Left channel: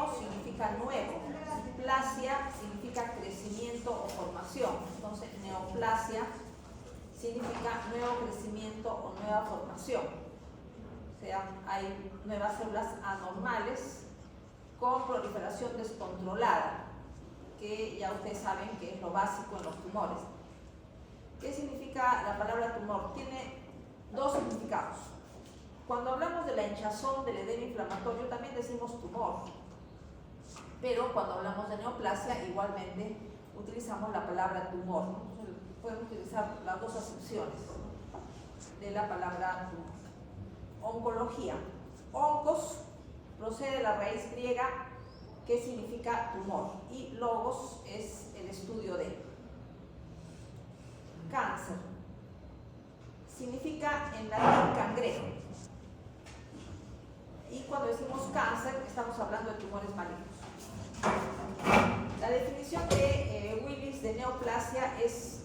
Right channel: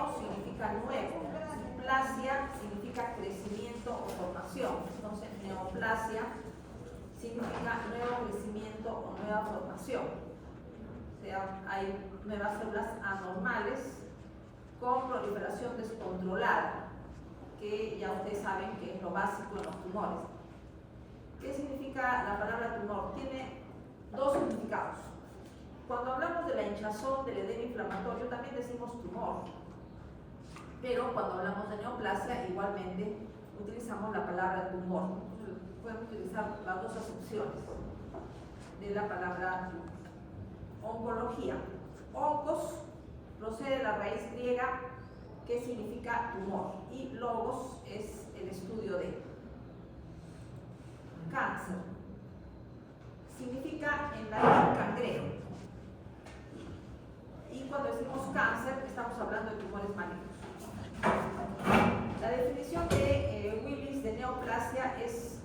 neo significa nuevo, plasia significa crecimiento o formación. Entonces, neoplasia significa nuevo crecimiento o nueva formación. O sea, hay nuevas células anormales con proliferación descontrolada, que ya ustedes saben que es lo básico en los tumores. ¿Qué significa la palabra tumor? Tiene dos significados. Cuando hablamos de la hinchazón, del edema inflamatorio, también decimos tumor. Pero cuando hablamos de neoplasia, igualmente utilizamos la palabra tumor. Pueden utilizar las dos acepciones de la palabra tumor. Oncología. Oncos procede de la raíz griega que significa tumor y logos es el estudio de. Cáncer significa en latín cangrejo. Y cuando decimos cáncer, estamos hablando de tumores malignos. La definición de Willis de neoplasia es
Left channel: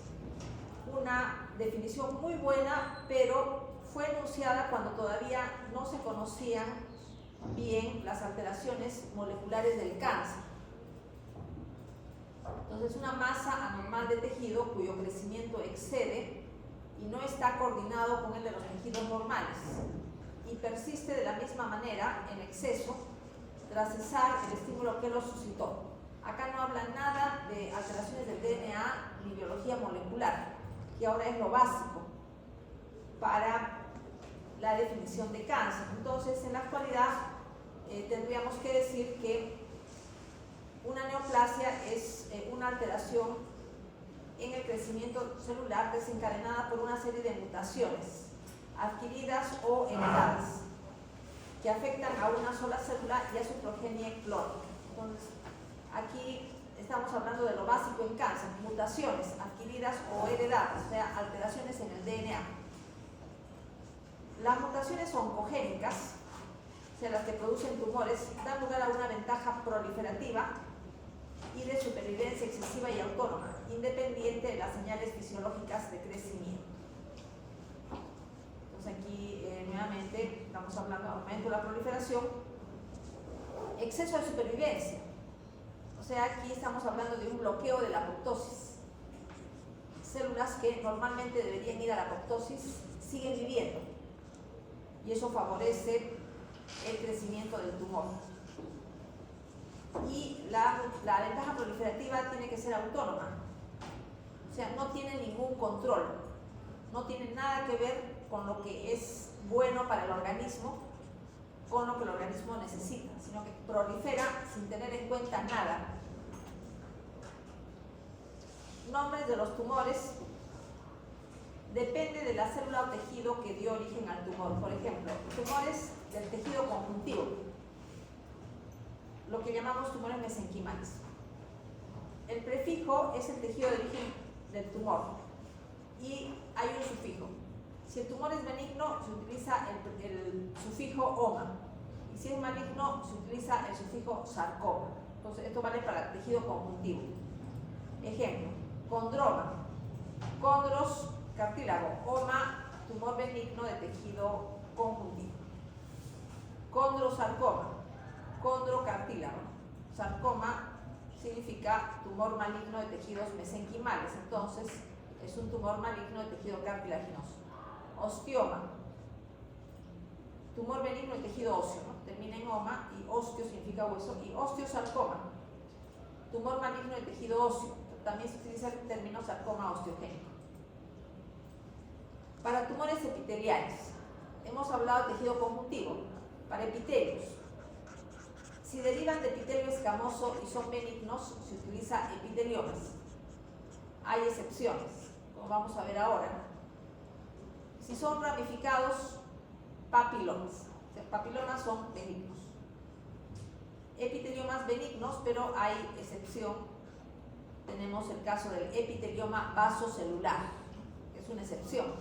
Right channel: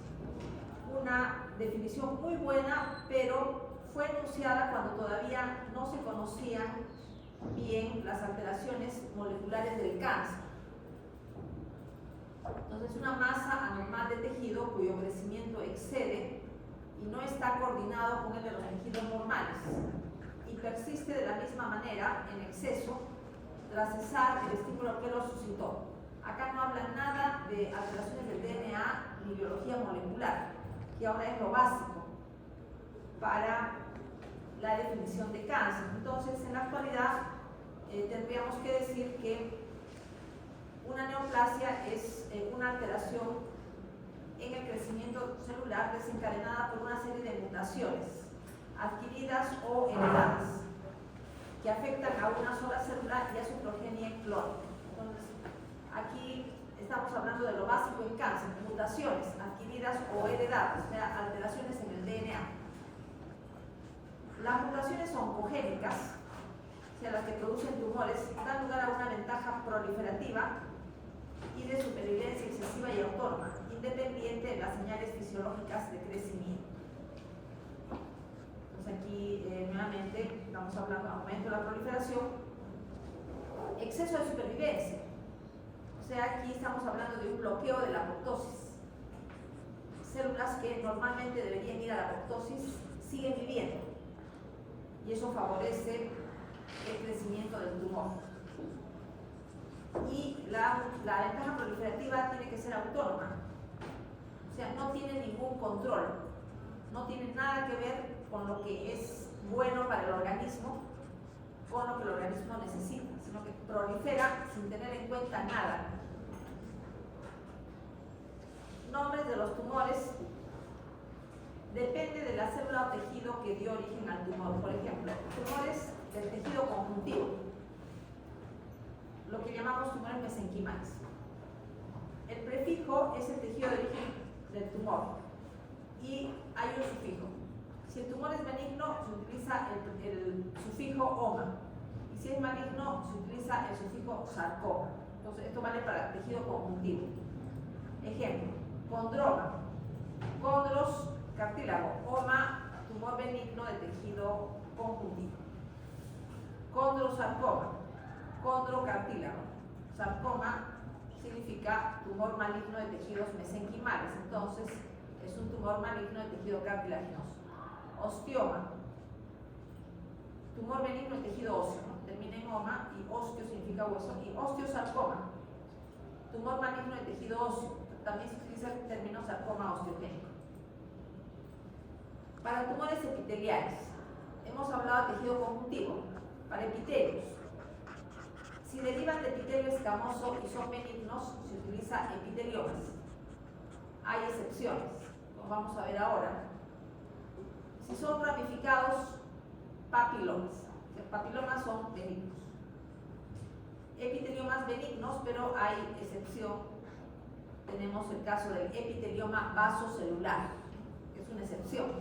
una definición muy buena, pero fue enunciada cuando todavía no se conocían bien las alteraciones moleculares del cáncer. Entonces, una masa anormal de tejido cuyo crecimiento excede y no está coordinado con el de los tejidos normales y persiste de la misma manera en exceso tras cesar el estímulo que lo suscitó. Acá no habla nada de alteraciones del DNA ni biología molecular, que ahora es lo básico para la definición de cáncer. Entonces, en la actualidad tendríamos que decir que una neoplasia es una alteración en el crecimiento celular desencadenada por una serie de mutaciones adquiridas o heredadas que afectan a una sola célula y a su progenie clónica. Entonces, aquí estamos hablando de lo básico en cáncer: mutaciones adquiridas o heredadas, o sea, alteraciones en el DNA. Las mutaciones oncogénicas, o sea, las que producen tumores, dan lugar a una ventaja proliferativa y de supervivencia excesiva y autónoma, independiente de las señales fisiológicas de crecimiento. Entonces aquí nuevamente estamos hablando de aumento de la proliferación, exceso de supervivencia, o sea, aquí estamos hablando de un bloqueo de la apoptosis. Células que normalmente deberían ir a la apoptosis siguen viviendo y eso favorece el crecimiento del tumor. Y la ventaja proliferativa tiene que ser autónoma, o sea, no tiene ningún control, no tiene nada que ver con lo que es bueno para el organismo, con lo que el organismo necesita, sino que prolifera sin tener en cuenta nada. Nombres de los tumores depende de la célula o tejido que dio origen al tumor. Por ejemplo, tumores del tejido conjuntivo, lo que llamamos tumores mesenquimales. El prefijo es el tejido de origen del tumor y hay un sufijo. Si el tumor es benigno, se utiliza el sufijo oma, y si es maligno, se utiliza el sufijo sarcoma. Entonces, esto vale para el tejido conjuntivo. Ejemplo: condroma, condros, cartílago; oma, tumor benigno de tejido conjuntivo. Condrosarcoma, condrocartílago; sarcoma significa tumor maligno de tejidos mesenquimales, entonces es un tumor maligno de tejido cartilaginoso. Osteoma, tumor benigno de tejido óseo, termina en oma y osteo significa hueso. Y osteosarcoma, tumor maligno de tejido óseo, también se utiliza el término sarcoma osteogénico. Para tumores epiteliales, hemos hablado de tejido conjuntivo. Para epitelios, si derivan de epitelio escamoso y son benignos, se utiliza epiteliomas. Hay excepciones, como vamos a ver ahora. Si son ramificados, papilomas. O sea, papilomas son benignos. Epiteliomas benignos, pero hay excepción. Tenemos el caso del epitelioma vasocelular, que es una excepción,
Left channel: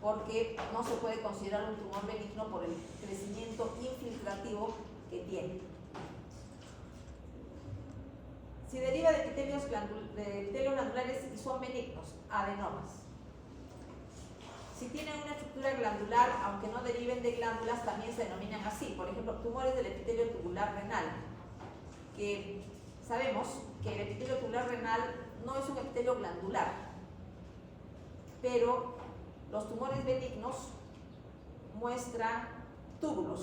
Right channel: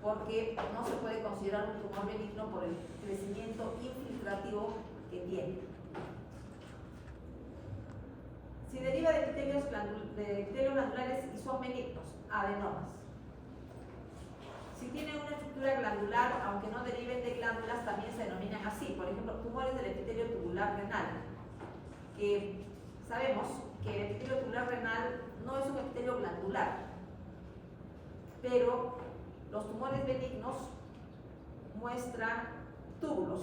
porque no se puede considerar un tumor benigno por el crecimiento infiltrativo que tiene. Si deriva de epitelios glandulares y son benignos, adenomas. Si tienen una estructura glandular, aunque no deriven de glándulas, también se denominan así. Por ejemplo, tumores del epitelio tubular renal. que sabemos que el epitelio tubular renal no es un epitelio glandular, pero los tumores benignos muestran túbulos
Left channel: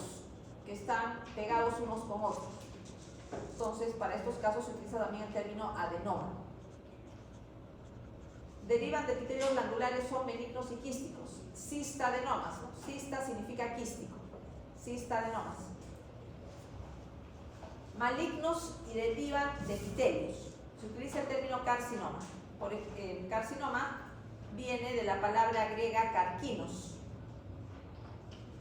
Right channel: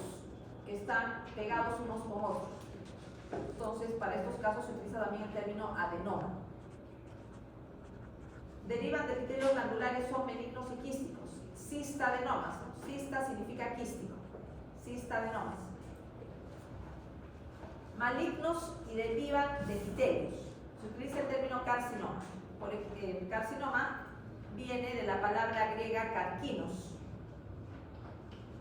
que están pegados unos con otros. Entonces, para estos casos se utiliza también el término adenoma. Derivan de epitelios glandulares, son benignos y quísticos. Cistadenomas. Cista significa quístico. Cistadenomas. Malignos y derivan de epitelios. Se utiliza el término carcinoma. El carcinoma viene de la palabra griega carquinos.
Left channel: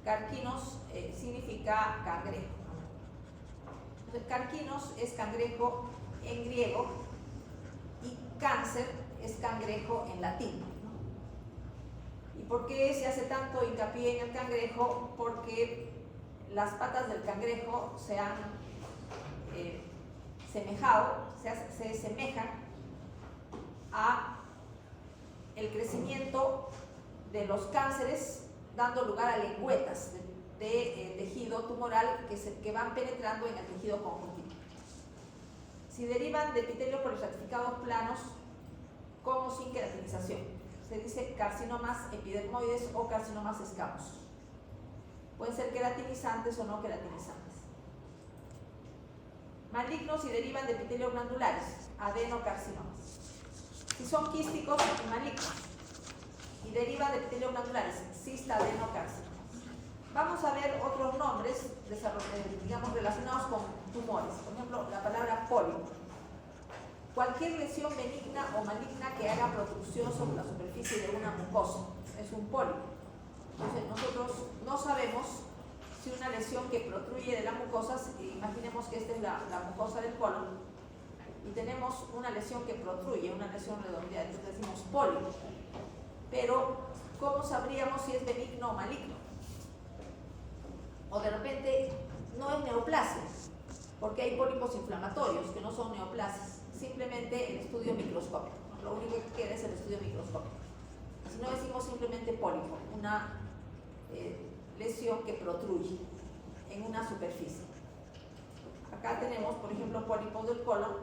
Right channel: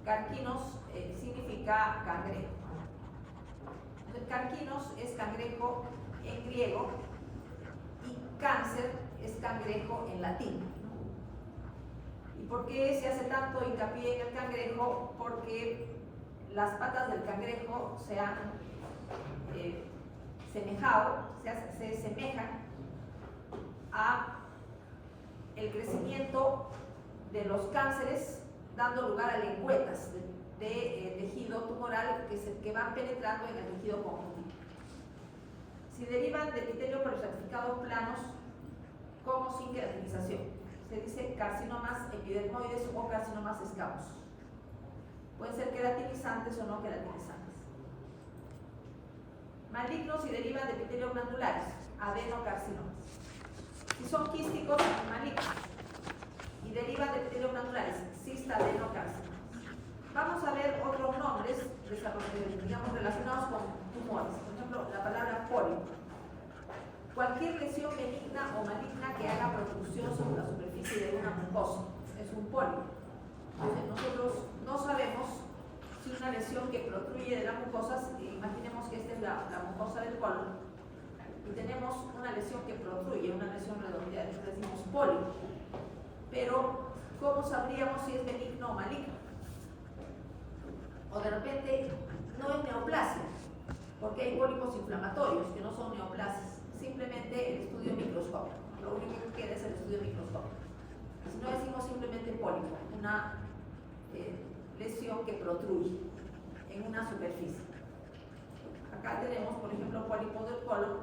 Carquinos significa cangrejo. Entonces, carquinos es cangrejo en griego y cáncer es cangrejo en latín. ¿Y por qué se hace tanto hincapié en el cangrejo? Porque las patas del cangrejo se han se semejan a el crecimiento de los cánceres, dando lugar a lengüetas de tejido tumoral que van penetrando en el tejido conjuntivo. Si derivan de epitelio perostratificados planos con o sin queratinización, se dice carcinomas epidermoides o carcinomas escamosos. Pueden ser queratinizantes o no queratinizantes. Malignos y derivan de epitelios glandulares, adenocarcinomas. Si son quísticos y malignos y derivan de epitelios glandulares, cistadenocarcinomas. Vamos a ver otros nombres digamos, relacionados con tumores. Por ejemplo, la palabra pólipo. Cualquier lesión benigna o maligna que haga protrusión sobre la superficie de una mucosa es un pólipo. Entonces, nosotros no sabemos si una lesión que protruye de la mucosa, imaginemos que esta es la mucosa del colon, y tenemos una lesión que protruye, una lesión redondeada, entonces decimos pólipo. Pero, ¿cómo sabríamos si es benigno o maligno? O de repente no es neoplasia, porque hay pólipos inflamatorios que no son neoplasias, simplemente el estudio microscópico. Lo único que queda es el estudio microscópico. Si no decimos simplemente pólipo, una lesión que protruye en una superficie. Acá tenemos, por ejemplo, pólipos del colon,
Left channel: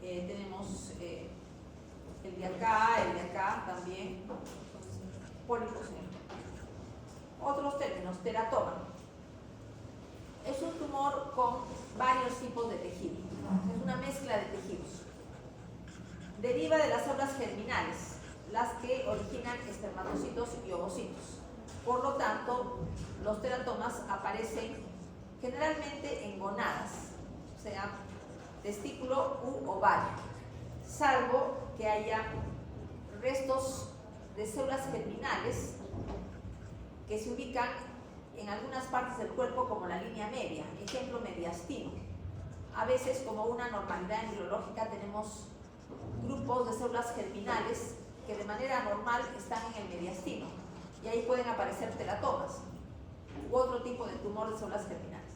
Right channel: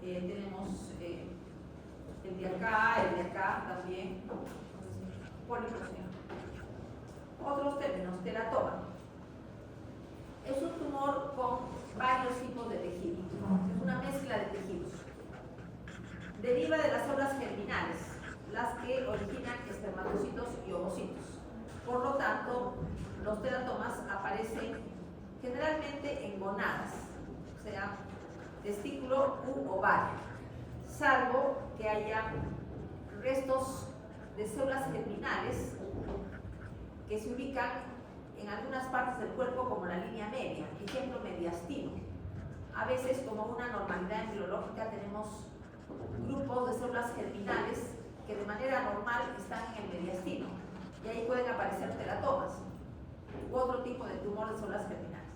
tenemos el de acá también, pólipos. Otros términos, teratoma. Es un tumor con varios tipos de tejido, es una mezcla de tejidos. Deriva de las células germinales, las que originan espermatocitos y ovocitos. Por lo tanto, los teratomas aparecen generalmente en gonadas, o sea, testículo u ovario, salvo que haya restos de células germinales que se ubican en algunas partes del cuerpo como la línea media, ejemplo mediastino. A veces, como una normalidad embriológica, tenemos grupos de células germinales que de manera normal están en el mediastino y ahí pueden aparecer teratomas u otro tipo de tumor de células germinales.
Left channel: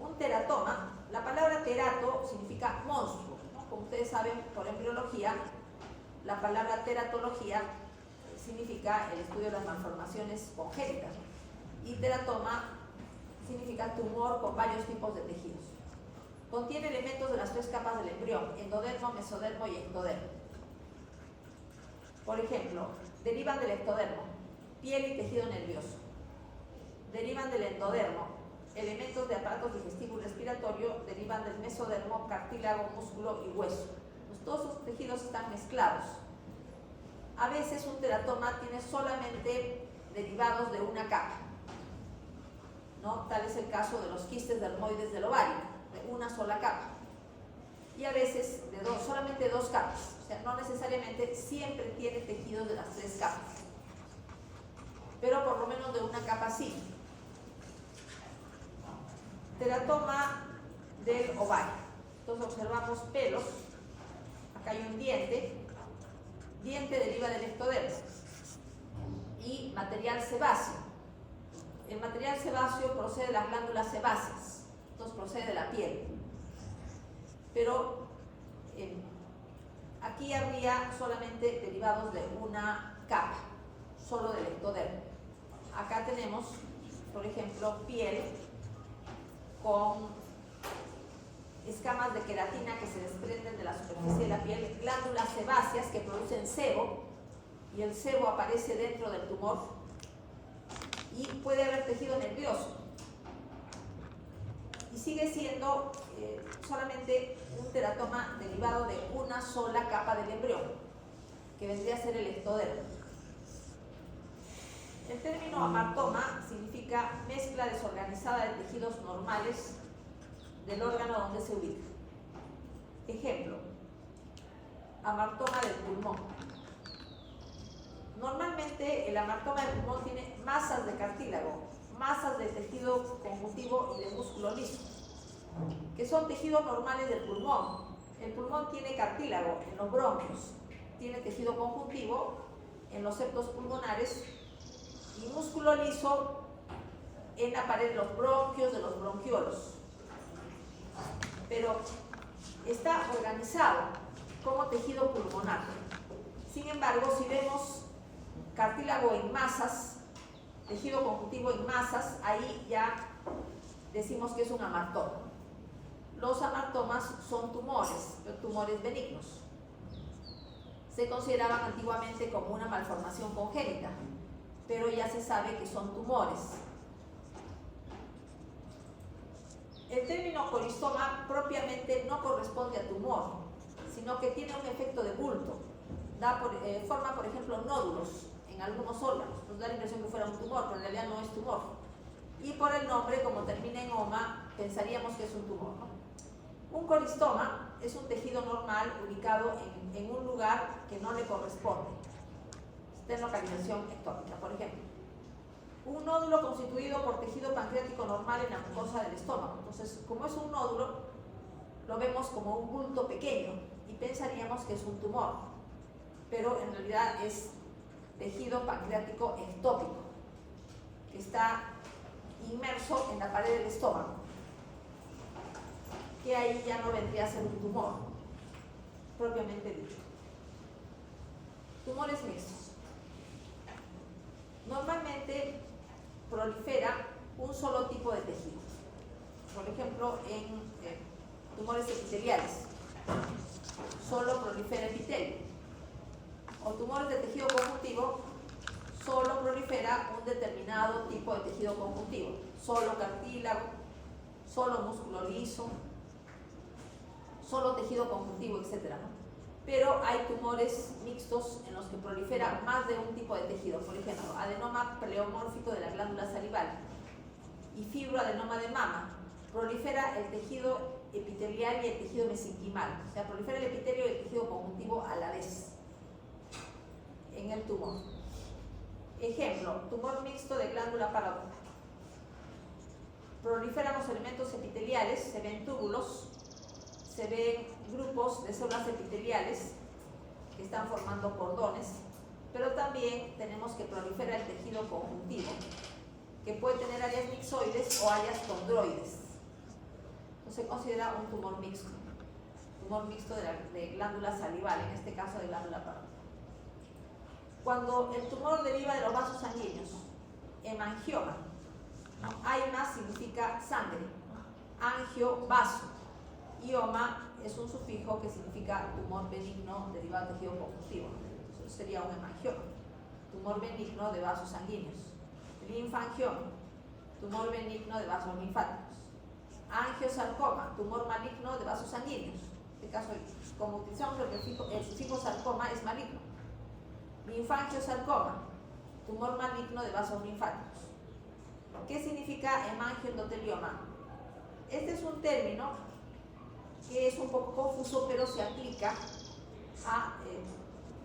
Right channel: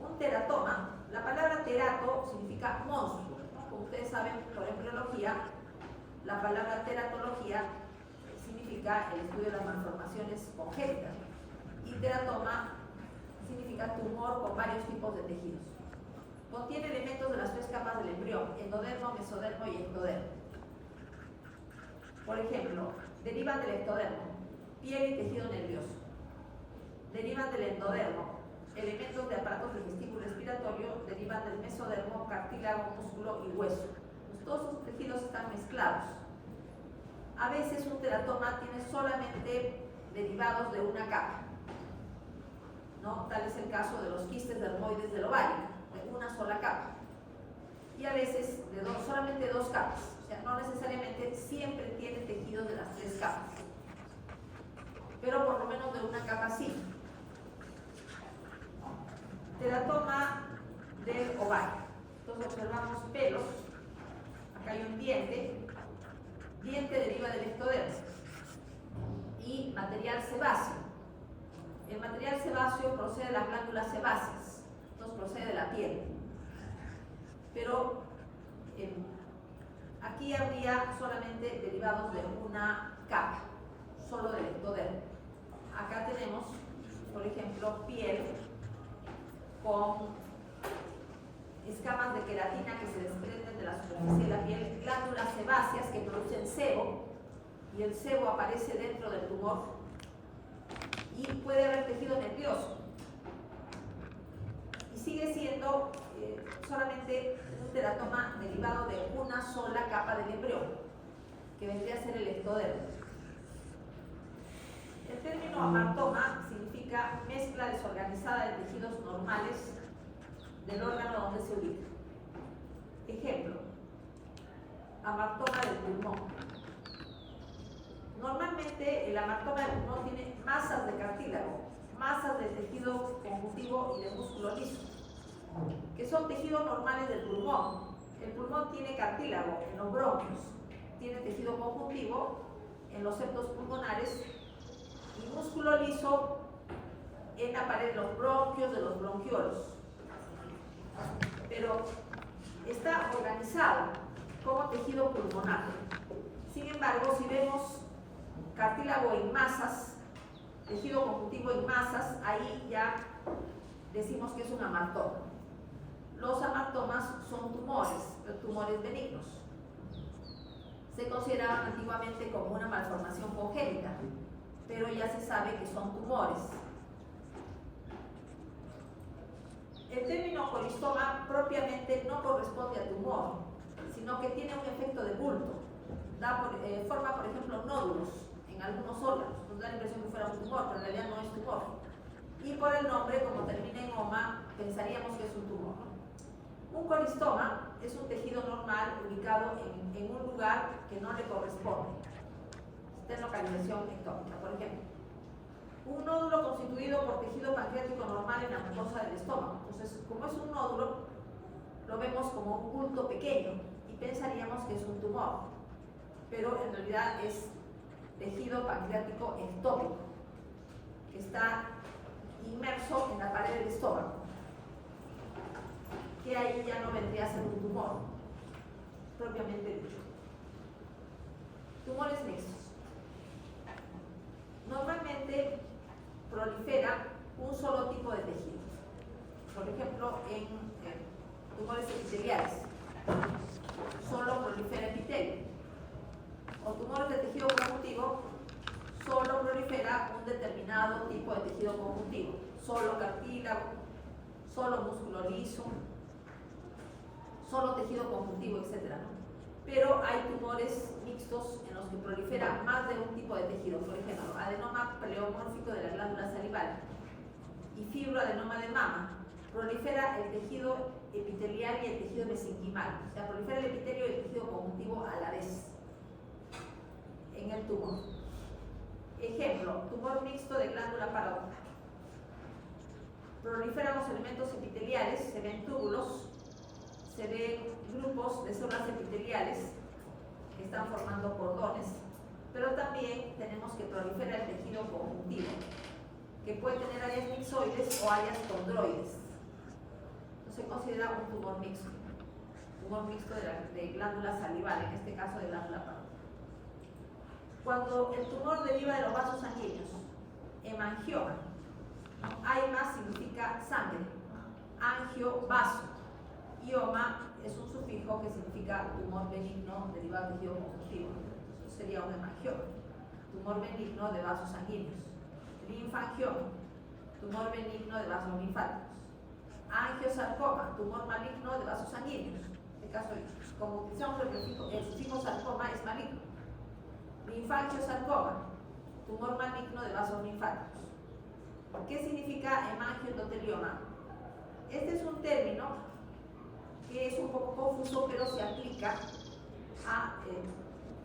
Un teratoma, la palabra terato significa monstruo, ¿no? Como ustedes saben por embriología, la palabra teratología significa el estudio de las malformaciones congénitas y teratoma significa tumor con varios tipos de tejidos. Contiene elementos de las tres capas del embrión, endodermo, mesodermo y ectodermo. Por ejemplo, derivan del ectodermo, piel y tejido nervioso. Derivan del endodermo, elementos de aparato digestivo y respiratorio. Derivan del mesodermo, cartílago, músculo y hueso. Pues todos estos tejidos están mezclados. A veces un teratoma tiene solamente derivados de una capa, ¿no? Tal es el caso de los quistes dermoides del ovario, de una sola capa. Y a veces de solamente dos capas, o sea, no necesariamente siempre tiene tejidos de las tres capas, pero por lo menos de una capa sí. Teratoma del ovario. Entonces observamos pelos, acá hay un diente deriva del ectodermo y material sebáceo. El material sebáceo procede de las glándulas sebáceas, entonces procede de la piel. Pero aquí habría solamente derivados de una capa, solo del ectodermo. Acá tenemos, por ejemplo, piel con escamas de queratina que se desprenden de la superficie de la piel, glándulas sebáceas que producen sebo, y el sebo aparece dentro del tumor, y puede haber tejido nervioso. Y sigue siendo solamente un teratoma derivado de una sola capa del embrión, que vendría a ser el ectodermo. El término amartoma significa mezcla desorganizada de tejidos normales del órgano donde se ubica. Ejemplo, amartoma del pulmón. Normalmente el amartoma del pulmón tiene masas de cartílago, masas de tejido conjuntivo y de músculo liso, que son tejidos normales del pulmón. El pulmón tiene cartílago en los bronquios, tiene tejido conjuntivo en los septos pulmonares y músculo liso en la pared de los bronquios, de los bronquiolos. Pero está organizado como tejido pulmonar. Sin embargo, si vemos cartílago en masas, tejido conjuntivo en masas, ahí ya decimos que es un amartoma. Los amartomas son tumores, tumores benignos. Se consideraban antiguamente como una malformación congénita, pero ya se sabe que son tumores. El término coristoma propiamente no corresponde a tumor, sino que tiene un efecto de bulto. Forma, por ejemplo, nódulos en algunos órganos. Nos da la impresión que fuera un tumor, pero en realidad no es tumor. Y por el nombre, como termina en oma, pensaríamos que es un tumor, ¿no? Un coristoma es un tejido normal ubicado en un lugar que no le corresponde. Está en localización ectópica, por ejemplo. Un nódulo constituido por tejido pancreático normal en la mucosa del estómago. Entonces, como es un nódulo, lo vemos como un bulto pequeño y pensaríamos que es un tumor, pero en realidad es tejido pancreático ectópico, que está inmerso en la pared del estómago, que ahí ya no vendría a ser un tumor, propiamente dicho. Tumores mixtos. Normalmente prolifera un solo tipo de tejido. Por ejemplo, en tumores epiteliales, solo prolifera epitelio. O tumores de tejido conjuntivo, solo prolifera un determinado tipo de tejido conjuntivo. Solo cartílago, solo músculo liso, solo tejido conjuntivo, etc. Pero hay tumores mixtos en los que prolifera más de un tipo de tejido. Por ejemplo, adenoma pleomórfico de la glándula salival y fibroadenoma de mama. Prolifera el tejido epitelial y el tejido mesenquimal. O sea, prolifera el epitelio y el tejido conjuntivo a la vez en el tumor. Ejemplo, tumor mixto de glándula parótida. Proliferan los elementos epiteliales, se ven túbulos, se ven grupos de células epiteliales que están formando cordones, pero también tenemos que prolifera el tejido conjuntivo, que puede tener áreas mixoides o áreas condroides. Entonces se considera un tumor mixto de glándula salival, en este caso de glándula parótida. Cuando el tumor deriva de los vasos sanguíneos, hemangioma, aima significa sangre, angio, vaso, y oma es un sufijo que significa tumor benigno derivado de tejido conjuntivo. Eso sería un hemangioma, tumor benigno de vasos sanguíneos. Linfangioma, tumor benigno de vasos linfáticos. Angiosarcoma, tumor maligno de vasos sanguíneos. En este caso, como utilizamos el sufijo sarcoma, es maligno. Linfangiosarcoma, tumor maligno de vasos linfáticos. ¿Qué significa hemangioendotelioma? Este es un término que es un poco confuso, pero se aplica a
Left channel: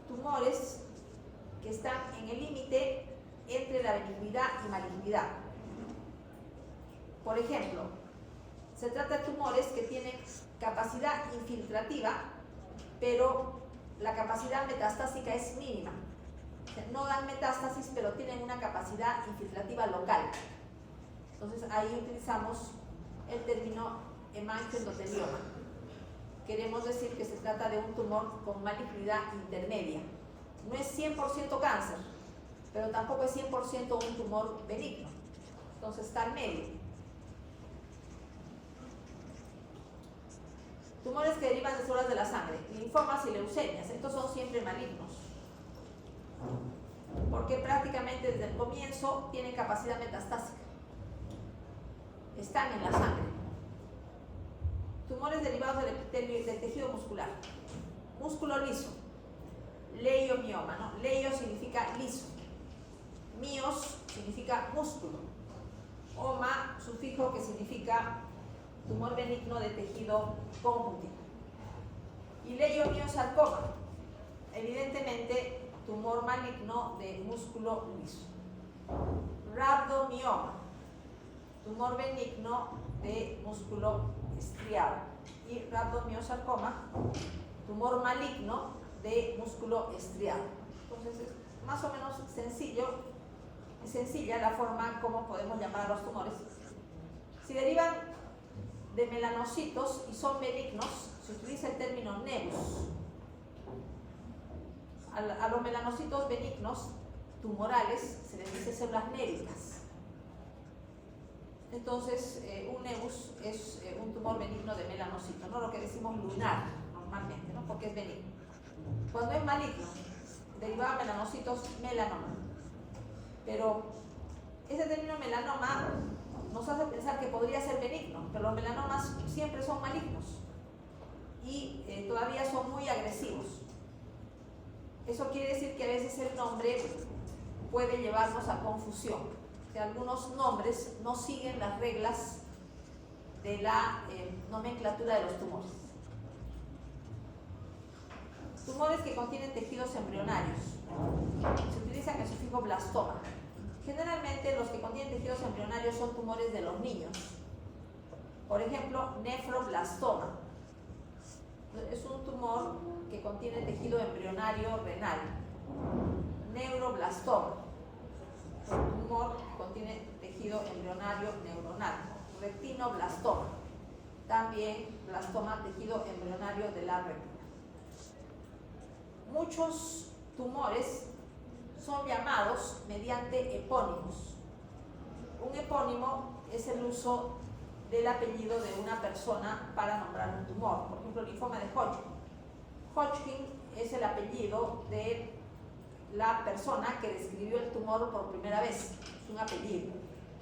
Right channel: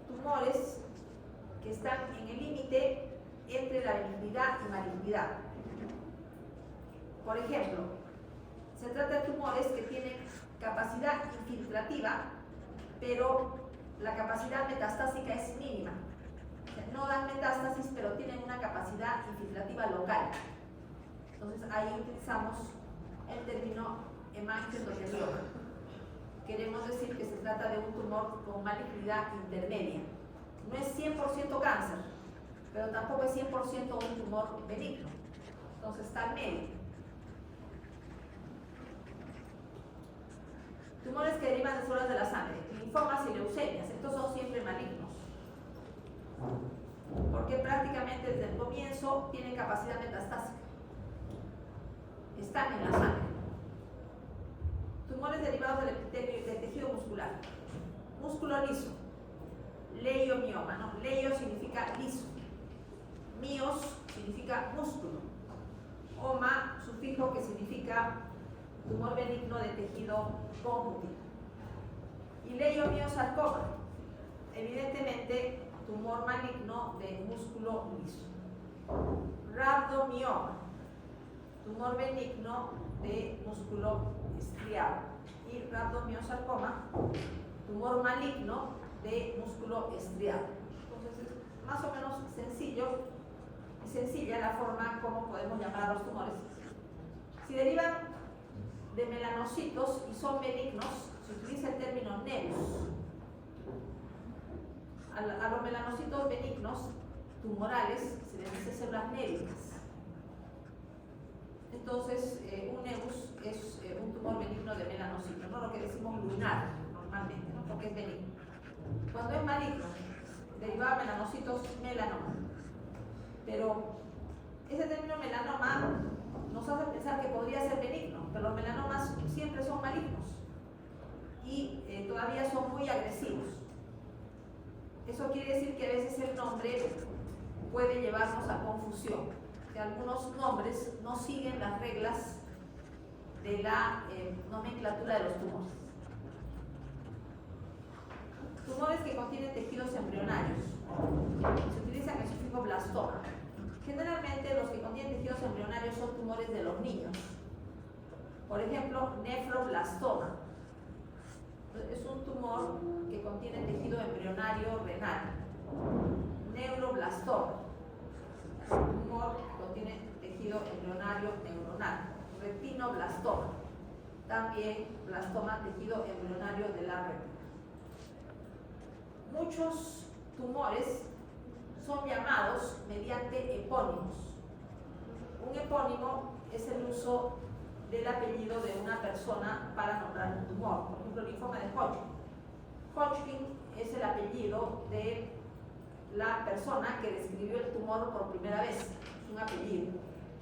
tumores que están en el límite entre la benignidad y malignidad. Por ejemplo, se trata de tumores que tienen capacidad infiltrativa, pero la capacidad metastásica es mínima. O sea, no dan metástasis, pero tienen una capacidad infiltrativa local. Entonces ahí utilizamos el término hemangioendotelioma. Queremos decir que se trata de un tumor con malignidad intermedia. No es 100% cáncer, pero tampoco es 100% un tumor benigno. Entonces está en medio. Tumores que derivan de células de la sangre, linfomas y leucemias, estos son siempre malignos, porque prácticamente desde el comienzo tienen capacidad metastásica, están en la sangre. Tumores derivados del tejido muscular, músculo liso, leiomioma, ¿no? Leio significa liso, mios significa músculo, oma, sufijo que significa tumor benigno de tejido conjuntivo. Y leiomiosarcoma, evidentemente tumor maligno de músculo liso. Rhabdomioma, tumor benigno de músculo estriado. Y rhabdomiosarcoma, tumor maligno de músculo estriado. Entonces es más o menos sencilla la forma como podemos llamar a los tumores. Si derivan de melanocitos y son benignos, se utiliza el término nevus. A los melanocitos benignos tumorales se les dice células névicas. Entonces, un nevus es un tumor benigno de melanocito, no lo que decimos lunar normalmente, ¿no? Porque es benigno. Cuando es maligno, derivado de melanocitos, melanoma. Pero ese término melanoma nos hace pensar que podría ser benigno, pero los melanomas siempre son malignos y todavía son muy agresivos. Eso quiere decir que a veces el nombre puede llevarnos a confusión, que algunos nombres no siguen las reglas de la nomenclatura de los tumores. Tumores que contienen tejidos embrionarios. Se utilizan el sufijo blastoma. Generalmente los que contienen tejidos embrionarios son tumores de los niños. Por ejemplo, nefroblastoma. Es un tumor que contiene tejido embrionario renal. Neuroblastoma. Un tumor que contiene tejido embrionario neuronal. Retinoblastoma. También blastoma, tejido embrionario de la retina. Muchos tumores son llamados mediante epónimos. Un epónimo es el uso del apellido de una persona para nombrar un tumor. Por ejemplo, linfoma de Hodgkin. Hodgkin es el apellido de la persona que describió el tumor por primera vez. Es un apellido.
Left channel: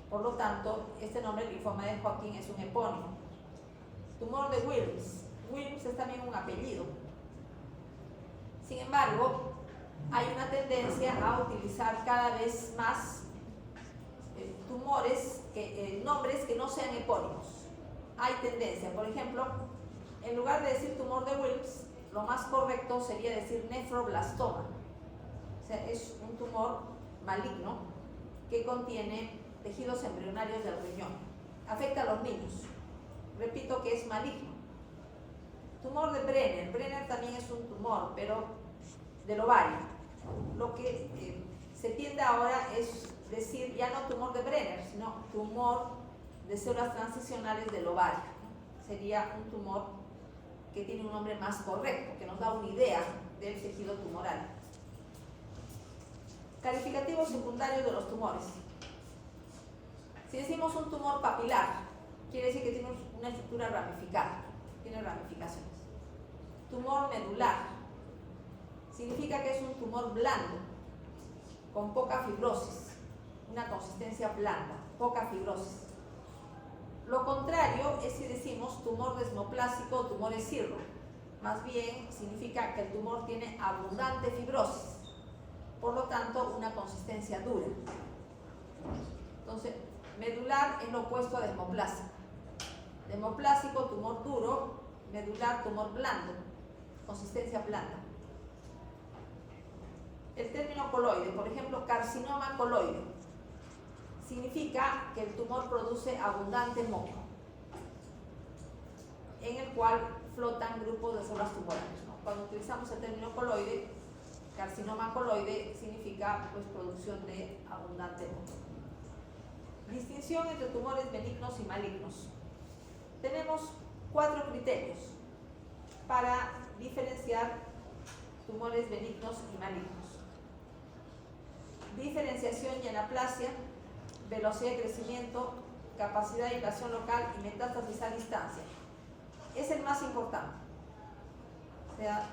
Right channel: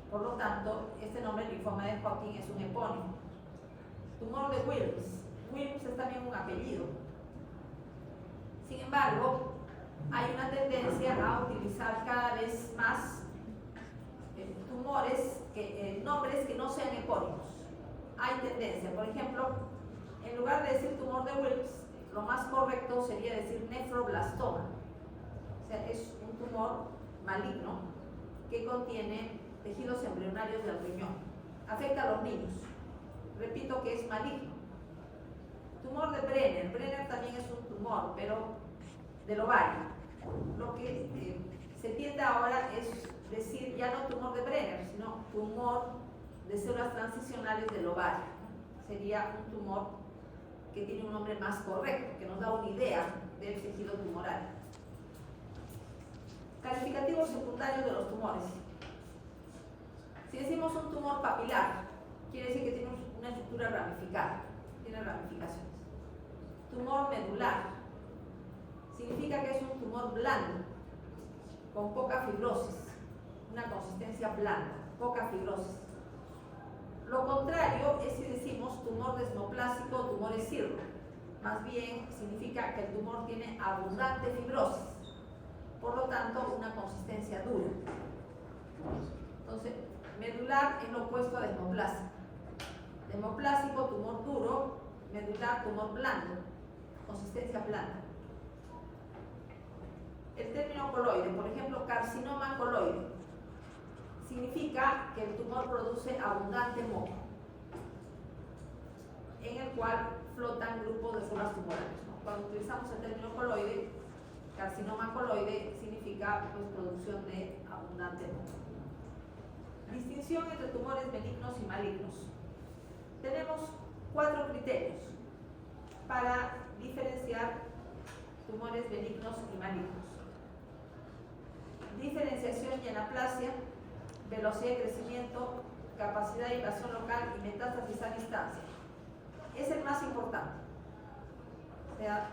Por lo tanto, este nombre, linfoma de Hodgkin, es un epónimo. Tumor de Wilms. Wilms es también un apellido. Sin embargo, hay una tendencia a utilizar cada vez más nombres que no sean epónimos. Hay tendencia, por ejemplo, en lugar de decir tumor de Wilms, lo más correcto sería decir nefroblastoma. O sea, es un tumor maligno que contiene tejidos embrionarios del riñón. Afecta a los niños. Repito que es maligno. Tumor de Brenner. Brenner también es un tumor, pero del ovario. Lo que se tiende ahora es decir ya no tumor de Brenner, sino tumor de células transicionales del ovario. Sería un tumor que tiene un nombre más correcto, que nos da una idea del tejido tumoral. Calificativos secundarios de los tumores. Si decimos un tumor papilar, quiere decir que tiene una estructura ramificada, tiene ramificaciones. Tumor medular significa que es un tumor blando, con poca fibrosis, una consistencia blanda, poca fibrosis. Lo contrario es si decimos tumor desmoplásico o tumor escirro. Más bien significa que el tumor tiene abundante fibrosis, por lo tanto una consistencia dura. Entonces, medular es lo opuesto a desmoplásico. Desmoplásico, tumor duro; medular, tumor blando, consistencia blanda. El término coloide, por ejemplo, carcinoma coloide, significa que el tumor produce abundante moco, en el cual flotan grupos de células tumorales, ¿no? Cuando utilizamos el término coloide, carcinoma coloide, significa pues, producción de abundante moco. Distinción entre tumores benignos y malignos. Tenemos 4 criterios para diferenciar tumores benignos y malignos. Diferenciación y anaplasia, velocidad de crecimiento, capacidad de invasión local y metástasis a distancia. Es el más importante. sea,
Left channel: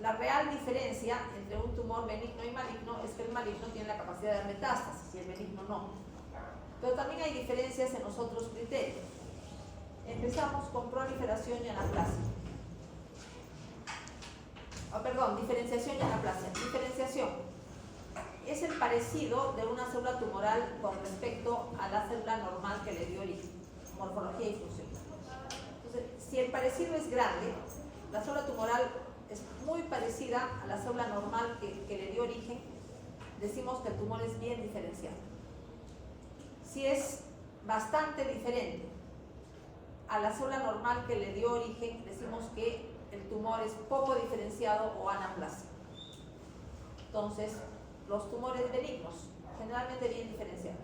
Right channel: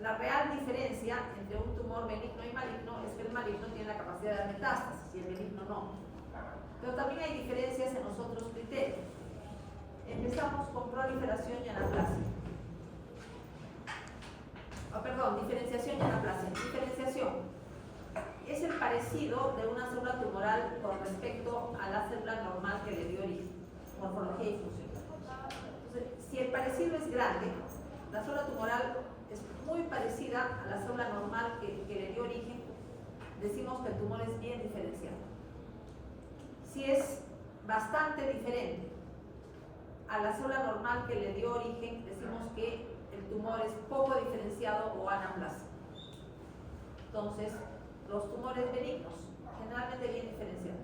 la real diferencia entre un tumor benigno y maligno es que el maligno tiene la capacidad de dar metástasis y el benigno no. Pero también hay diferencias en los otros criterios. Empezamos con proliferación y anaplasia. Diferenciación y anaplasia. Diferenciación es el parecido de una célula tumoral con respecto a la célula normal que le dio origen, morfología y función. Entonces, si el parecido es grande, la célula tumoral es muy parecida a la célula normal que le dio origen, decimos que el tumor es bien diferenciado. Si es bastante diferente a la célula normal que le dio origen, decimos que el tumor es poco diferenciado o anaplásico. Entonces, los tumores benignos, generalmente bien diferenciados.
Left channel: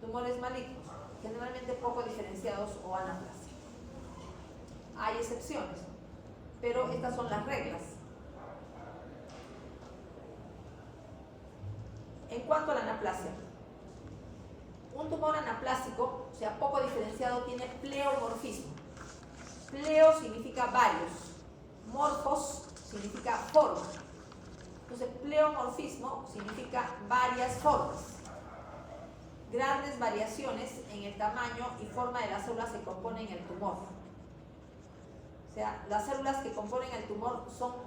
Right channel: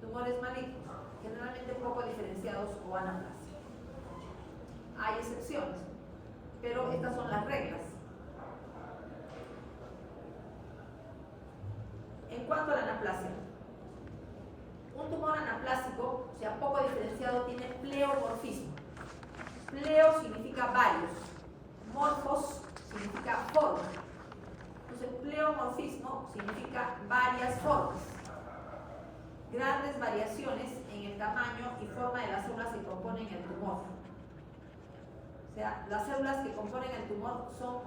Tumores malignos, generalmente poco diferenciados o anaplásicos. Hay excepciones, pero estas son las reglas. En cuanto a la anaplasia, un tumor anaplásico, o sea, poco diferenciado, tiene pleomorfismo. Pleo significa varios, morfos significa forma. Entonces, pleomorfismo significa varias formas. Grandes variaciones en el tamaño y forma de las células que componen el tumor. O sea, las células que componen el tumor son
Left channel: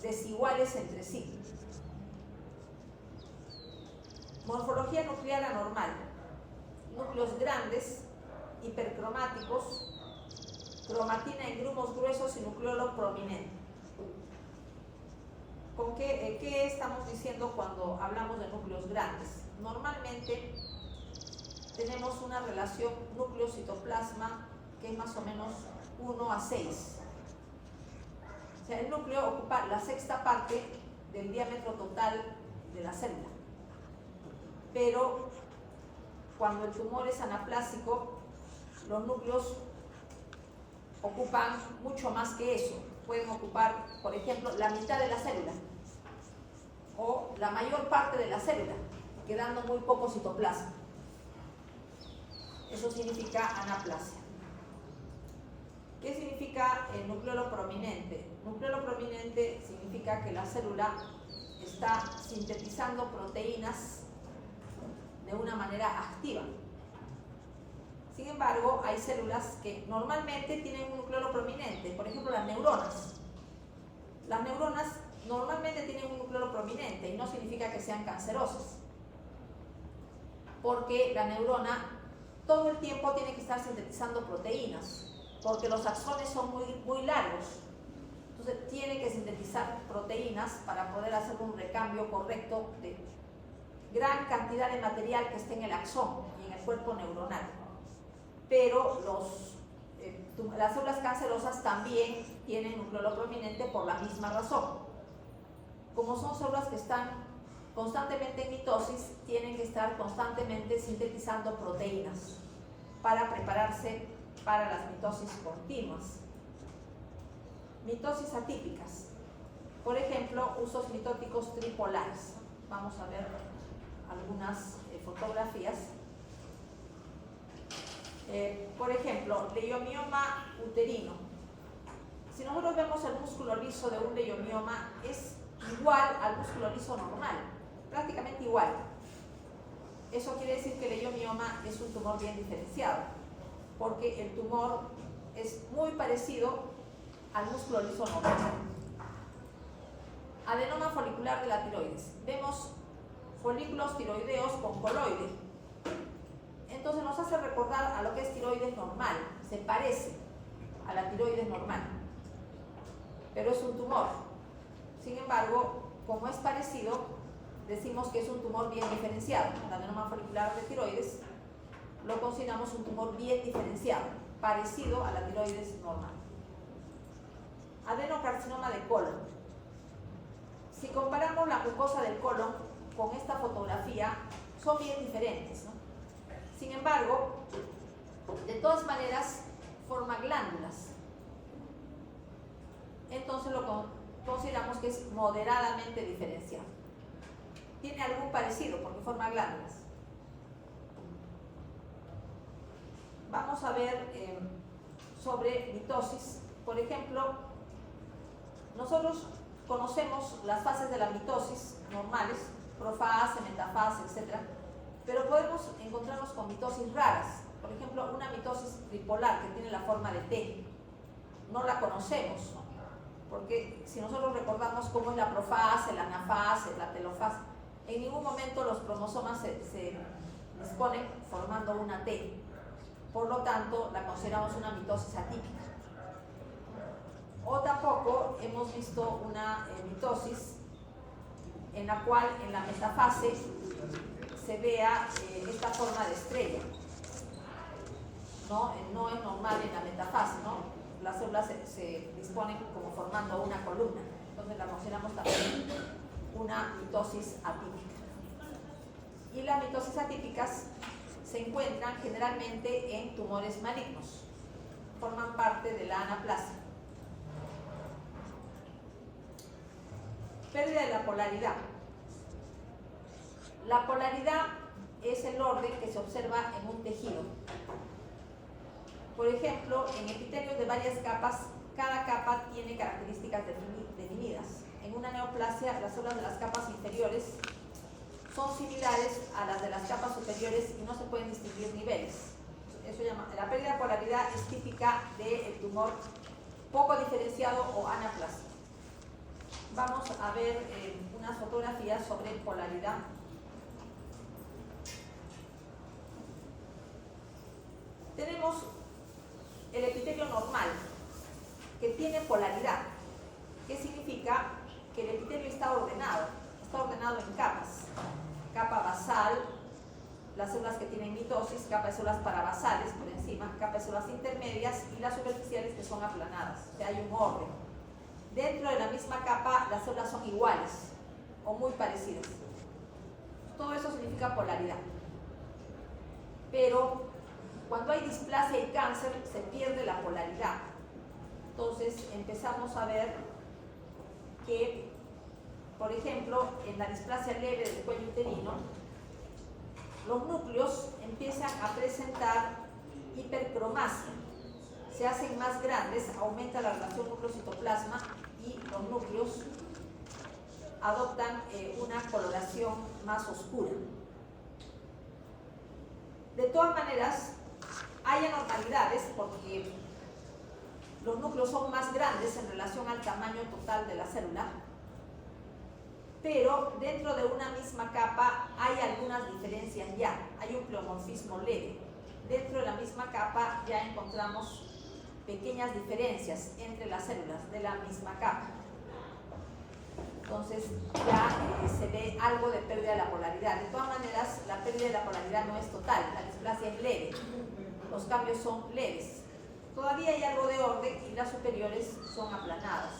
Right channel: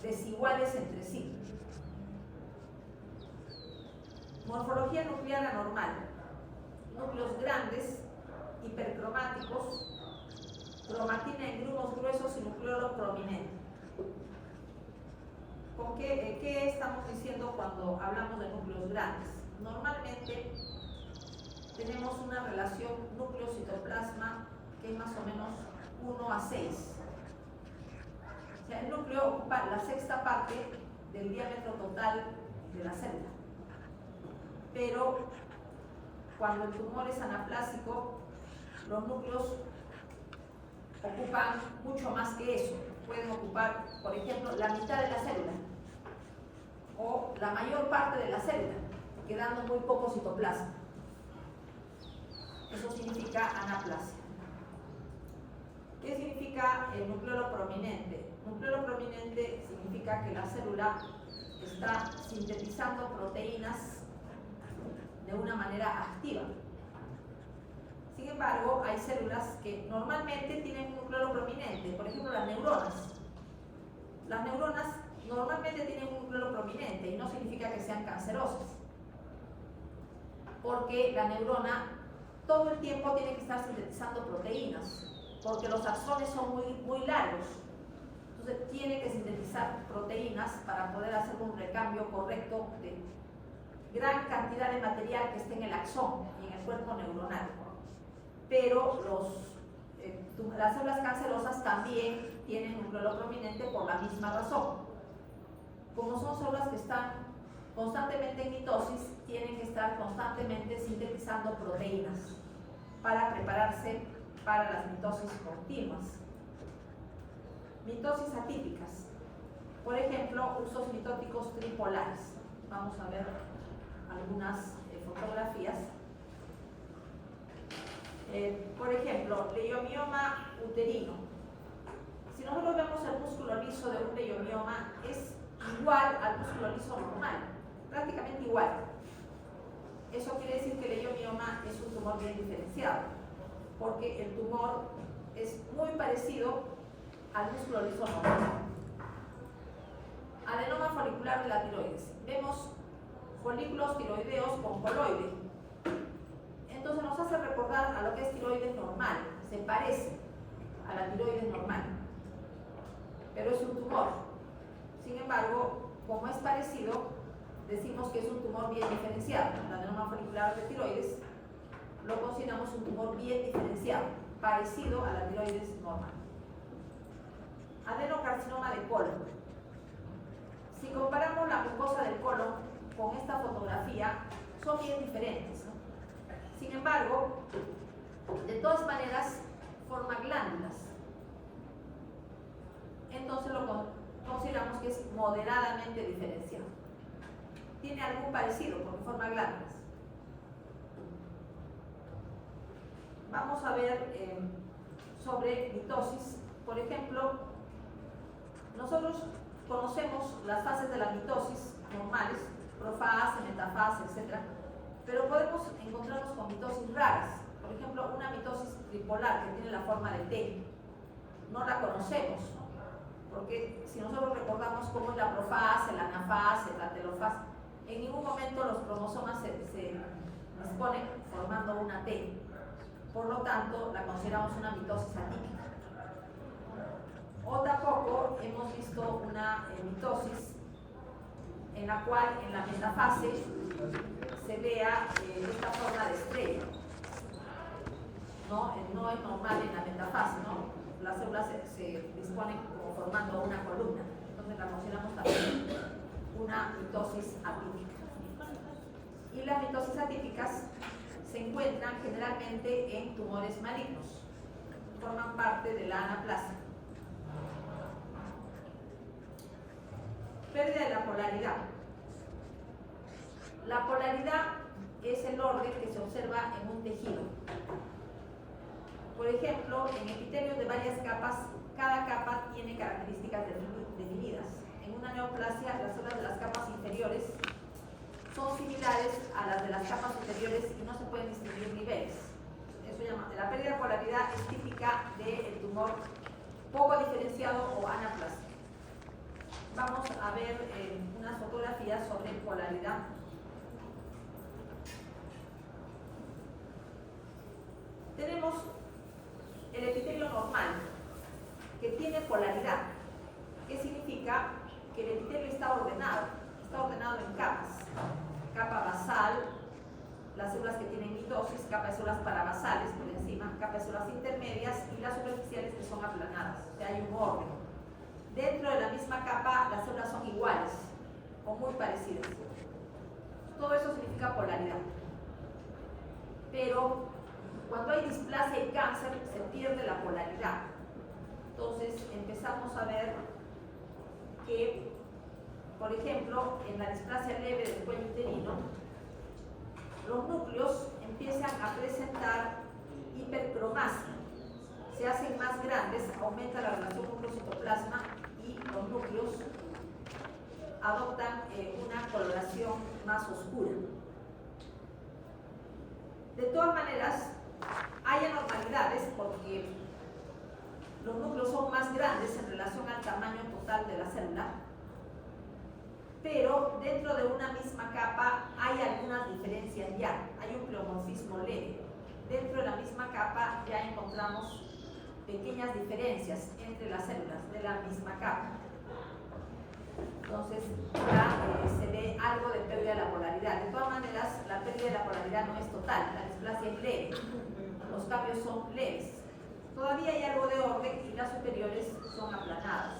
desiguales entre sí. Morfología nuclear anormal. Núcleos grandes, hipercromáticos, cromatina en grumos gruesos y nucleolo prominente. ¿Qué estamos diciendo cuando hablamos de núcleos grandes? Normalmente tenemos una relación núcleo-citoplasma que es más o menos 1:6. O sea, el núcleo ocupa la sexta parte del diámetro total de la célula. Pero cuando el tumor es anaplásico, los núcleos ocupan mucho más que eso. Pueden ocupar, por ejemplo, la mitad de la célula o la mayor parte de la célula, quedando muy poco citoplasma. Eso significa anaplasia. ¿Qué significa el nucleolo prominente? Nucleolo prominente significa que la célula está sintetizando proteínas de una manera activa. Sin embargo, hay células que normalmente tienen un nucleolo prominente, por ejemplo las neuronas. Las neuronas normalmente tienen un nucleolo prominente y no significa que sean cancerosas, porque la neurona todo el tiempo tiene que estar sintetizando proteínas, porque los axones son muy largos. Entonces tiene que sintetizar proteínas para poder hacer un recambio correcto de gran cantidad de material que esté en el axón y en el cuerpo neuronal. Pero las células cancerosas también tienen nucleolo prominente por la misma razón. Como son células que están constantemente en mitosis, tienen que estar constantemente sintetizando proteínas para prepararse para las mitosis continuas. Mitosis atípicas. Por ejemplo, usos mitóticos tripolares. Vamos a ver algunas fotografías. Por ejemplo, leiomioma uterino. Si nosotros vemos el músculo liso de un leiomioma, es igual al músculo liso normal, prácticamente igual. Eso quiere decir que el leiomioma es un tumor bien diferenciado, porque el tumor es muy parecido al músculo liso normal. Adenoma folicular de la tiroides. Vemos folículos tiroideos con coloide. Entonces nos hace recordar a lo que es tiroides normal, se parece a la tiroides normal, pero es un tumor. Sin embargo, como es parecido, decimos que es un tumor bien diferenciado. El adenoma folicular de tiroides lo consideramos un tumor bien diferenciado, parecido a la tiroides normal. Adenocarcinoma de colon. Si comparamos la mucosa del colon con esta fotografía, son bien diferentes, ¿no? Sin embargo, de todas maneras, forma glándulas. Entonces lo consideramos que es moderadamente diferenciado. Tiene algún parecido porque forma glándulas. Vamos a ver sobre mitosis. Por ejemplo, Nosotros conocemos las fases de la mitosis normales, profase, metafase, etc. Pero podemos encontrarnos con mitosis raras. Por ejemplo, una mitosis tripolar que tiene la forma de T. No la conocemos, porque si nosotros recordamos cómo es la profase, la anafase, la telofase, en ningún momento los cromosomas se disponen formando una T. Por lo tanto, la consideramos una mitosis atípica. O tampoco hemos visto una mitosis en la cual en la metafase se vea esta forma de estrella. No es normal en la metafase, ¿no? Las células se disponen como formando una columna. Entonces la consideramos también una mitosis atípica. Y las mitosis atípicas se encuentran generalmente en tumores malignos. Forman parte de la anaplasia. Pérdida de la polaridad. La polaridad es el orden que se observa en un tejido. Por ejemplo, en epitelios de varias capas, cada capa tiene características definidas. En una neoplasia, las células de las capas inferiores son similares a las de las capas superiores y no se pueden distinguir niveles. Eso llama, la pérdida de polaridad es típica del tumor poco diferenciado o anaplasia. Vamos a ver unas fotografías sobre polaridad. Tenemos el epitelio normal, que tiene polaridad. ¿Qué significa? Que el epitelio está ordenado en capas. Capa basal, las células que tienen mitosis, capa de células parabasales por encima, capa de células intermedias y las superficiales que son aplanadas. O sea, hay un orden. Dentro de la misma capa, las células son iguales o muy parecidas. Todo eso significa polaridad. Pero cuando hay displasia y cáncer, se pierde la polaridad. Entonces empezamos a ver que, por ejemplo, en la displasia leve del cuello uterino, los núcleos empiezan a presentar hipercromasia. Se hacen más grandes, aumenta la relación núcleo-citoplasma y los núcleos adoptan una coloración más oscura. De todas maneras, hay anormalidades porque los núcleos son más grandes en relación al tamaño total de la célula, pero dentro de una misma capa hay algunas diferencias ya, hay un pleomorfismo leve. Dentro de la misma capa ya encontramos pequeñas diferencias entre las células de la misma capa. Entonces ya se ve algo de pérdida de la polaridad. De todas maneras, la pérdida de la polaridad no es total, la displasia es leve, los cambios son leves. Todavía hay algo de orden y las superiores son aplanadas.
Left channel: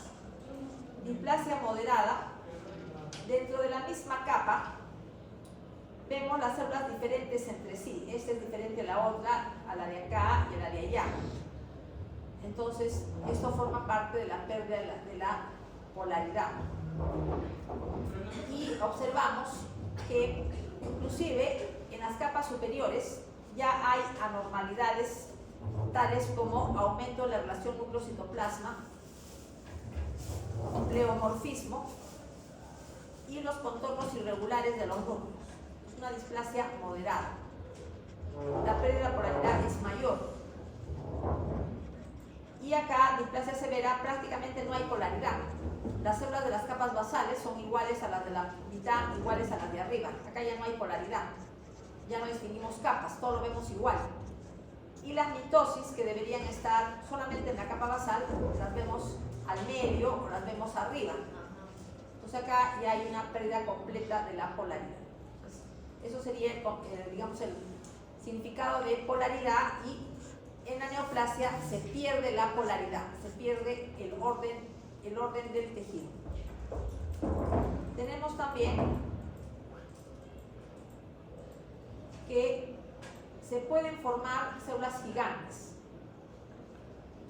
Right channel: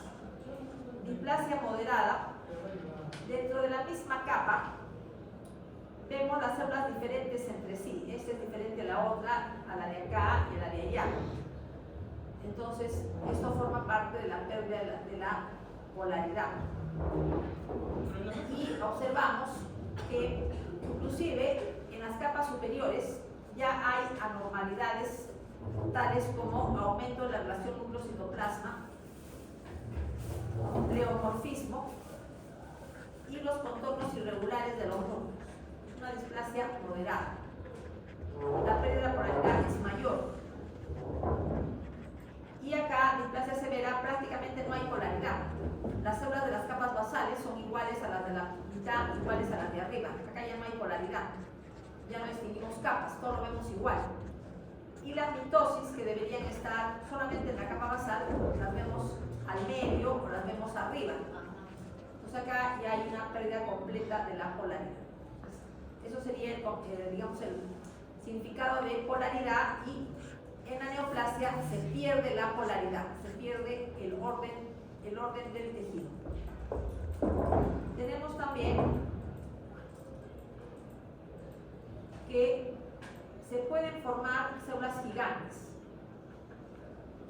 Displasia moderada, dentro de la misma capa vemos las células diferentes entre sí. Esta es diferente a la otra, a la de acá y a la de allá. Entonces, esto forma parte de la pérdida de la polaridad. Y observamos que inclusive en las capas superiores ya hay anormalidades tales como aumento de la relación núcleo-citoplasma, pleomorfismo y los contornos irregulares de los núcleos. Es una displasia moderada. La pérdida de la polaridad es mayor. Y acá, displasia severa, prácticamente no hay polaridad. Las células de las capas basales son iguales a las de la mitad, iguales a las de arriba. Acá ya no hay polaridad. Ya no distinguimos capas, todo lo vemos igual. Y las mitosis, que deberían estar solamente en la capa basal, las vemos al medio o las vemos arriba. Entonces acá ya hay una pérdida completa de la polaridad. Entonces, eso sería, digamos, el significado de polaridad. Y en la neoplasia se pierde la polaridad, se pierde el orden del tejido. Tenemos también que se pueden formar células gigantes.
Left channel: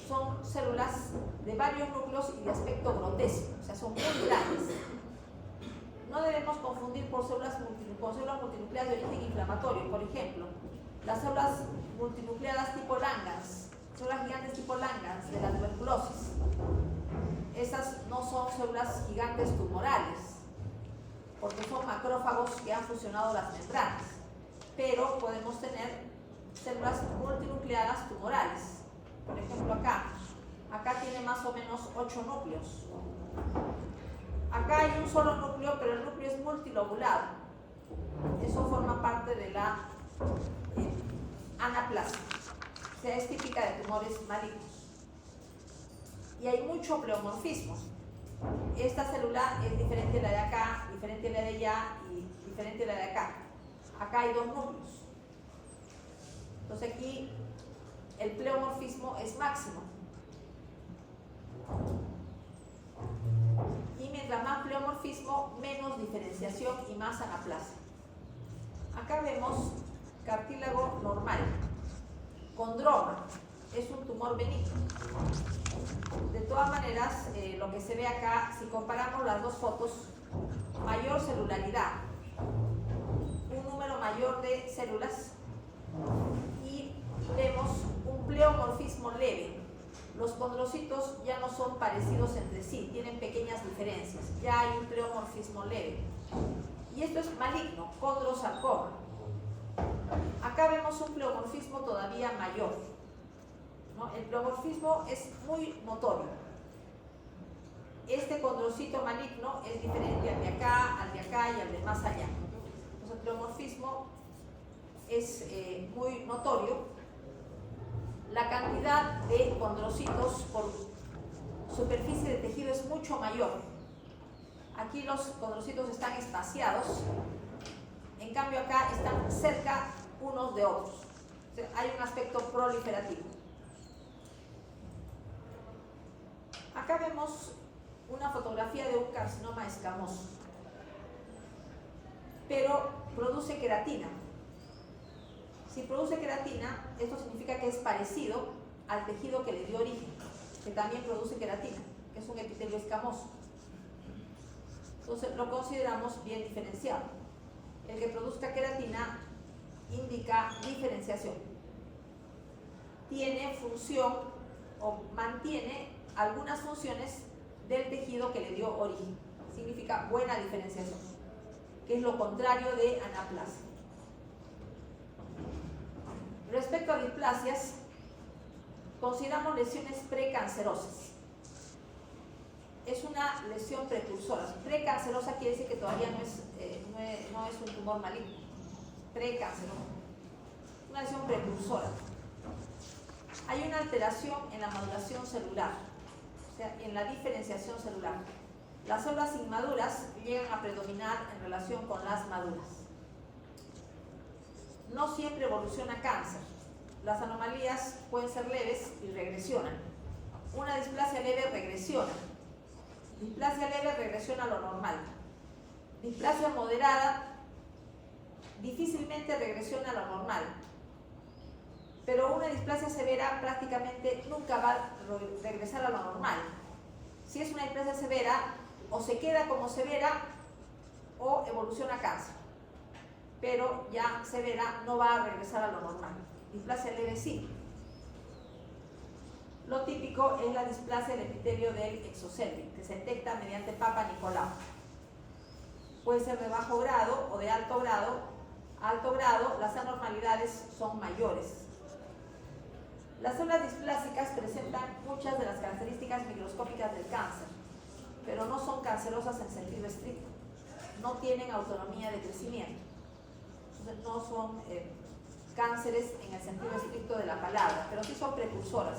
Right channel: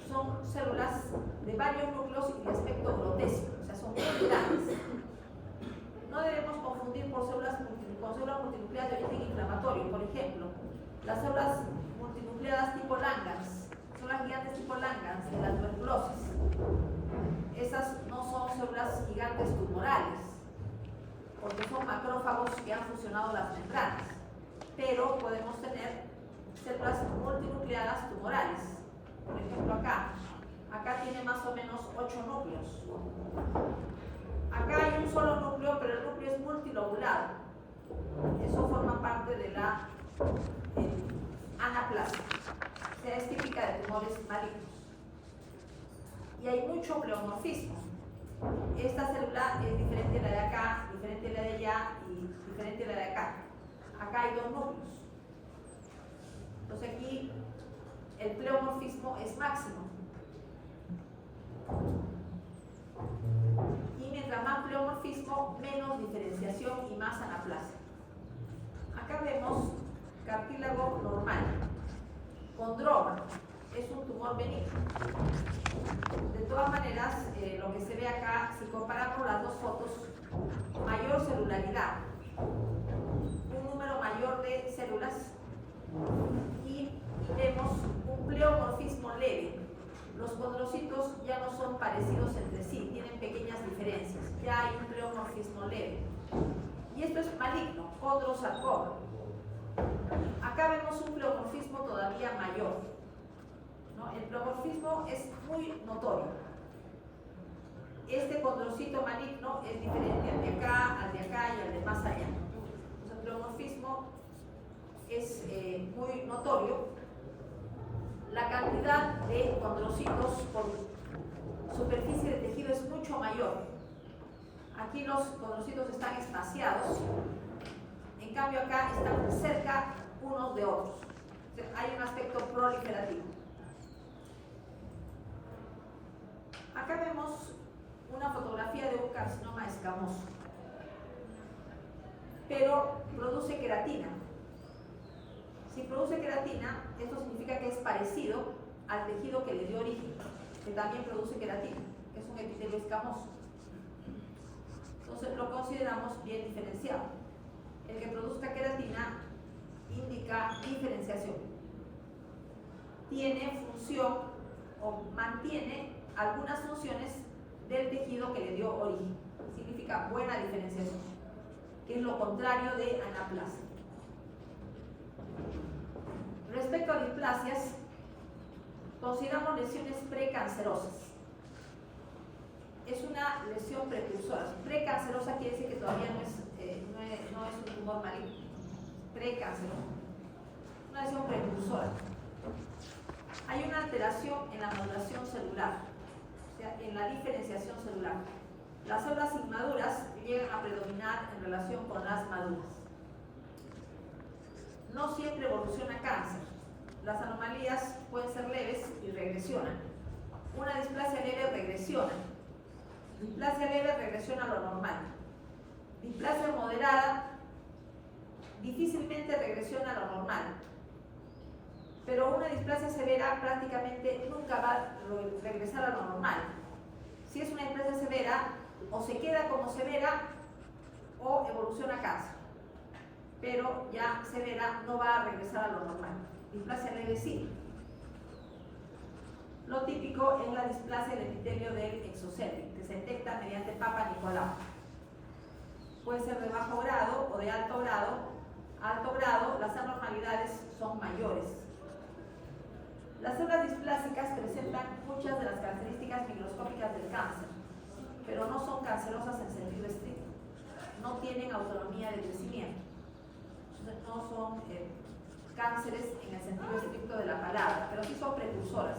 Son células de varios núcleos y de aspecto grotesco, o sea, son muy grandes. No debemos confundir con células multinucleadas de origen inflamatorio. Por ejemplo, las células multinucleadas tipo Langerhans, células gigantes tipo Langerhans de la tuberculosis. Esas no son células gigantes tumorales, porque son macrófagos que han fusionado las membranas, pero podemos tener células multinucleadas tumorales. Por ejemplo, acá tiene más o menos 8 núcleos. Acá hay un solo núcleo, pero el núcleo es multilobulado. Eso forma parte de la anaplasia. O sea, es típica de tumores malignos. Y hay mucho pleomorfismo. Esta célula es diferente a la de acá, diferente a la de allá y diferente a la de acá. Acá hay 2 núcleos. Entonces aquí el pleomorfismo es máximo. Y mientras más pleomorfismo, menos diferenciación y más anaplasia. Acá vemos cartílago normal. Condroma es un tumor benigno. De todas maneras, lo que se ve acá, si comparamos las dos fotos, mayor celularidad, un número mayor de células, y vemos un pleomorfismo leve. Los condrocitos ya no son parecidos entre sí, tienen pequeñas diferencias, ya hay un pleomorfismo leve. Y esto es maligno, condrosarcoma. Acá vemos un pleomorfismo todavía mayor, ¿no? El pleomorfismo es muy notorio. Este condrocito maligno es diferente al de acá y al de más allá. Entonces, el pleomorfismo es muy notorio. La cantidad de condrocitos por superficie de tejido es mucho mayor. Aquí los condrocitos están espaciados, en cambio acá están cerca unos de otros. O sea, hay un aspecto proliferativo. Acá vemos una fotografía de un carcinoma escamoso, pero produce queratina. Si produce queratina, esto significa que es parecido al tejido que le dio origen, que también produce queratina, que es un epitelio escamoso. Entonces lo consideramos bien diferenciado. El que produzca queratina indica diferenciación. Tiene función o mantiene algunas funciones del tejido que le dio origen. Significa buena diferenciación, que es lo contrario de anaplasia. Respecto a displasias, consideramos lesiones precancerosas. Es una lesión precursora. Precancerosa quiere decir que todavía no es un tumor maligno. Precancerosa. Una lesión precursora. Hay una alteración en la maduración celular, o sea, en la diferenciación celular. Las células inmaduras llegan a predominar en relación con las maduras. No siempre evoluciona cáncer. Las anomalías pueden ser leves y regresionan. Una displasia leve regresiona. Displasia leve regresiona a lo normal. Displasia moderada difícilmente regresiona a lo normal. Pero una displasia severa prácticamente nunca va a regresar a lo normal. Si es una displasia severa, o se queda como severa o evoluciona a cáncer. Pero ya severa no va a regresar a lo normal. Displasia leve sí. Lo típico es la displasia del epitelio del exocelio, que se detecta mediante Papa Nicolau. Puede ser de bajo grado o de alto grado. A alto grado, las anormalidades son mayores. Las células displásicas presentan muchas de las características microscópicas del cáncer, pero no son cancerosas en sentido estricto. No tienen autonomía de crecimiento. No son cánceres en el sentido estricto de la palabra, pero sí son precursoras.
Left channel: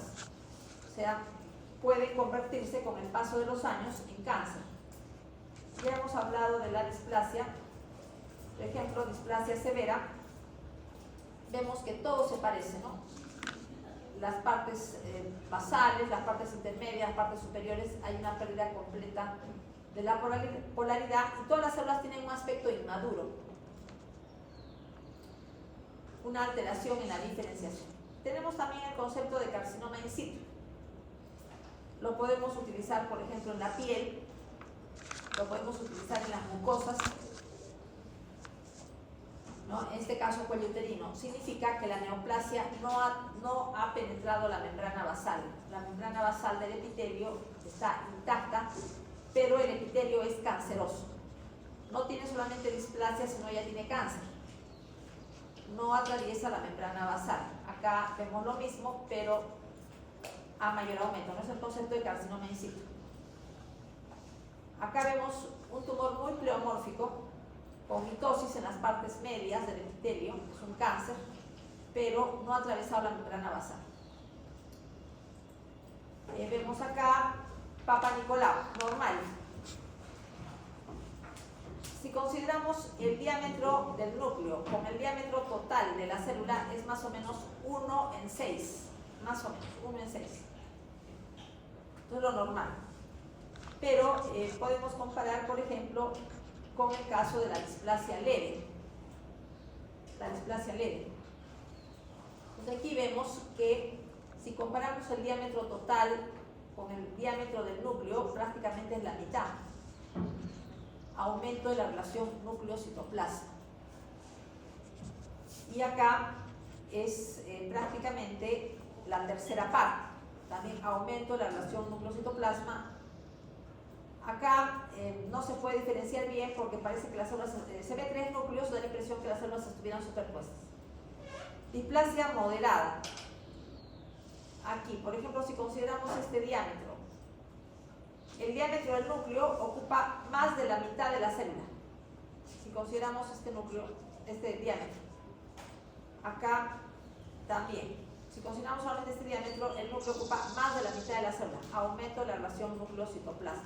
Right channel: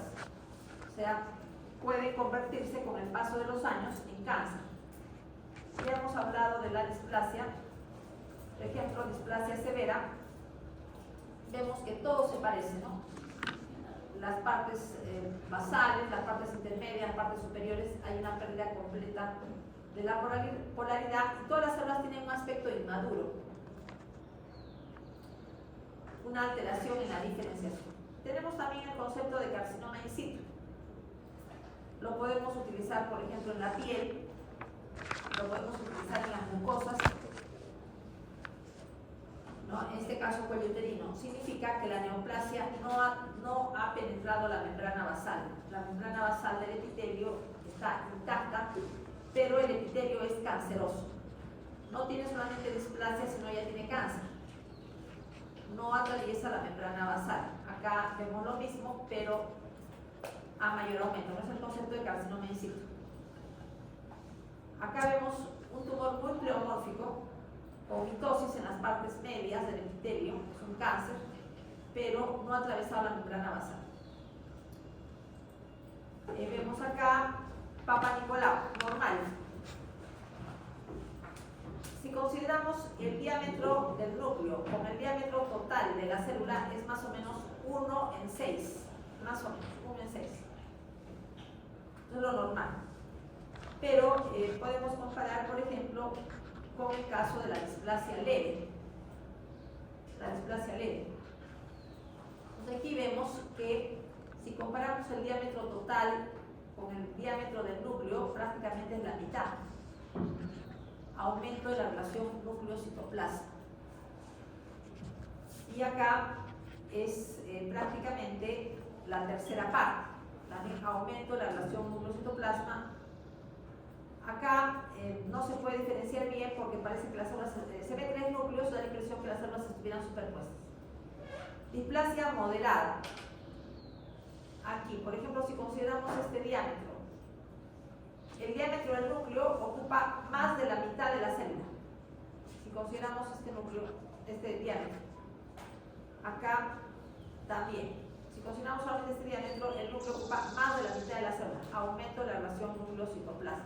O sea, pueden convertirse con el paso de los años en cáncer. Ya hemos hablado de la displasia, por ejemplo, displasia severa. Vemos que todo se parece, ¿no? Las partes basales, las partes intermedias, las partes superiores, hay una pérdida completa de la polaridad y todas las células tienen un aspecto inmaduro, una alteración en la diferenciación. Tenemos también el concepto de carcinoma in situ. Lo podemos utilizar, por ejemplo, en la piel, lo podemos utilizar en las mucosas, ¿no? En este caso cuello uterino. Significa que la neoplasia no ha penetrado la membrana basal. La membrana basal del epitelio está intacta pero el epitelio es canceroso. No tiene solamente displasia, sino ya tiene cáncer. No atraviesa la membrana basal. Acá vemos lo mismo, pero a mayor aumento. No es el concepto de carcinoma in situ. Acá vemos un tumor muy pleomórfico, con mitosis en las partes medias del epitelio, es un cáncer, pero no atravesaba la membrana basal. Vemos acá Papa Nicolau, normal. Si consideramos el diámetro del núcleo con el diámetro total de la célula, es más o menos 1 en 6, más o menos 1 en 6. Esto es lo normal. Pero podemos comparar, por ejemplo, con el caso de la displasia leve. La displasia leve. Entonces aquí vemos que si comparamos el diámetro total con el diámetro del núcleo, prácticamente es la mitad. Aumento de la relación núcleo-citoplasma. Y acá es prácticamente la tercera parte. También aumento de la relación núcleo-citoplasma. Acá no se puede diferenciar bien porque parece que las células, se ve 3 núcleos, da la impresión que las células estuvieran superpuestas. Displasia moderada. Aquí, por ejemplo, si consideramos este diámetro, el diámetro del núcleo ocupa más de la mitad de la célula. Si consideramos este núcleo, este diámetro. Acá también. Si consideramos solamente este diámetro, el núcleo ocupa más de la mitad de la célula. Aumento de la relación núcleo-citoplasma.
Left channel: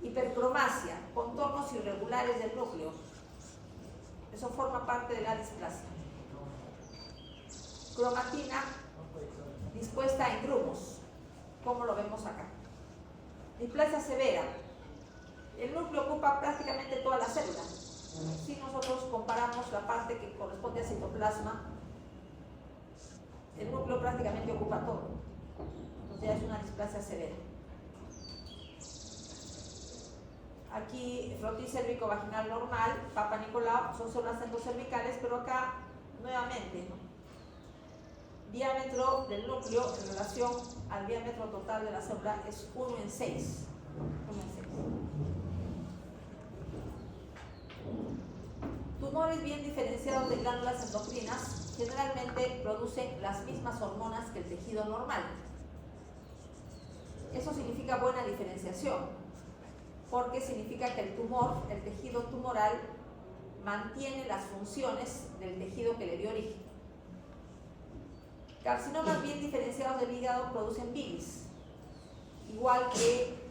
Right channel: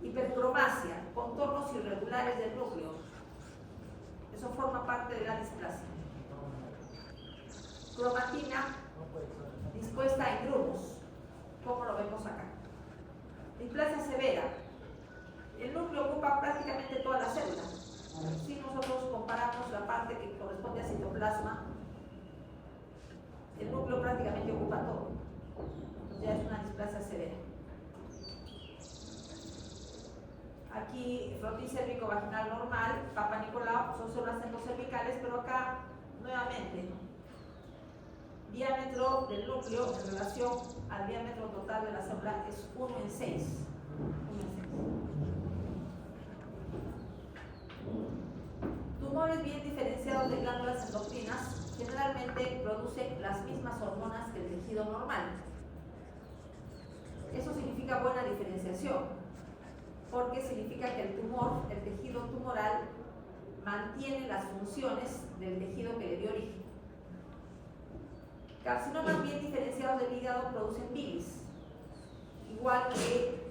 Hipercromasia, contornos irregulares del núcleo. Eso forma parte de la displasia. Cromatina dispuesta en grumos, como lo vemos acá. Displasia severa. El núcleo ocupa prácticamente toda la célula. Si nosotros comparamos la parte que corresponde al citoplasma, el núcleo prácticamente ocupa todo. Entonces ya es una displasia severa. Aquí, frotis cérvico-vaginal normal, Papa Nicolau, son células endocervicales, pero acá, nuevamente, diámetro del núcleo en relación al diámetro total de la célula es 1 en 6. 1 en 6. Tumores bien diferenciados de glándulas endocrinas generalmente producen las mismas hormonas que el tejido normal. Eso significa buena diferenciación, porque significa que el tumor, el tejido tumoral, mantiene las funciones del tejido que le dio origen. Carcinomas bien diferenciados del hígado producen bilis, igual que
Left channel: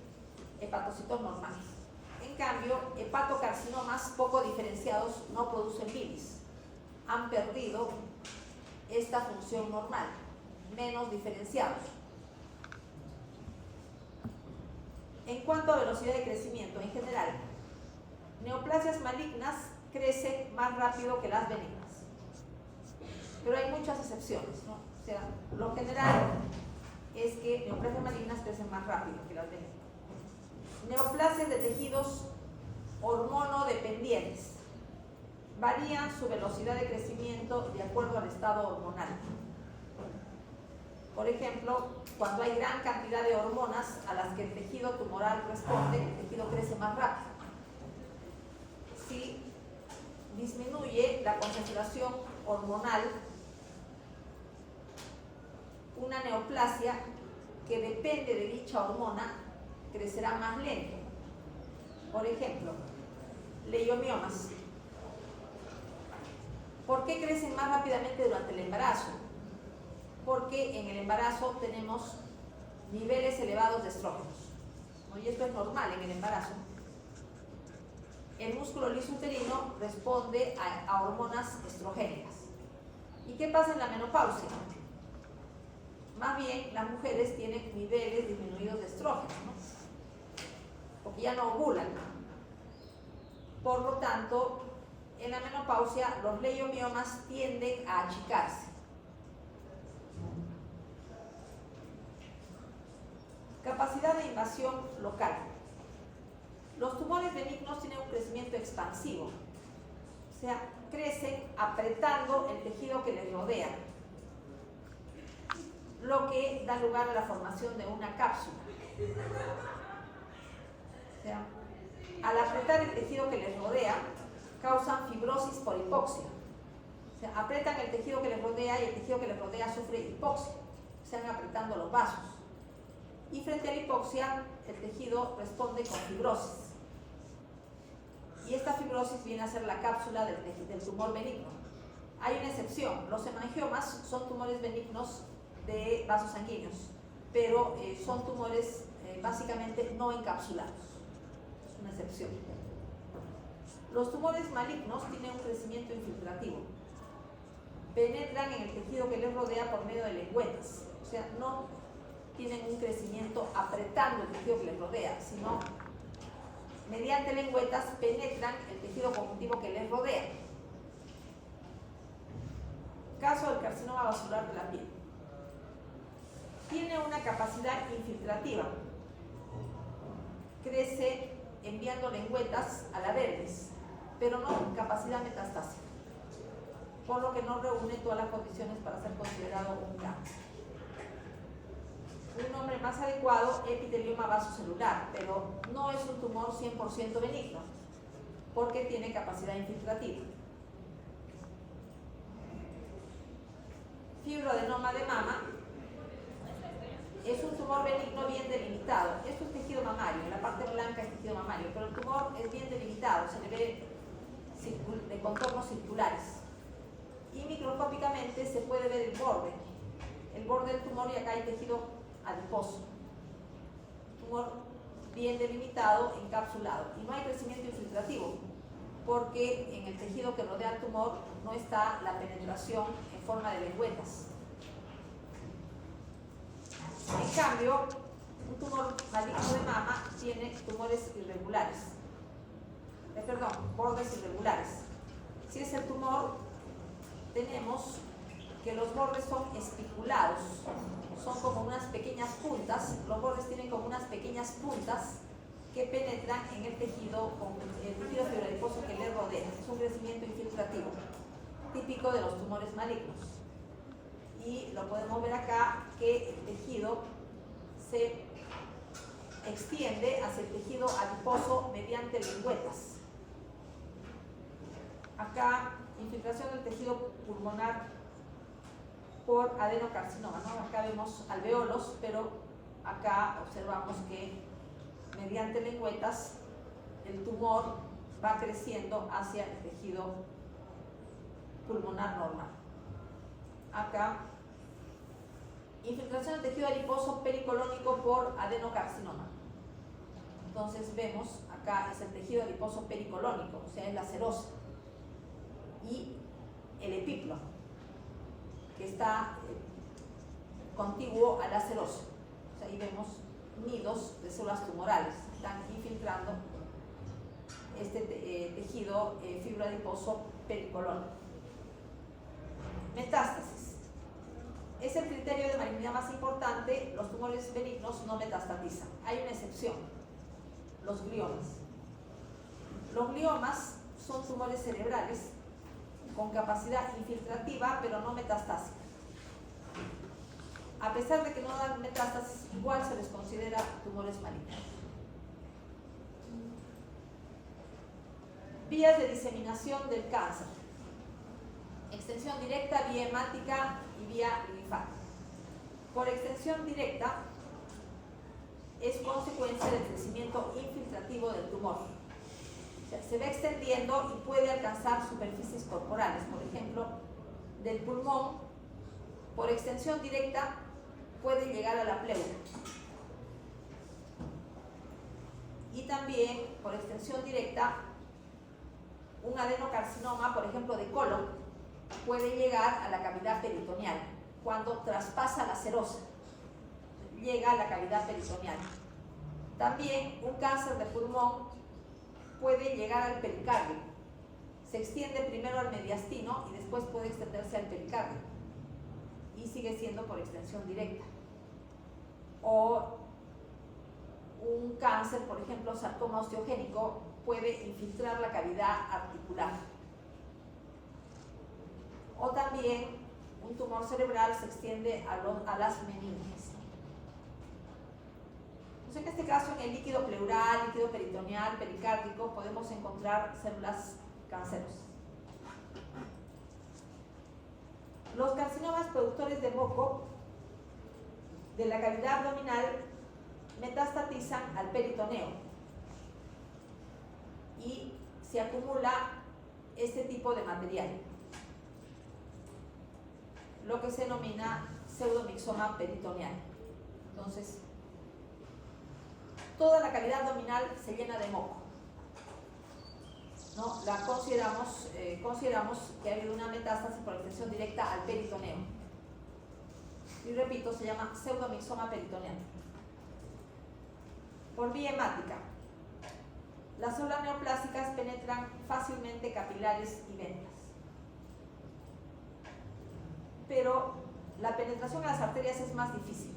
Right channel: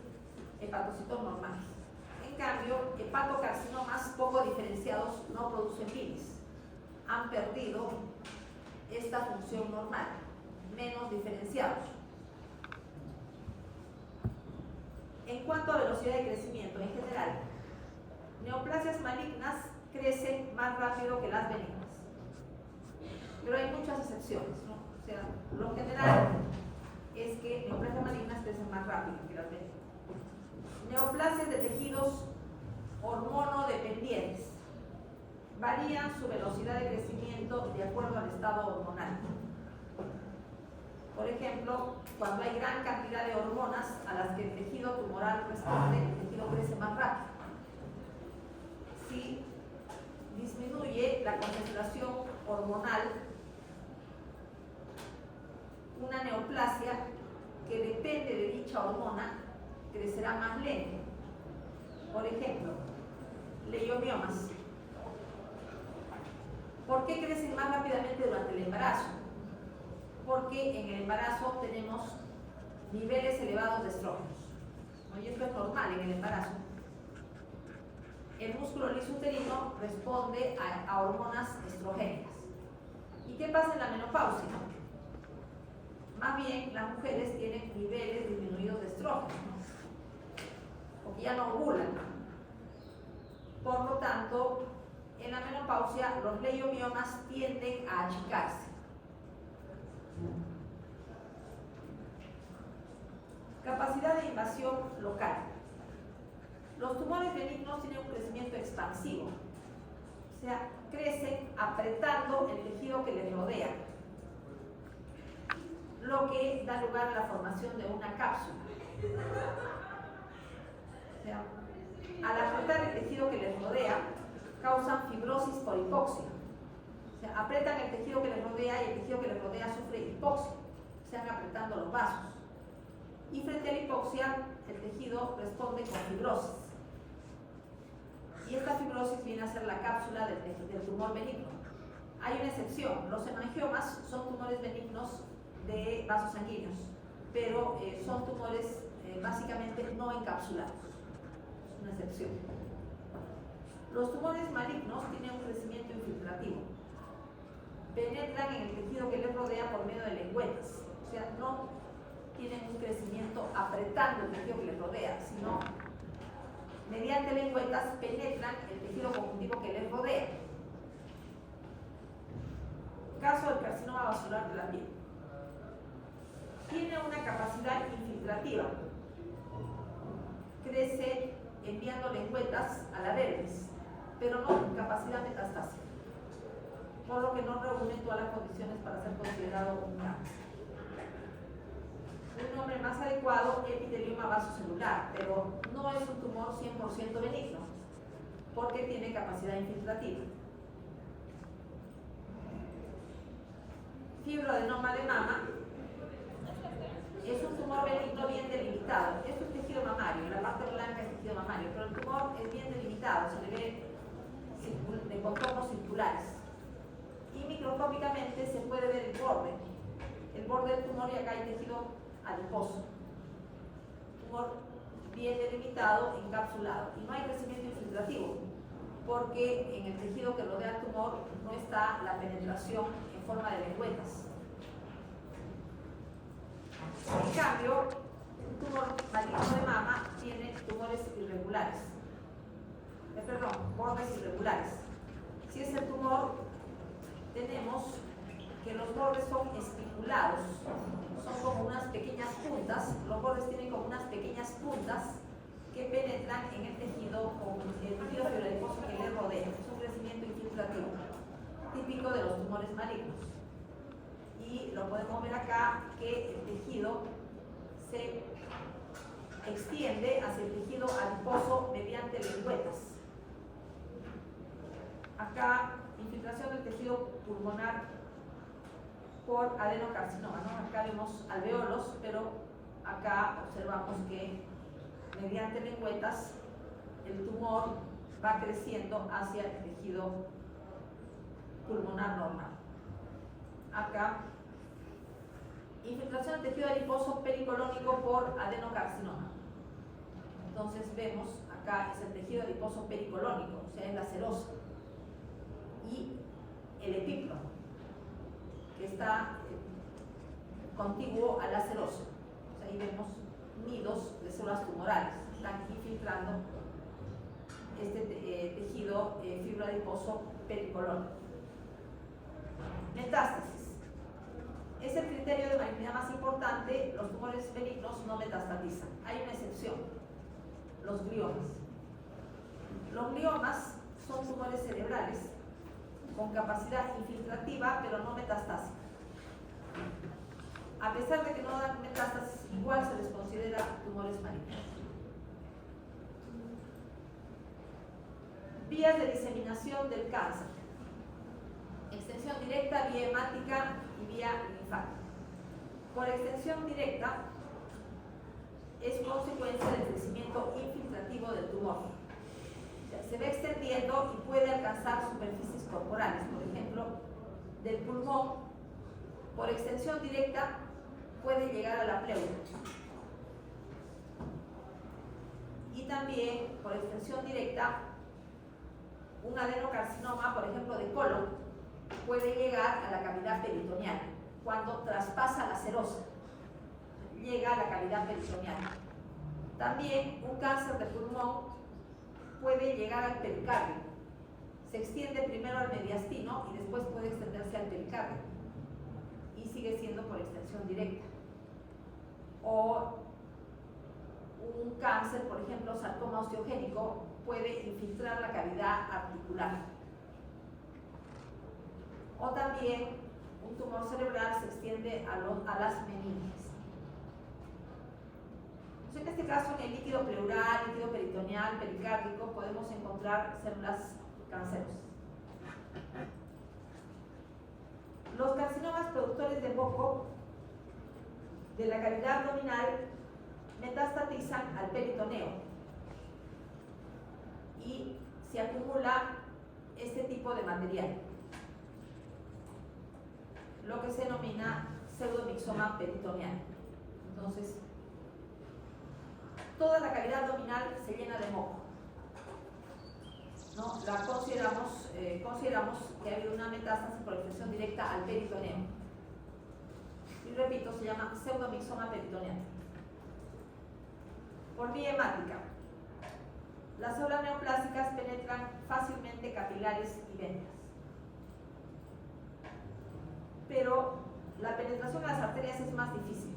hepatocitos normales. En cambio, hepatocarcinomas poco diferenciados no producen bilis. Han perdido esta función normal, menos diferenciados. En cuanto a velocidad de crecimiento en general, neoplasias malignas crecen más rápido que las benignas. Pero hay muchas excepciones, ¿no? O sea, lo general es que neoplasias malignas crecen más rápido que las benignas. Neoplasias de tejidos hormonodependientes varían su velocidad de crecimiento de acuerdo al estado hormonal. Por ejemplo, cuando hay gran cantidad de hormonas a las que el tejido tumoral responde, el tejido crece más rápido. Si disminuye la concentración hormonal, una neoplasia que depende de dicha hormona crecerá más lento. Por ejemplo, leiomiomas. ¿Por qué crecen más rápidamente durante el embarazo? Porque en el embarazo tenemos niveles elevados de estrógenos. Y esto es normal en el embarazo. El músculo liso uterino responde a hormonas estrogénicas. ¿Y qué pasa en la menopausia? Más bien, las mujeres tienen niveles disminuidos de estrógenos, porque ya no ovulan. Por lo tanto, en la menopausia los leiomiomas tienden a achicarse. Capacidad de invasión local. Los tumores benignos tienen un crecimiento expansivo, o sea, crecen apretando el tejido que les rodea, lo que da lugar a la formación de una cápsula. sea, al apretar el tejido que les rodea, causan fibrosis por hipoxia. O sea, aprietan el tejido que les rodea y el tejido que les rodea sufre hipoxia. Se van apretando los vasos. Y frente a la hipoxia, el tejido responde con fibrosis. Y esta fibrosis viene a ser la cápsula del tumor benigno. Hay una excepción, los hemangiomas son tumores benignos de vasos sanguíneos, pero son tumores básicamente no encapsulados. Es una excepción. Los tumores malignos tienen un crecimiento infiltrativo. Penetran en el tejido que les rodea por medio de lengüetas. O sea, no tienen un crecimiento apretando el tejido que les rodea, sino mediante lengüetas penetran el tejido conjuntivo que les rodea. Caso del carcinoma vascular de la piel. Tiene una capacidad infiltrativa. Crece enviando lengüetas a la dermis, pero no capacidad metastásica, por lo que no reúne todas las condiciones para ser considerado un cáncer. Un nombre más adecuado, epitelioma vasocelular, pero no es un tumor 100% benigno, porque tiene capacidad infiltrativa. Fibroadenoma de mama es un tumor benigno bien delimitado. Esto es tejido mamario, la parte blanca es tejido mamario, pero el tumor es bien delimitado, se le ve de contornos circulares. Y microscópicamente se puede ver el borde del tumor, y acá hay tejido adiposo. Tumor bien delimitado, encapsulado. Y no hay crecimiento infiltrativo, porque en el tejido que rodea el tumor no está la penetración en forma de lengüetas. En cambio, un tumor maligno de mama tiene tumores irregulares. Bordes irregulares. Si es el tumor, tenemos que los bordes son espiculados, son como unas pequeñas puntas, los bordes tienen como unas pequeñas puntas que penetran en el tejido fibroadiposo que les rodea. Es un crecimiento infiltrativo, típico de los tumores malignos. Y lo podemos ver acá, que el tejido se extiende hacia el tejido adiposo mediante lengüetas. Acá, infiltración del tejido pulmonar por adenocarcinoma, ¿no? Acá vemos alveolos, pero acá observamos que mediante lengüetas el tumor va creciendo hacia el tejido pulmonar normal. Acá, infiltración del tejido adiposo pericolónico por adenocarcinoma. Entonces vemos, acá es el tejido adiposo pericolónico, o sea, es la serosa. Y el epíplomo, que está contiguo a la serosa. O sea, ahí vemos nidos de células tumorales, están infiltrando este tejido fibroadiposo pericolónico. Metástasis. Es el criterio de malignidad más importante. Los tumores benignos no metastatizan. Hay una excepción, los gliomas. Los gliomas son tumores cerebrales con capacidad infiltrativa, pero no metastásica. A pesar de que no dan metástasis, igual se les considera tumores malignos. Vías de diseminación del cáncer. Extensión directa, vía hemática y vía linfática. Por extensión directa es consecuencia del crecimiento infiltrativo del tumor. O sea, se va extendiendo y puede alcanzar superficies corporales, por ejemplo, del pulmón. Por extensión directa puede llegar a la pleura. Y también, por extensión directa, un adenocarcinoma, por ejemplo, de colon, puede llegar a la cavidad peritoneal cuando traspasa la serosa, llega a la cavidad peritoneal. También un cáncer de pulmón puede llegar al pericardio. Se extiende primero al mediastino y después puede extenderse al pericardio y sigue siendo por extensión directa. O un cáncer, por ejemplo, sarcoma osteogénico, puede infiltrar la cavidad articular. O también un tumor cerebral se extiende a las meninges. Entonces, en este caso, en el líquido pleural, líquido peritoneal, pericárdico, podemos encontrar células cancerosas. Los carcinomas productores de moco de la cavidad abdominal metastatizan al peritoneo y se acumula este tipo de material, lo que se denomina pseudomixoma peritoneal. Entonces, toda la cavidad abdominal se llena de moco, ¿no? Consideramos que ha habido una metástasis por infección directa al peritoneo. Y repito, se llama pseudomixoma peritoneal. Por vía hemática, las células neoplásicas penetran fácilmente capilares y venas, pero la penetración en las arterias es más difícil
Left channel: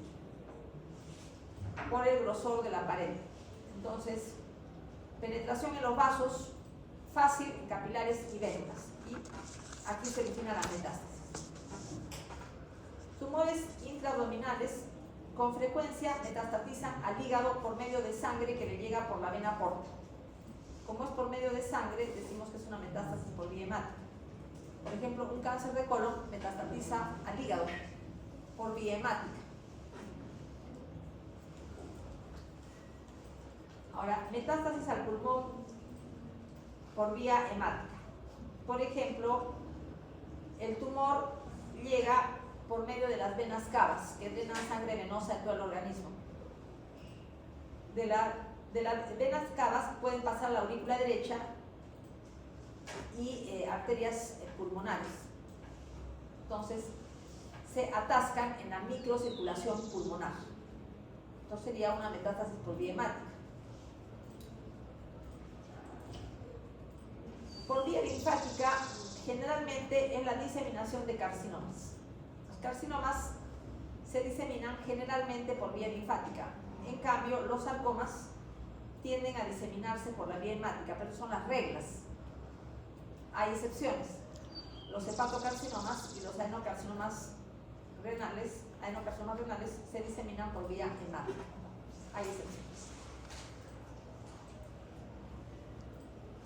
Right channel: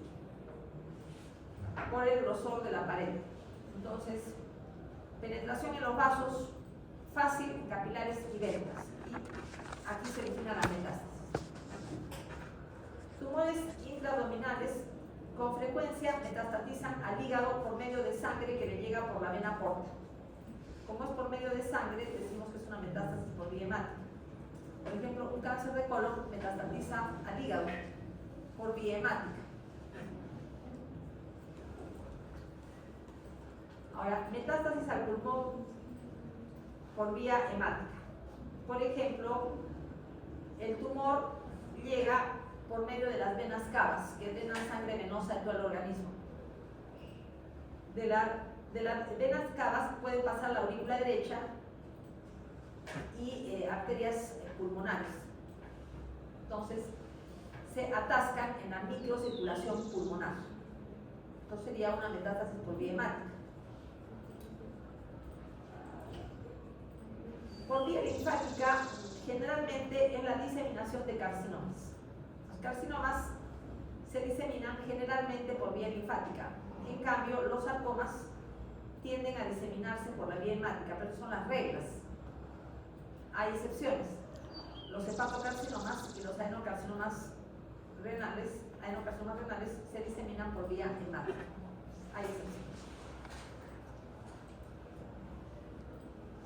por el grosor de la pared. Entonces, penetración en los vasos fácil en capilares y venas, y aquí se origina la metástasis. Tumores intraabdominales con frecuencia metastatizan al hígado por medio de sangre que le llega por la vena porta. Como es por medio de sangre, decimos que es una metástasis por vía hemática. Por ejemplo, un cáncer de colon metastatiza al hígado por vía hemática. Ahora, metástasis al pulmón por vía hemática. Por ejemplo, el tumor llega por medio de las venas cavas, que drenan sangre venosa en todo el organismo. De las venas cavas pueden pasar la aurícula derecha y arterias pulmonares. Entonces, se atascan en la microcirculación pulmonar. Entonces sería una metástasis por vía hemática. Por vía linfática, generalmente en la diseminación de carcinomas. Los carcinomas se diseminan generalmente por vía linfática. En cambio, los sarcomas tienden a diseminarse por la vía hemática, pero son las reglas. Hay excepciones. Los hepatocarcinomas y los adenocarcinomas renales se diseminan por vía hemática. Hay excepciones.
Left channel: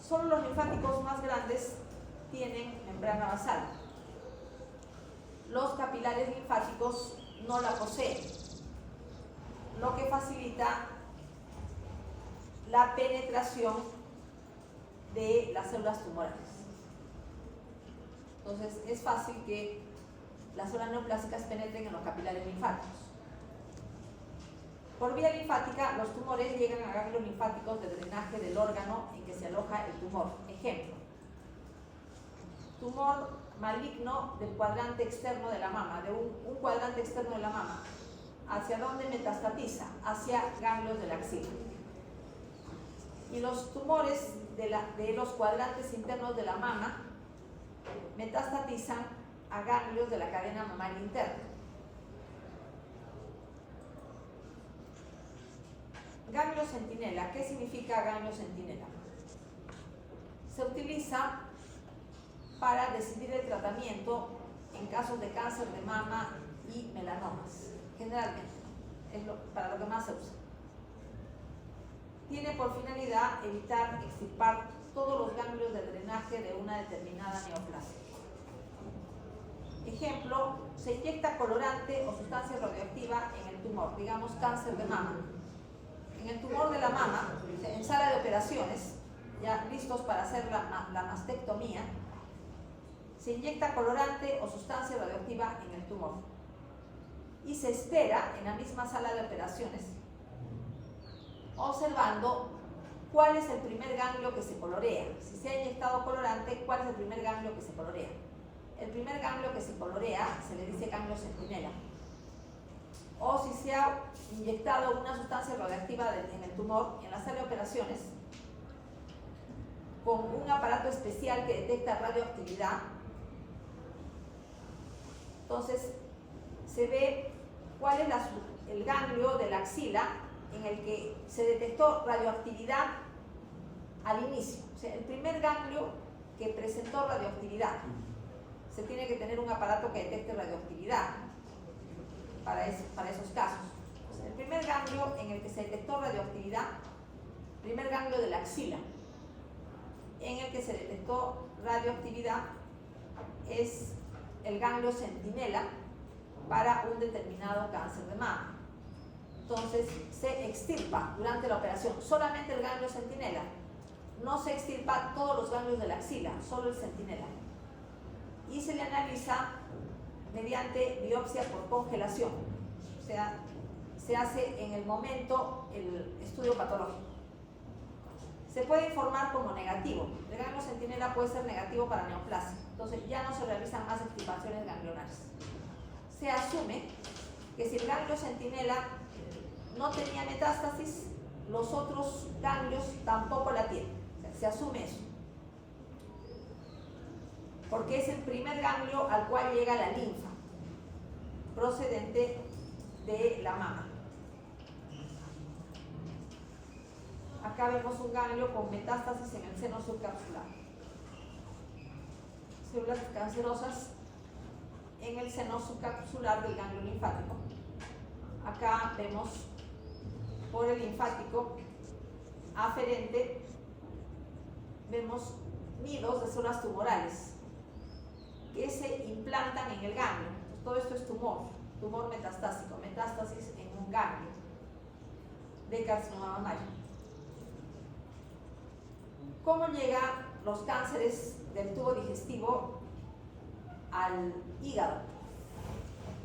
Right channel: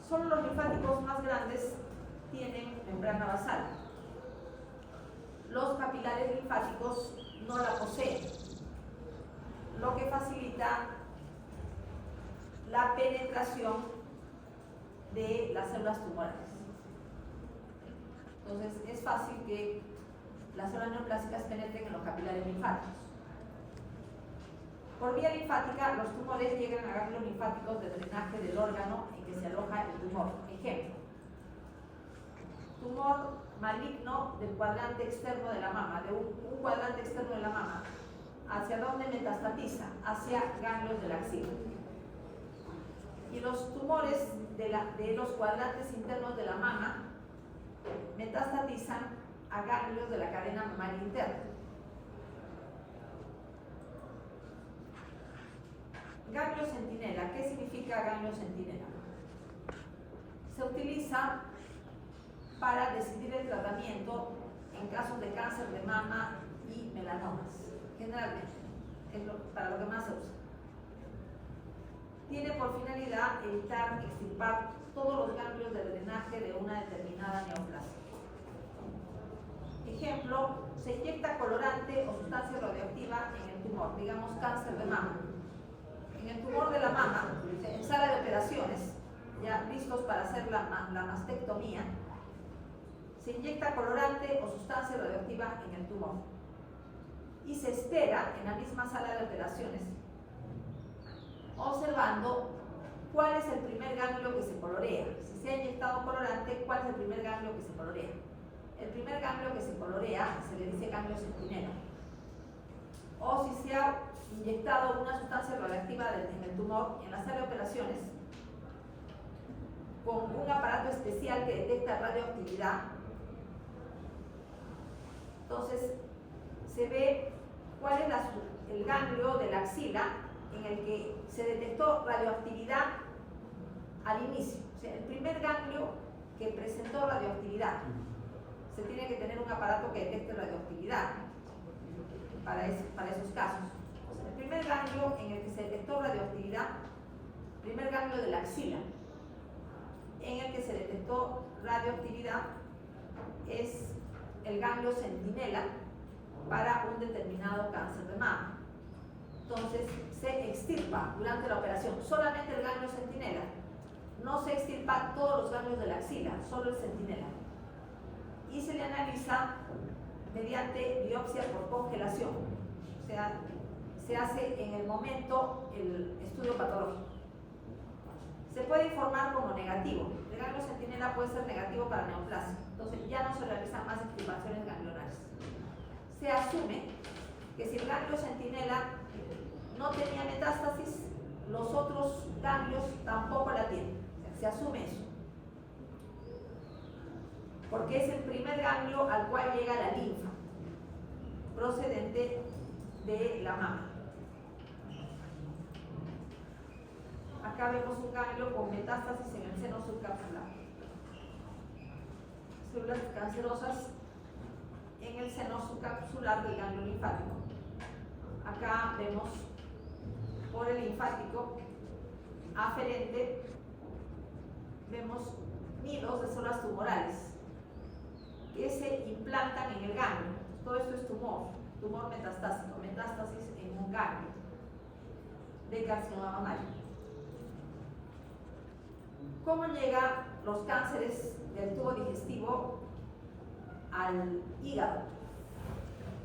Solo los linfáticos más grandes tienen membrana basal. Los capilares linfáticos no la poseen, lo que facilita la penetración de las células tumorales. Entonces, es fácil que las células neoplásicas penetren en los capilares linfáticos. Por vía linfática, los tumores llegan a ganglios linfáticos de drenaje del órgano en que se aloja el tumor. Ejemplo: tumor maligno del cuadrante externo de la mama, de un cuadrante externo de la mama. ¿Hacia dónde metastatiza? Hacia ganglios de la axila. Y los tumores de los cuadrantes internos de la mama metastatizan a ganglios de la cadena mamaria interna. Ganglio centinela. ¿Qué significa ganglio centinela? Se utiliza para decidir el tratamiento en casos de cáncer de mama y melanomas. Generalmente, es para lo que más se usa. Tiene por finalidad evitar extirpar todos los ganglios de drenaje de una determinada neoplasia. Ejemplo: se inyecta colorante o sustancia radioactiva en el tumor, digamos cáncer de mama. En el tumor de la mama, en sala de operaciones, ya listos para hacer la mastectomía, se inyecta colorante o sustancia radioactiva en el tumor y se espera en la misma sala de operaciones, observando cuál es el primer ganglio que se colorea. Si se ha inyectado colorante, ¿cuál es el primer ganglio que se colorea? El primer ganglio que se colorea se le dice ganglio centinela. O si se ha inyectado una sustancia radioactiva en el tumor, en la sala de operaciones, con un aparato especial que detecta radioactividad, entonces se ve cuál es el ganglio de la axila en el que se detectó radioactividad al inicio. O sea, el primer ganglio que presentó radioactividad. Se tiene que tener un aparato que detecte radioactividad para esos casos. O sea, El primer ganglio en el que se detectó radioactividad, primer ganglio de la axila, en el que se detectó radioactividad, es el ganglio centinela para un determinado cáncer de mama. Entonces se extirpa durante la operación solamente el ganglio centinela, no se extirpa todos los ganglios de la axila, solo el centinela, y se le analiza mediante biopsia por congelación, o sea, se hace en el momento el estudio patológico. Se puede informar como negativo. El ganglio centinela puede ser negativo para neoplasia, entonces ya no se realizan más extirpaciones ganglionares. Se asume que si el ganglio centinela no tenía metástasis, los otros ganglios tampoco la tienen. O sea, se asume eso, porque es el primer ganglio al cual llega la linfa procedente de la mama. Acá vemos un ganglio con metástasis en el seno subcapsular. Células cancerosas en el seno subcapsular del ganglio linfático. Acá vemos por el linfático aferente, vemos nidos de células tumorales que se implantan en el ganglio. Todo esto es tumor metastásico, metástasis en un ganglio de carcinoma mamario. ¿Cómo llegan los cánceres del tubo digestivo al hígado?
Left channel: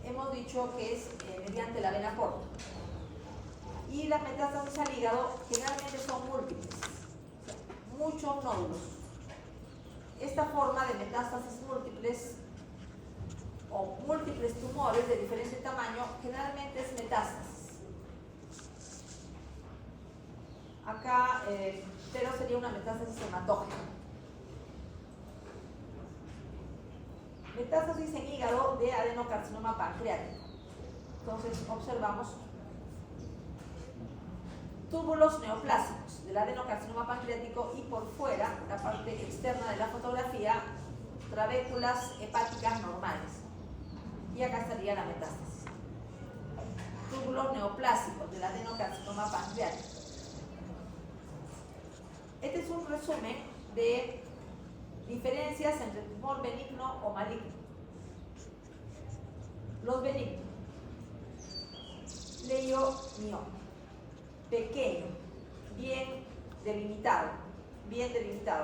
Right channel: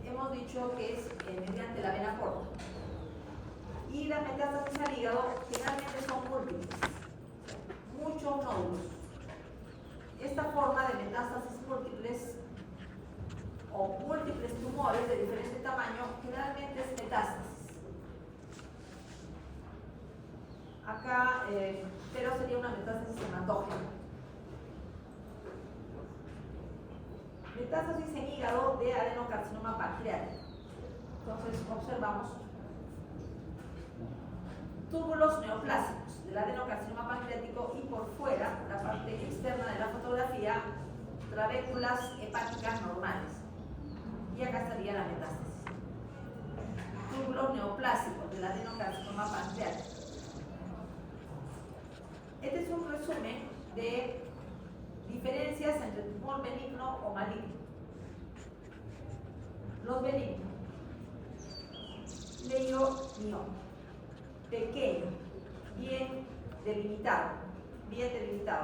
Hemos dicho que es mediante la vena porta. Y las metástasis al hígado generalmente son múltiples, muchos nódulos. Esta forma de metástasis múltiples o múltiples tumores de diferente tamaño generalmente es metástasis. Acá, pero sería una metástasis hematógena. Metástasis en hígado de adenocarcinoma pancreático. Entonces observamos túbulos neoplásicos del adenocarcinoma pancreático y por fuera, la parte externa de la fotografía, trabéculas hepáticas normales. Y acá estaría la metástasis. Túbulos neoplásicos del adenocarcinoma pancreático. Este es un resumen de diferencias entre tumor benigno o maligno. Los benignos. Leiomioma. Pequeño, bien delimitado,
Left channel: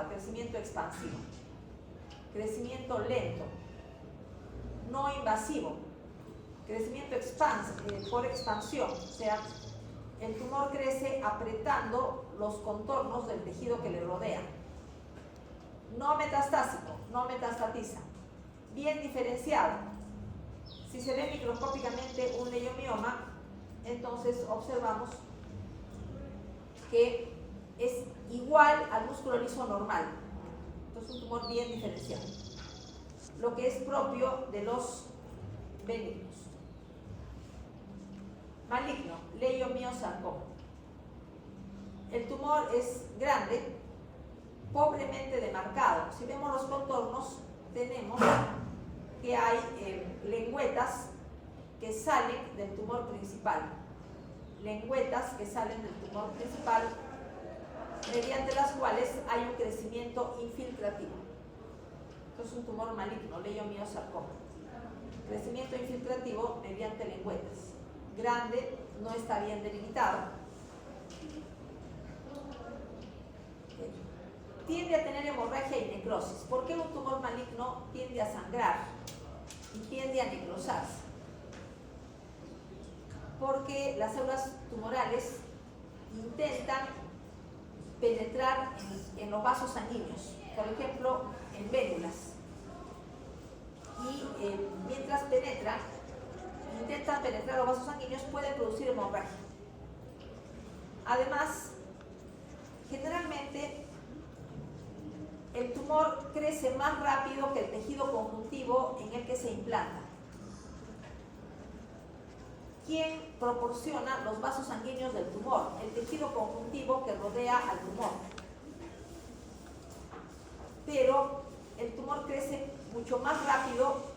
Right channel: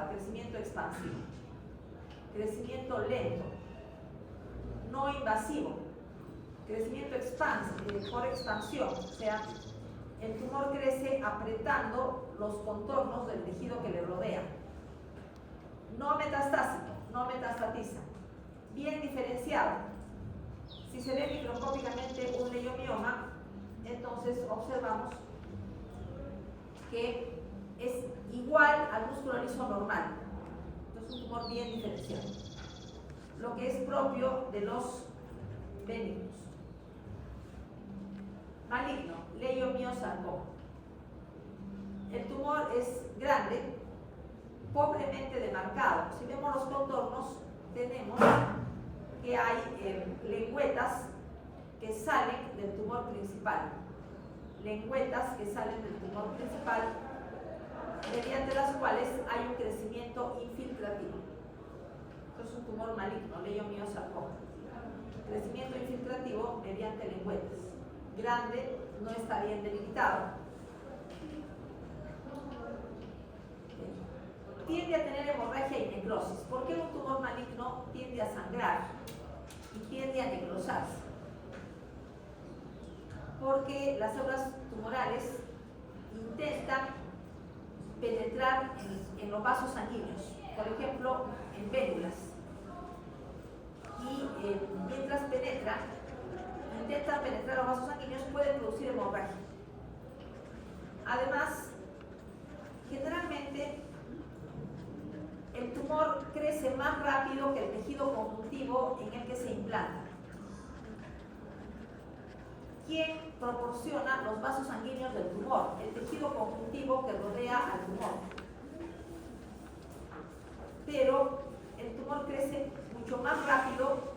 crecimiento expansivo, crecimiento lento, no invasivo, crecimiento por expansión, o sea, el tumor crece apretando los contornos del tejido que le rodea. No metastásico, no metastatiza. Bien diferenciado. Si se ve microscópicamente un leiomioma, entonces observamos que es igual al músculo liso normal. Entonces un tumor bien diferenciado. Lo que es propio de los benignos. Maligno, leiomiosarcoma. El tumor es grande, pobremente demarcado. Si vemos los contornos, tenemos que hay lengüetas que salen del tumor principal. Lengüetas que salen del tumor principal, mediante las cuales hay un crecimiento infiltrativo. Esto es un tumor maligno, leiomiosarcoma. Crecimiento infiltrativo mediante lengüetas. Grande, no está bien delimitado. Tiende a tener hemorragia y necrosis. ¿Por qué un tumor maligno tiende a sangrar y tiende a necrosarse? Porque las células tumorales intentan penetrar en los vasos sanguíneos, por ejemplo, en vénulas. Y mientras intentan penetrar los vasos sanguíneos, pueden producir hemorragia. Además, generalmente el tumor crece más rápido que el tejido conjuntivo en el que se implanta. ¿Quién proporciona los vasos sanguíneos del tumor? El tejido conjuntivo que rodea al tumor. Pero el tumor crece mucho más rápido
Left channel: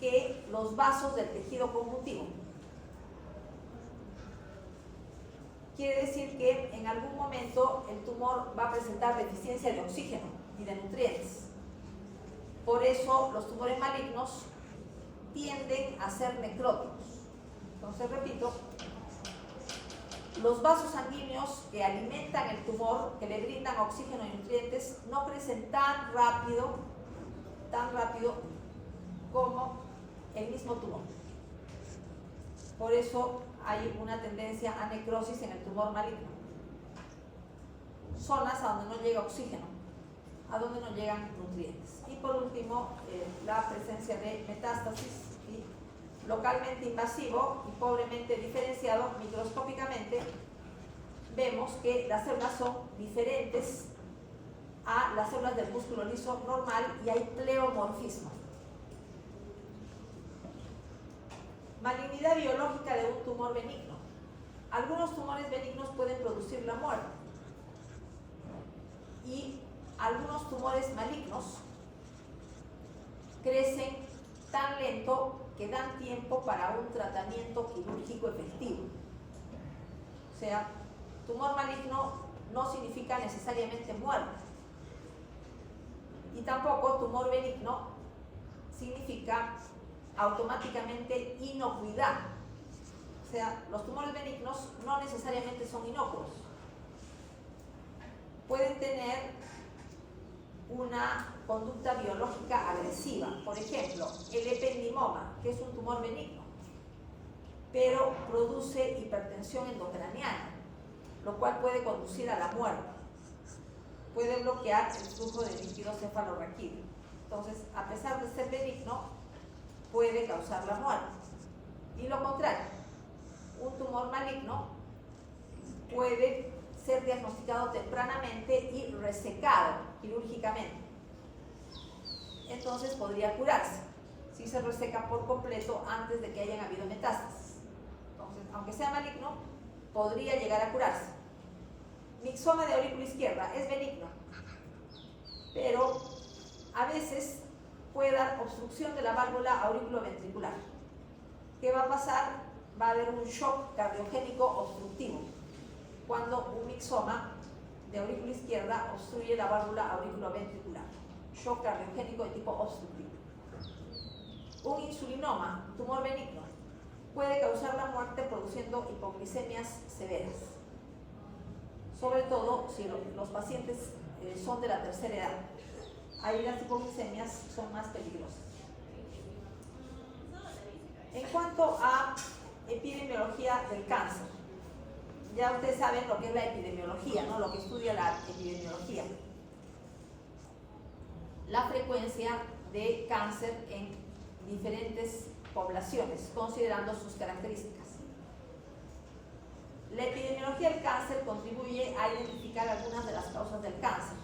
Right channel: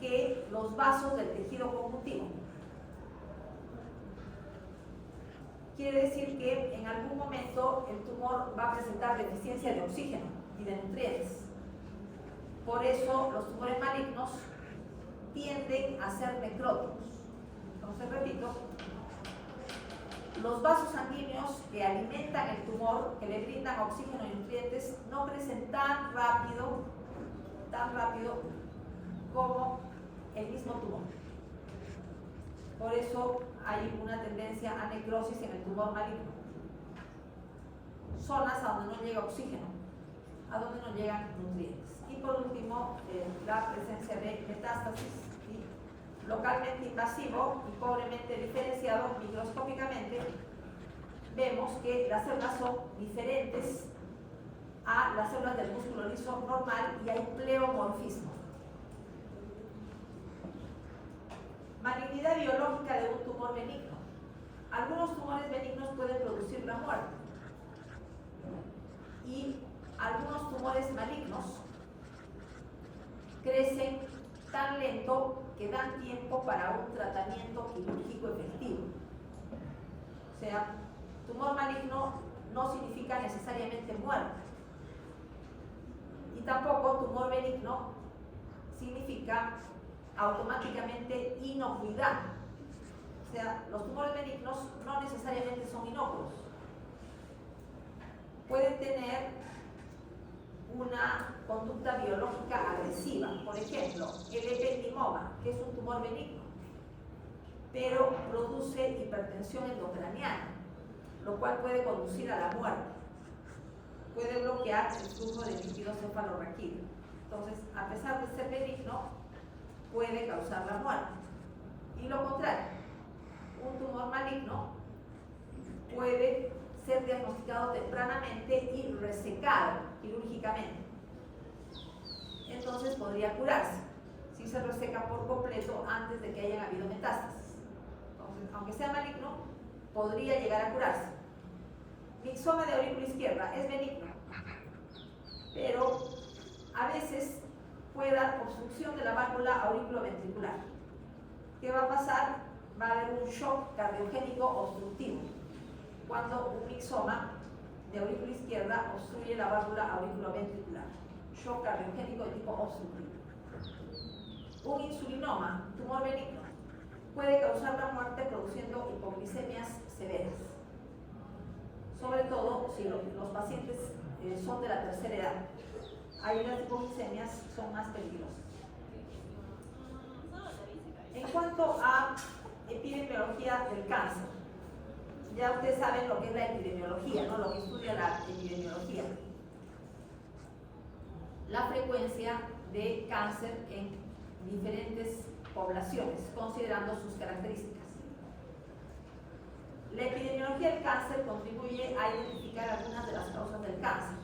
que los vasos del tejido conjuntivo. quiere decir que en algún momento el tumor va a presentar deficiencia de oxígeno y de nutrientes. Por eso los tumores malignos tienden a ser necróticos. Entonces, repito, los vasos sanguíneos que alimentan el tumor, que le brindan oxígeno y nutrientes, no crecen tan rápido como el mismo tumor. Por eso hay una tendencia a necrosis en el tumor maligno. Zonas a donde no llega oxígeno, a donde no llegan nutrientes. Y por último, la presencia de metástasis localmente invasivo y pobremente diferenciado microscópicamente. Vemos que las células son diferentes a las células del músculo liso normal y hay pleomorfismo. Malignidad biológica de un tumor benigno. Algunos tumores benignos pueden producir la muerte y algunos tumores malignos crecen tan lento que dan tiempo para un tratamiento quirúrgico efectivo. O sea, tumor maligno no significa necesariamente muerte y tampoco tumor benigno significa automáticamente inocuidad. O sea, los tumores benignos no necesariamente son inocuos. Pueden tener una conducta biológica agresiva. Por ejemplo, el ependimoma, que es un tumor benigno, pero produce hipertensión endocraniana, lo cual puede conducir a la muerte. Puede bloquear el flujo de líquido cefalorraquídeo. Entonces, a pesar de ser benigno, puede causar la muerte. Y lo contrario, un tumor maligno puede ser diagnosticado tempranamente y resecado quirúrgicamente. Entonces podría curarse si se reseca por completo antes de que hayan habido metástasis. Entonces, aunque sea maligno, podría llegar a curarse. Mixoma de aurícula izquierda es benigno, pero a veces puede dar obstrucción de la válvula auriculoventricular. ¿Qué va a pasar? Va a haber un shock cardiogénico obstructivo cuando un mixoma de aurícula izquierda obstruye la válvula auriculoventricular. Shock cardiogénico de tipo obstructivo. Un insulinoma, tumor benigno, puede causar la muerte produciendo hipoglicemias severas, sobre todo si los pacientes son de la tercera edad. Ahí las hipoglicemias son más peligrosas. En cuanto a epidemiología del cáncer, ya ustedes saben lo que es la epidemiología, ¿no? Lo que estudia la epidemiología. La frecuencia de cáncer en diferentes poblaciones, considerando sus características. La epidemiología del cáncer contribuye a identificar algunas de las causas del cáncer.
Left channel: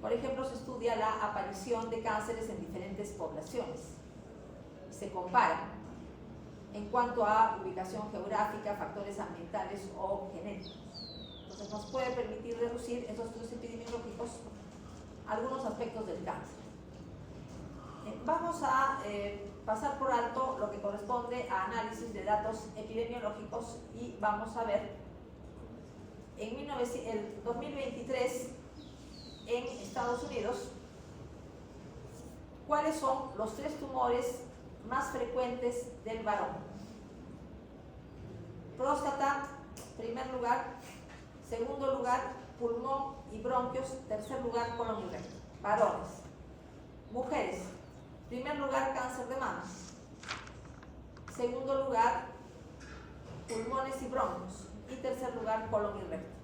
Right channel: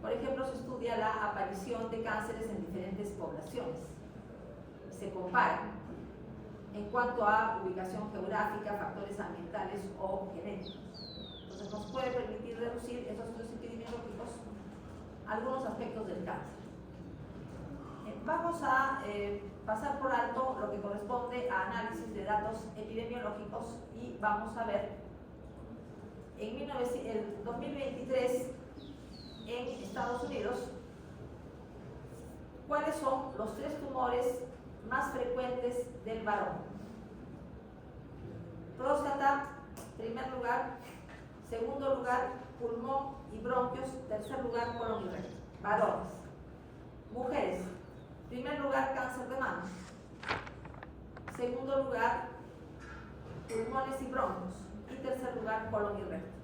Por ejemplo, se estudia la aparición de cánceres en diferentes poblaciones. Se compara en cuanto a ubicación geográfica, factores ambientales o genéticos. Entonces, nos puede permitir reducir esos estudios epidemiológicos algunos aspectos del cáncer. Vamos a pasar por alto lo que corresponde a análisis de datos epidemiológicos y vamos a ver en el 2023 en Estados Unidos cuáles son los 3 tumores más frecuentes del varón. Próstata, primer lugar; segundo lugar, pulmón y bronquios; tercer lugar, colon y recto. Varones. Mujeres, primer lugar, cáncer de mama; segundo lugar, pulmones y bronquios; y tercer lugar, colon y recto.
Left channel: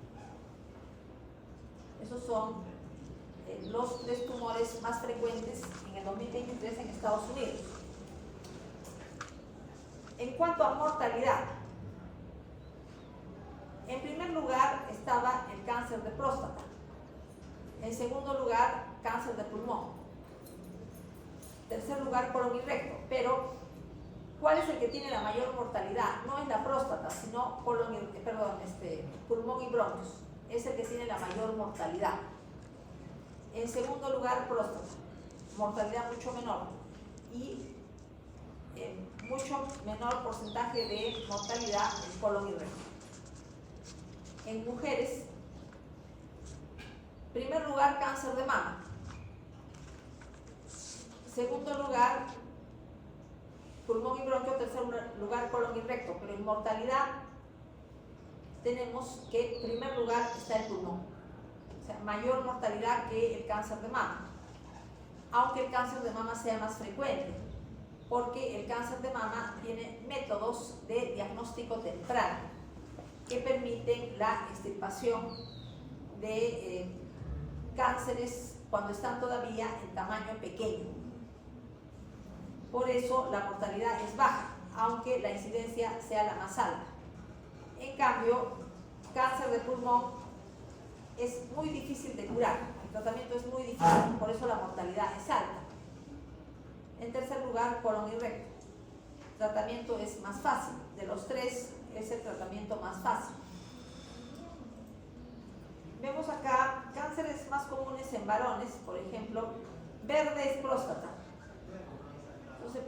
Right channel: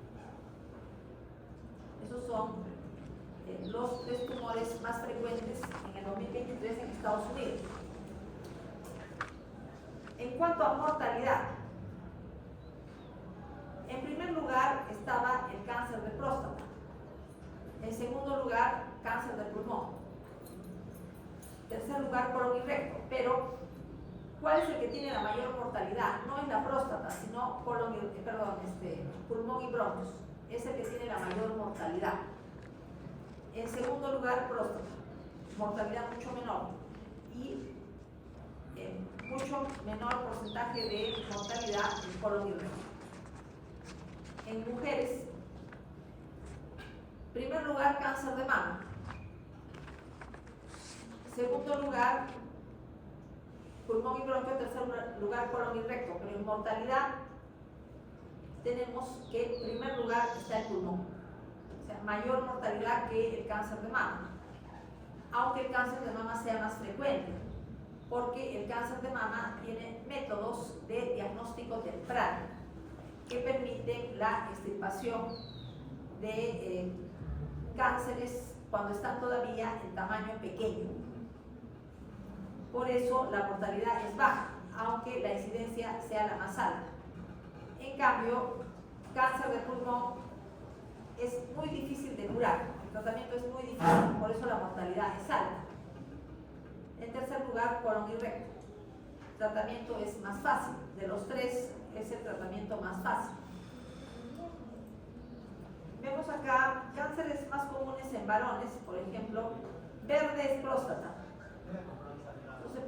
Esos son los 3 tumores más frecuentes en el 2023 en Estados Unidos. En cuanto a mortalidad, en primer lugar estaba el cáncer de próstata, en segundo lugar cáncer de pulmón, tercer lugar colon y recto. Pero ¿cuál es el que tiene la mayor mortalidad? No es la próstata, sino pulmón y bronquios. Es el que tiene la mayor mortalidad. En segundo lugar, próstata, mortalidad mucho menor y mucho menor porcentaje de mortalidad en colon y recto. en mujeres, primer lugar, cáncer de mama. Segundo lugar, pulmón y bronquio. Tercer lugar, colon y recto. Pero en mortalidad tenemos que en primer lugar está el pulmón. O sea, mayor mortalidad que el cáncer de mama. Aunque el cáncer de mama sea más frecuente, porque el cáncer de mama tiene métodos de diagnóstico temprano que permiten la extirpación de cánceres cuando están todavía en tamaño pequeño. Por eso la mortalidad es baja, aunque la incidencia sea la más alta. En cambio, cáncer de pulmón es muy difícil de curar, el tratamiento es muy difícil, por eso la mortalidad es alta. En tercer lugar, colon y recto. El tratamiento es más fácil, de los tres es el tratamiento más fácil. Vemos acá cánceres más comunes en varones, por ejemplo, verde es próstata. Entonces,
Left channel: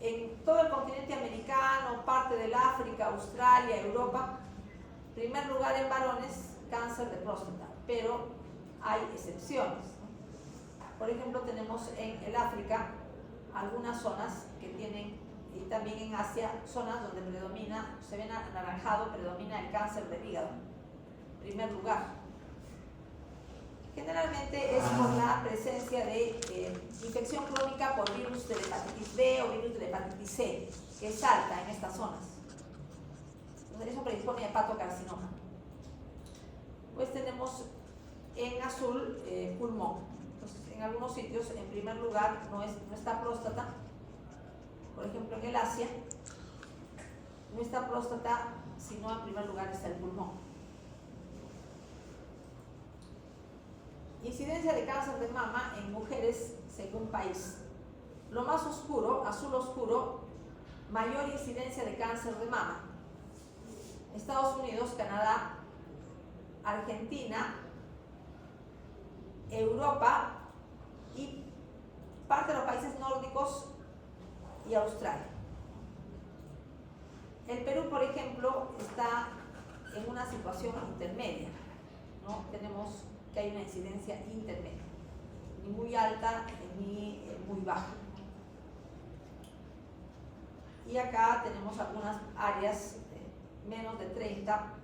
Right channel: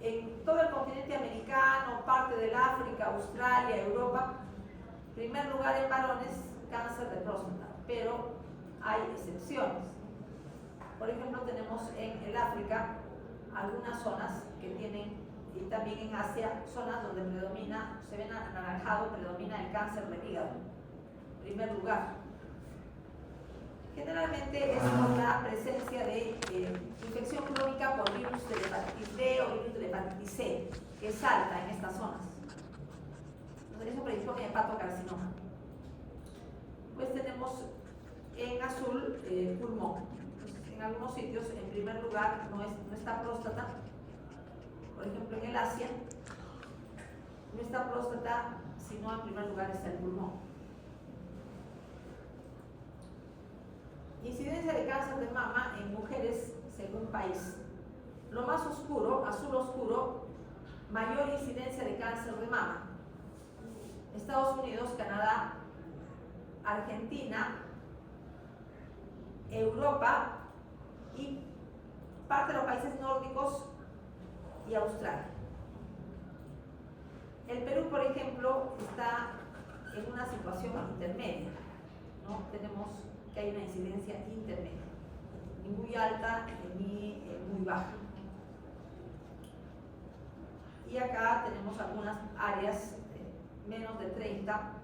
en todo el continente americano, parte del África, Australia, Europa, primer lugar en varones, cáncer de próstata, pero hay excepciones. Por ejemplo, tenemos en el África algunas zonas que tienen, y también en Asia, zonas donde predomina, se ven anaranjado, predomina el cáncer del hígado, primer lugar. Generalmente es por la presencia de infección crónica por virus de hepatitis B o virus de hepatitis C, que es alta en estas zonas. Entonces, eso predispone a hepatocarcinoma. Pues tenemos en azul pulmón. Entonces, en algunos sitios, en primer lugar, no está próstata. Por ejemplo, en el Asia, no está próstata, sino en primer lugar está el pulmón. Incidencia de cáncer de mama en mujeres según país. Lo más oscuro, azul oscuro, mayor incidencia de cáncer de mama. Estados Unidos, Canadá, Argentina, Europa y parte de los países nórdicos y Australia. El Perú, por ejemplo, está en una situación intermedia, ¿no? Tenemos que hay una incidencia intermedia, ni muy alta ni muy baja. Y acá tenemos algunas áreas, menos de 30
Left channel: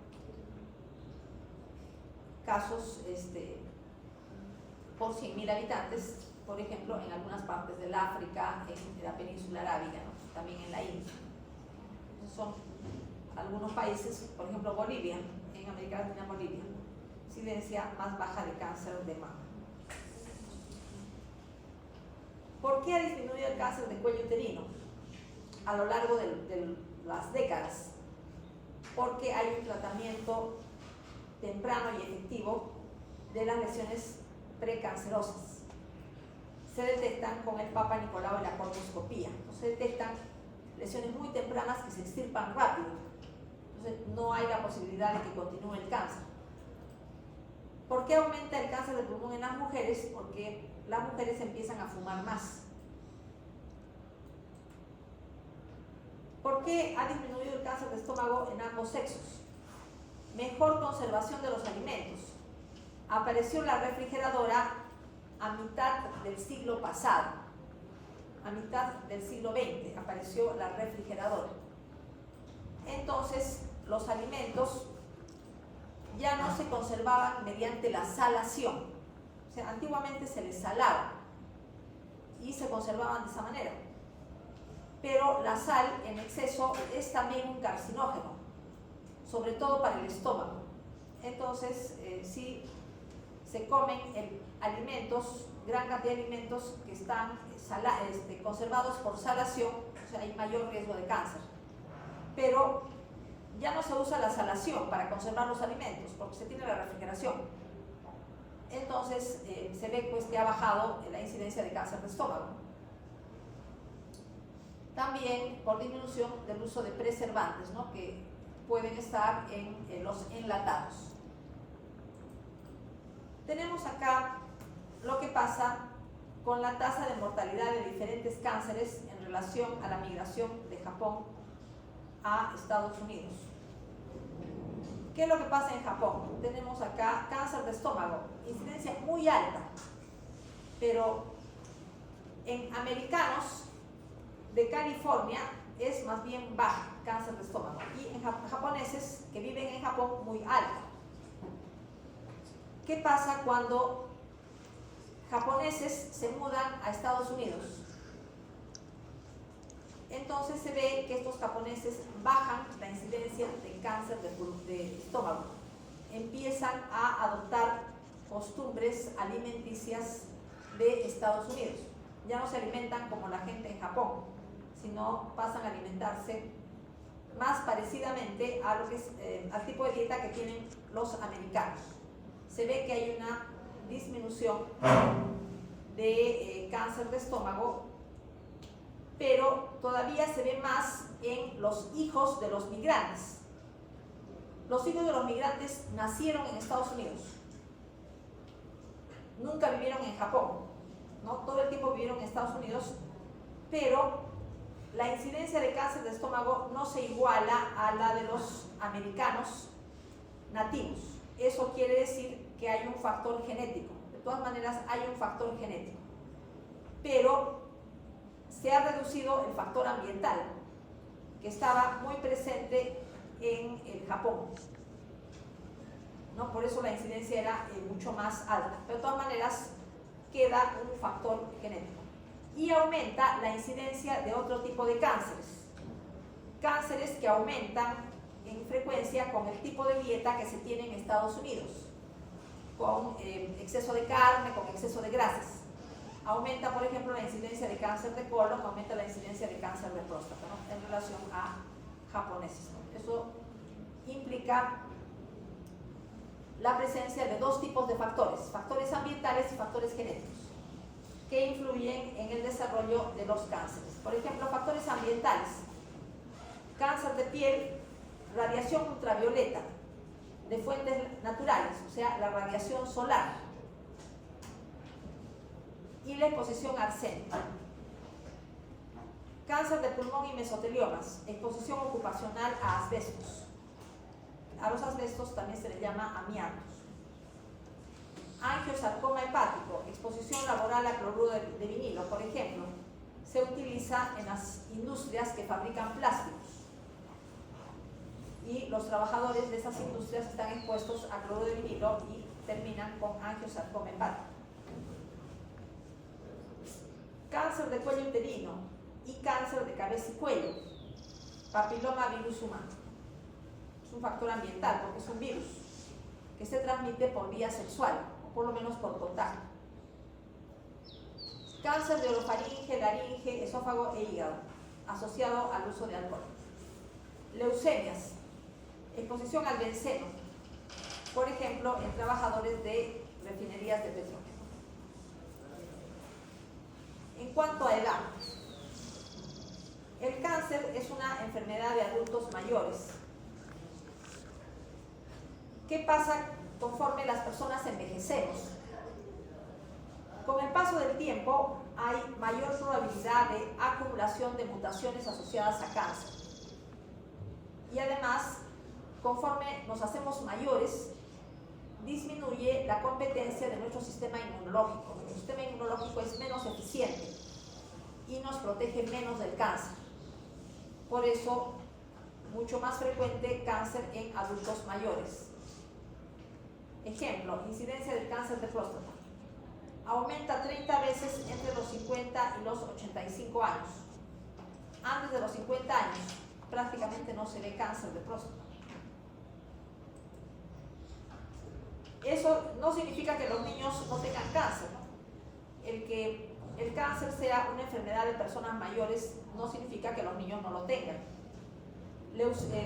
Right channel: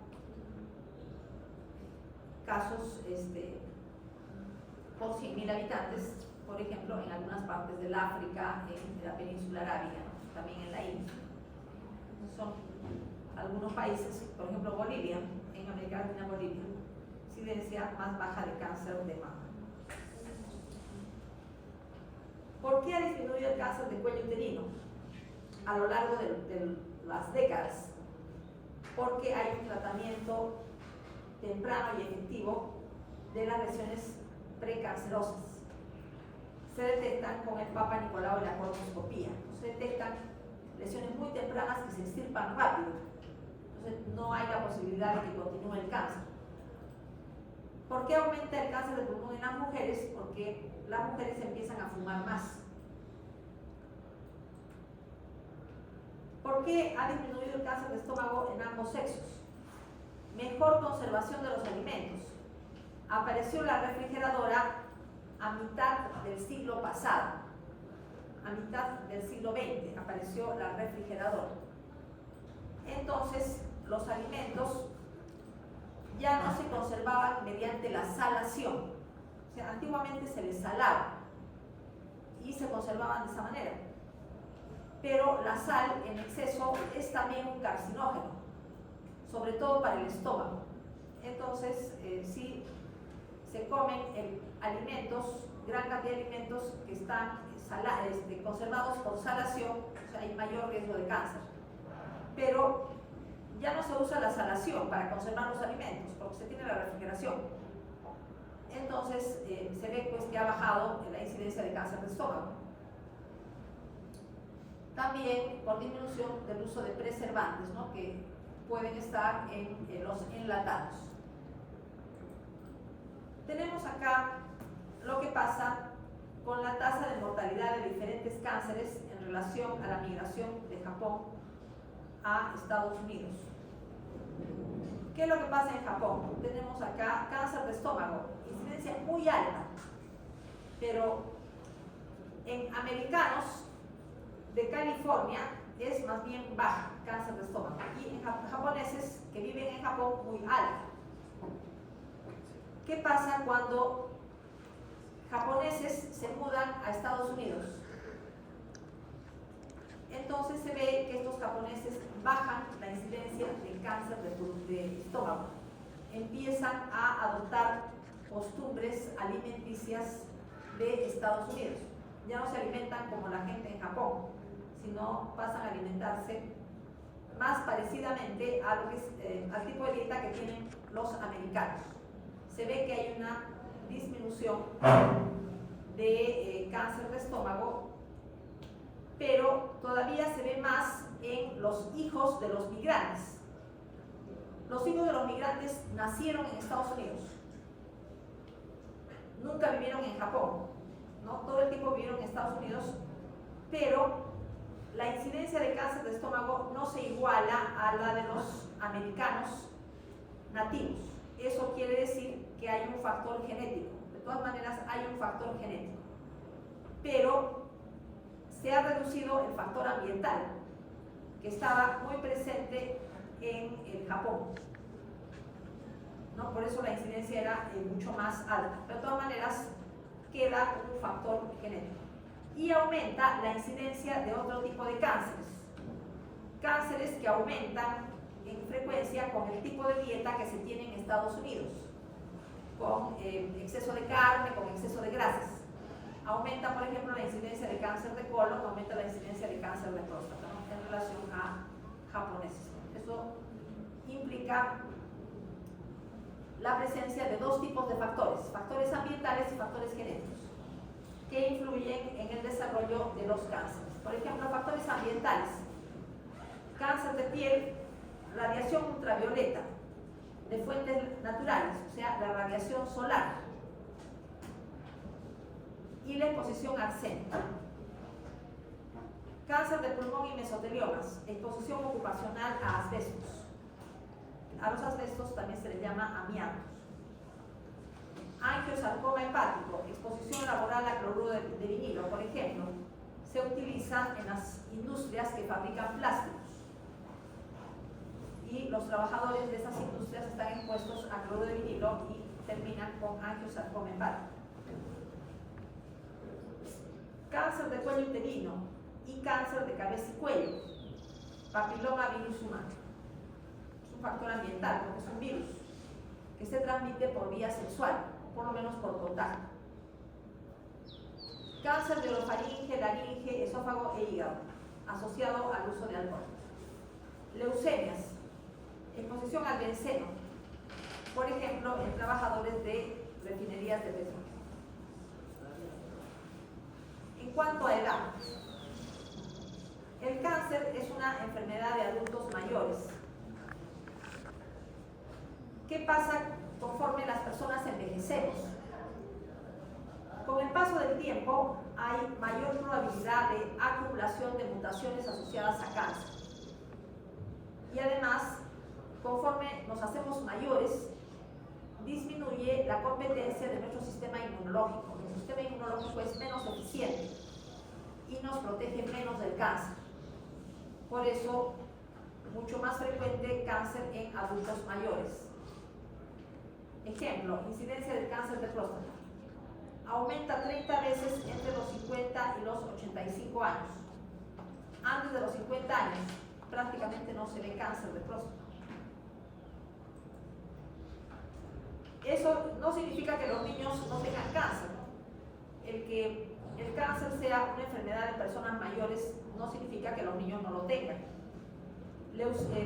casos por 100.000 habitantes, por ejemplo, en algunas partes del África, en la península arábiga, ¿no? También en la India. Son algunos países, por ejemplo Bolivia, en América Latina, Bolivia, incidencia más baja de cáncer de mama. ¿Por qué ha disminuido el cáncer de cuello uterino a lo largo de las décadas? Porque hay un tratamiento temprano y efectivo de las lesiones precancerosas. Se detectan con el Papa Nicolau y la colonoscopía. Se detectan lesiones muy tempranas que se extirpan rápido. Entonces no hay la posibilidad de que continúe el cáncer. ¿Por qué aumenta el cáncer de pulmón en las mujeres? Porque las mujeres empiezan a fumar más. ¿Por qué ha disminuido el cáncer de estómago en ambos sexos? Mejor conservación de los alimentos. Apareció la refrigeradora a mitad del siglo pasado. A mitad del siglo XX apareció la refrigeradora. Entonces, los alimentos ya no se conservaban mediante la salación. O sea, antiguamente se les salaba y se conservaban de esa manera. Pero la sal en exceso es también un carcinógeno, sobre todo para el estómago. Entonces, si se comen alimentos, gran cantidad de alimentos que están conservados por salación, o sea, hay mayor riesgo de cáncer. Pero ya no se usa la salación para conservar los alimentos, porque se tiene la refrigeración. Entonces, se ve pues, que ha bajado la incidencia de cáncer de estómago. También por disminución del uso de preservantes, ¿no? Que pueden estar en los enlatados. Tenemos acá lo que pasa con la tasa de mortalidad de diferentes cánceres en relación a la migración de Japón a Estados Unidos. ¿Qué es lo que pasa en Japón? Tenemos acá cáncer de estómago, incidencia muy alta, pero en americanos de California es más bien baja, cáncer de estómago, y en japoneses que viven en Japón muy alta. ¿Qué pasa cuando japoneses se mudan a Estados Unidos? Entonces se ve que estos japoneses bajan la incidencia de cáncer de estómago, empiezan a adoptar costumbres alimenticias de Estados Unidos. Ya no se alimentan como la gente en Japón, sino pasan a alimentarse más parecidamente a lo que es, al tipo de dieta que tienen los americanos. Se ve que hay una disminución de cáncer de estómago, pero todavía se ve más en los hijos de los migrantes. Los hijos de los migrantes nacieron en Estados Unidos, nunca vivieron en Japón, ¿no? Todo el tiempo vivieron en Estados Unidos, pero la incidencia de cáncer de estómago no se iguala a la de los americanos nativos. Eso quiere decir que hay un factor genético. De todas maneras, hay un factor genético, pero se ha reducido el factor ambiental, que estaba muy presente en el Japón, ¿no? Por eso la incidencia era mucho más alta. Pero de todas maneras, queda un factor genético. Y aumenta la incidencia de otro tipo de cánceres. Cánceres que aumentan en frecuencia con el tipo de dieta que se tiene en Estados Unidos, con exceso de carne, con exceso de grasas. Aumenta, por ejemplo, la incidencia de cáncer de colon, aumenta la incidencia de cáncer de próstata, ¿no? En relación a japoneses. Eso implica la presencia de dos tipos de factores, factores ambientales y factores genéticos, que influyen en el desarrollo de los cánceres. Por ejemplo, factores ambientales: cáncer de piel, radiación ultravioleta de fuentes naturales, o sea, la radiación solar, y la exposición a arsénico. Cáncer de pulmón y mesoteliomas, exposición ocupacional a asbestos. A los asbestos también se les llama amiantos. Angiosarcoma hepático, exposición laboral a cloruro de vinilo, por ejemplo, se utiliza en las industrias que fabrican plásticos, y los trabajadores de esas industrias están expuestos a cloruro de vinilo y terminan con angiosarcoma hepático. Cáncer de cuello uterino y cáncer de cabeza y cuello, papiloma virus humano. Es un factor ambiental porque es un virus que se transmite por vía sexual, por lo menos por contacto. Cáncer de orofaringe, laringe, esófago e hígado, asociado al uso de alcohol. Leucemias, exposición al benceno, por ejemplo, en trabajadores de refinerías de petróleo. En cuanto a edad, el cáncer es una enfermedad de adultos mayores. ¿Qué pasa conforme las personas envejecemos? Con el paso del tiempo hay mayor probabilidad de acumulación de mutaciones asociadas a cáncer. Y además, conforme nos hacemos mayores, disminuye la competencia de nuestro sistema inmunológico. Nuestro sistema inmunológico es menos eficiente y nos protege menos del cáncer. Por eso, mucho más frecuente cáncer en adultos mayores. Ejemplo, incidencia del cáncer de próstata. Aumenta 30 veces entre los 50 y los 85 años. Antes de los 50 años, prácticamente no se ve cáncer de próstata. Eso no significa que los niños no tengan cáncer. El que el cáncer sea una enfermedad de personas mayores no significa que los niños no lo tengan.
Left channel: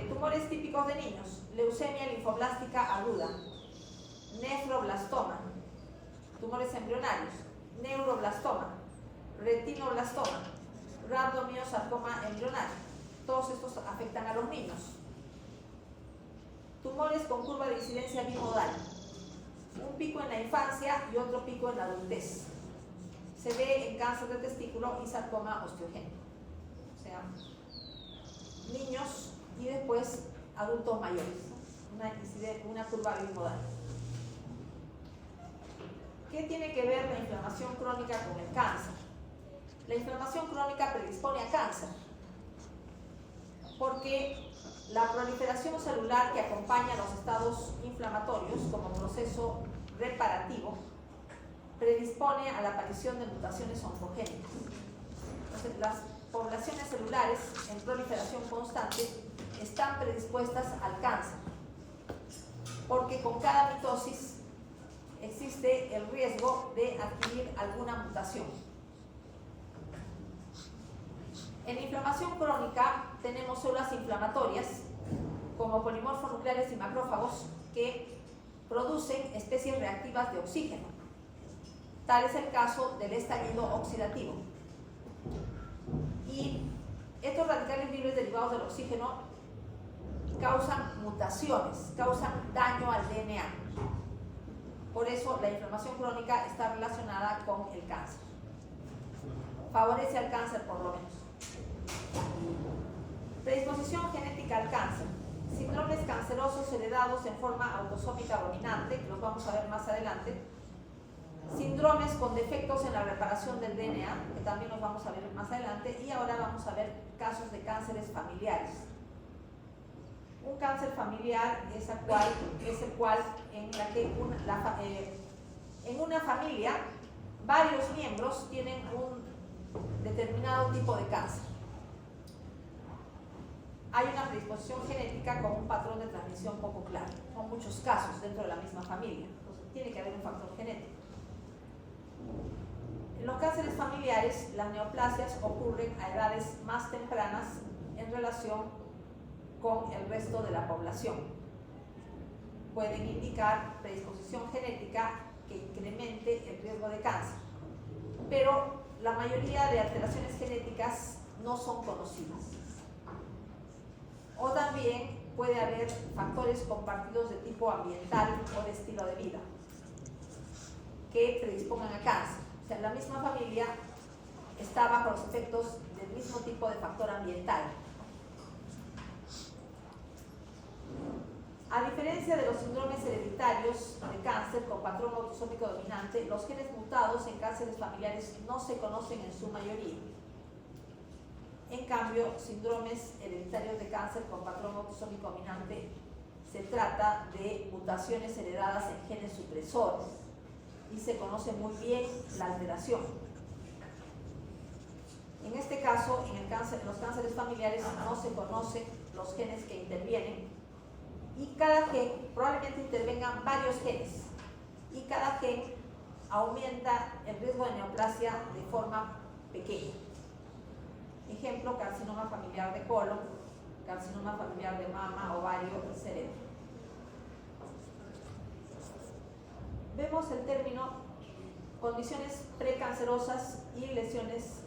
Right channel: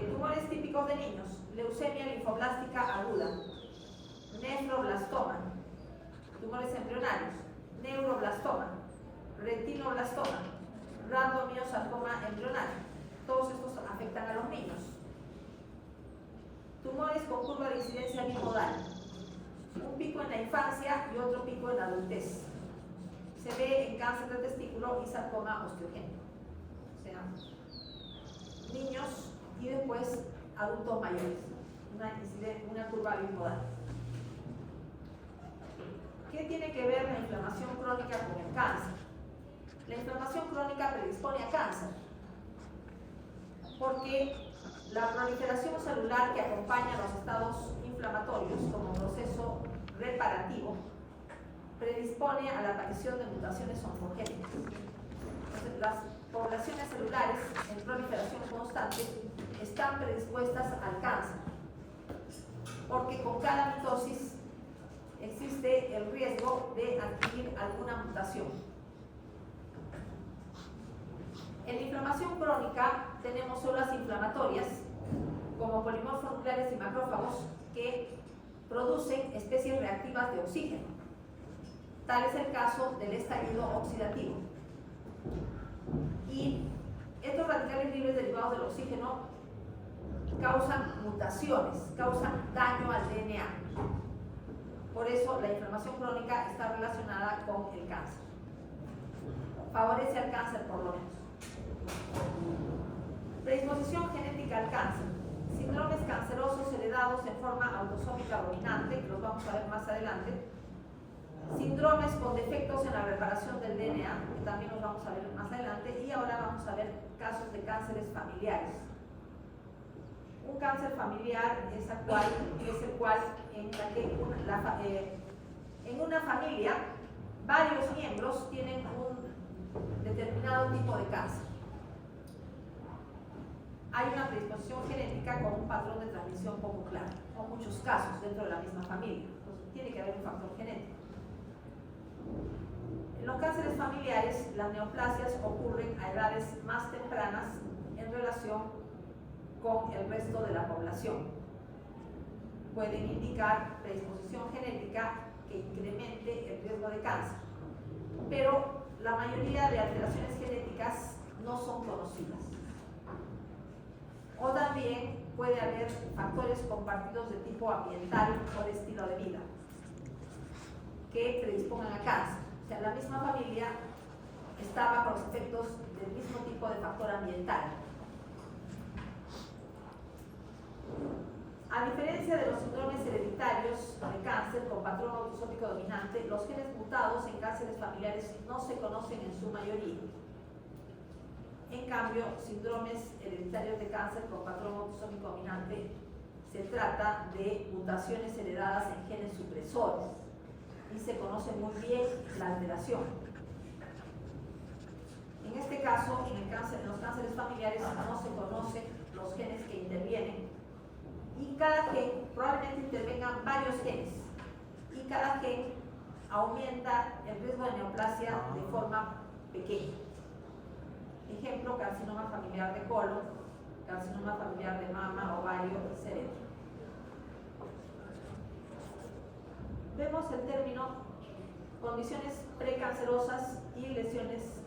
Tumores típicos de niños: leucemia linfoblástica aguda, nefroblastoma, tumores embrionarios, neuroblastoma, retinoblastoma, randomiosarcoma embrionario. Todos estos afectan a los niños. Tumores con curva de incidencia bimodal, un pico en la infancia y otro pico en la adultez. Se ve en cáncer de testículo y sarcoma osteogénico. O sea, niños y después adultos mayores, ¿no? Una incidencia una curva bipodal. ¿Qué tiene que ver la inflamación crónica con el cáncer? La inflamación crónica predispone a cáncer, porque la proliferación celular que acompaña los estados inflamatorios como proceso reparativo predispone a la aparición de mutaciones oncogénicas. Entonces, las poblaciones celulares en proliferación constante están predispuestas al cáncer, porque con cada mitosis existe el riesgo de adquirir alguna mutación. En la inflamación crónica tenemos células inflamatorias como polimorfos nucleares y macrófagos que producen especies reactivas de oxígeno. Tal es el caso del estallido oxidativo. Y estos radicales libres derivados del oxígeno causan mutaciones, causan daño al DNA. Por eso la inflamación crónica está relacionada con el cáncer. Favorece al cáncer por lo menos. Predisposición genética al cáncer. Síndromes cancerosos heredados en forma autosómica dominante, que los vamos a ver más adelante. Síndromes con defectos en la reparación del DNA, que también los vamos a ver más adelante. Y ahora vamos a ver casos de cánceres familiares. Un cáncer familiar es el cual en la que en una familia varios miembros tienen un determinado tipo de cáncer. Hay una predisposición genética con un patrón de transmisión poco claro, con muchos casos dentro de la misma familia. Entonces tiene que haber un factor genético. En los cánceres familiares, las neoplasias ocurren a edades más tempranas en relación con el resto de la población. Pueden indicar predisposición genética que incremente el riesgo de cáncer, pero la mayoría de alteraciones genéticas no son conocidas. O también puede haber factores compartidos de tipo ambiental o de estilo de vida que predispongan a cáncer. O sea, la misma familia está bajo los efectos del mismo tipo de factor ambiental. A diferencia de los síndromes hereditarios de cáncer con patrón autosómico dominante, los genes mutados en cánceres familiares no se conocen en su mayoría. En cambio, síndromes hereditarios de cáncer con patrón autosómico dominante se trata de mutaciones heredadas en genes supresores y se conoce muy bien la alteración. En este caso, en los cánceres familiares no se conocen los genes que intervienen y cada gen, probablemente intervengan varios genes, y cada gen aumenta el riesgo de neoplasia de forma pequeña. Ejemplo, carcinoma familiar de colon, carcinoma familiar de mama, ovario, cerebro. Vemos el término condiciones precancerosas y lesiones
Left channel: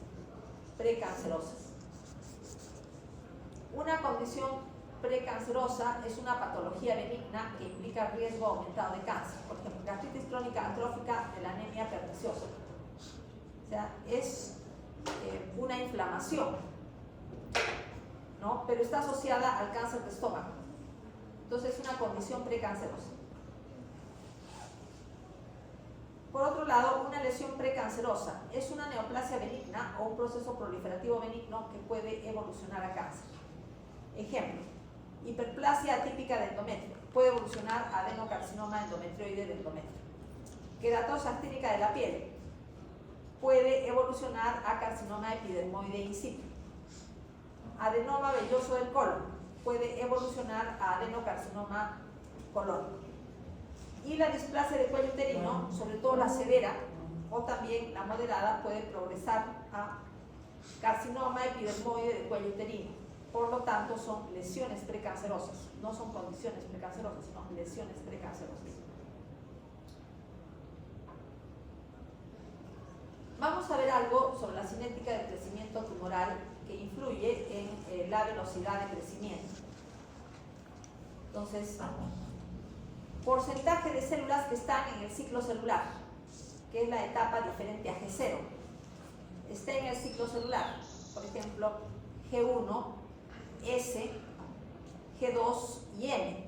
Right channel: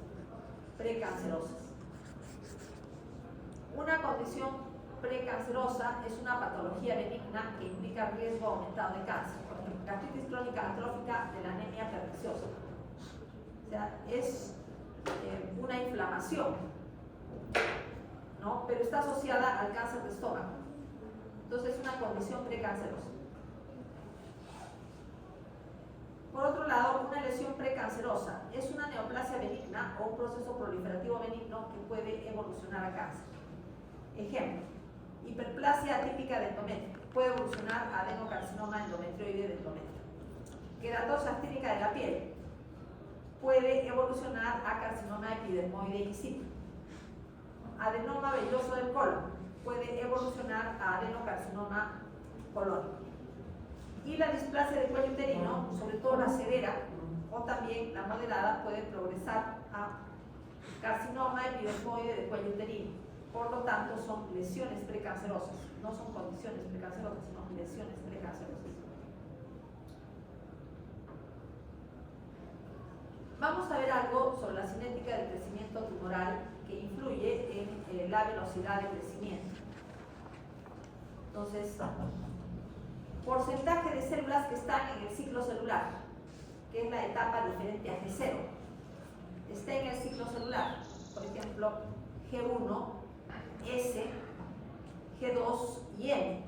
precancerosas. Una condición precancerosa es una patología benigna que implica riesgo aumentado de cáncer, por ejemplo, gastritis crónica atrófica de la anemia perniciosa. O sea, es una inflamación, ¿no? Pero está asociada al cáncer de estómago. Entonces es una condición precancerosa. Por otro lado, una lesión precancerosa es una neoplasia benigna o un proceso proliferativo benigno que puede evolucionar a cáncer. Ejemplo, hiperplasia atípica de endometrio puede evolucionar a adenocarcinoma endometrioide de endometrio. Queratosis actínica de la piel puede evolucionar a carcinoma epidermoide incipient. Adenoma velloso del colon puede evolucionar a adenocarcinoma colon. Y la displasia del cuello uterino, sobre todo la severa o también la moderada, puede progresar a carcinoma epidermoide del cuello uterino. Por lo tanto, son lesiones precancerosas, no son condiciones precancerosas, sino lesiones precancerosas. Vamos a ver algo sobre la cinética del crecimiento tumoral que influye en la velocidad de crecimiento. Entonces, porcentaje de células que están en el ciclo celular, que es la etapa diferente a G0, está en el ciclo celular. Por ejemplo, G1, S, G2 y M.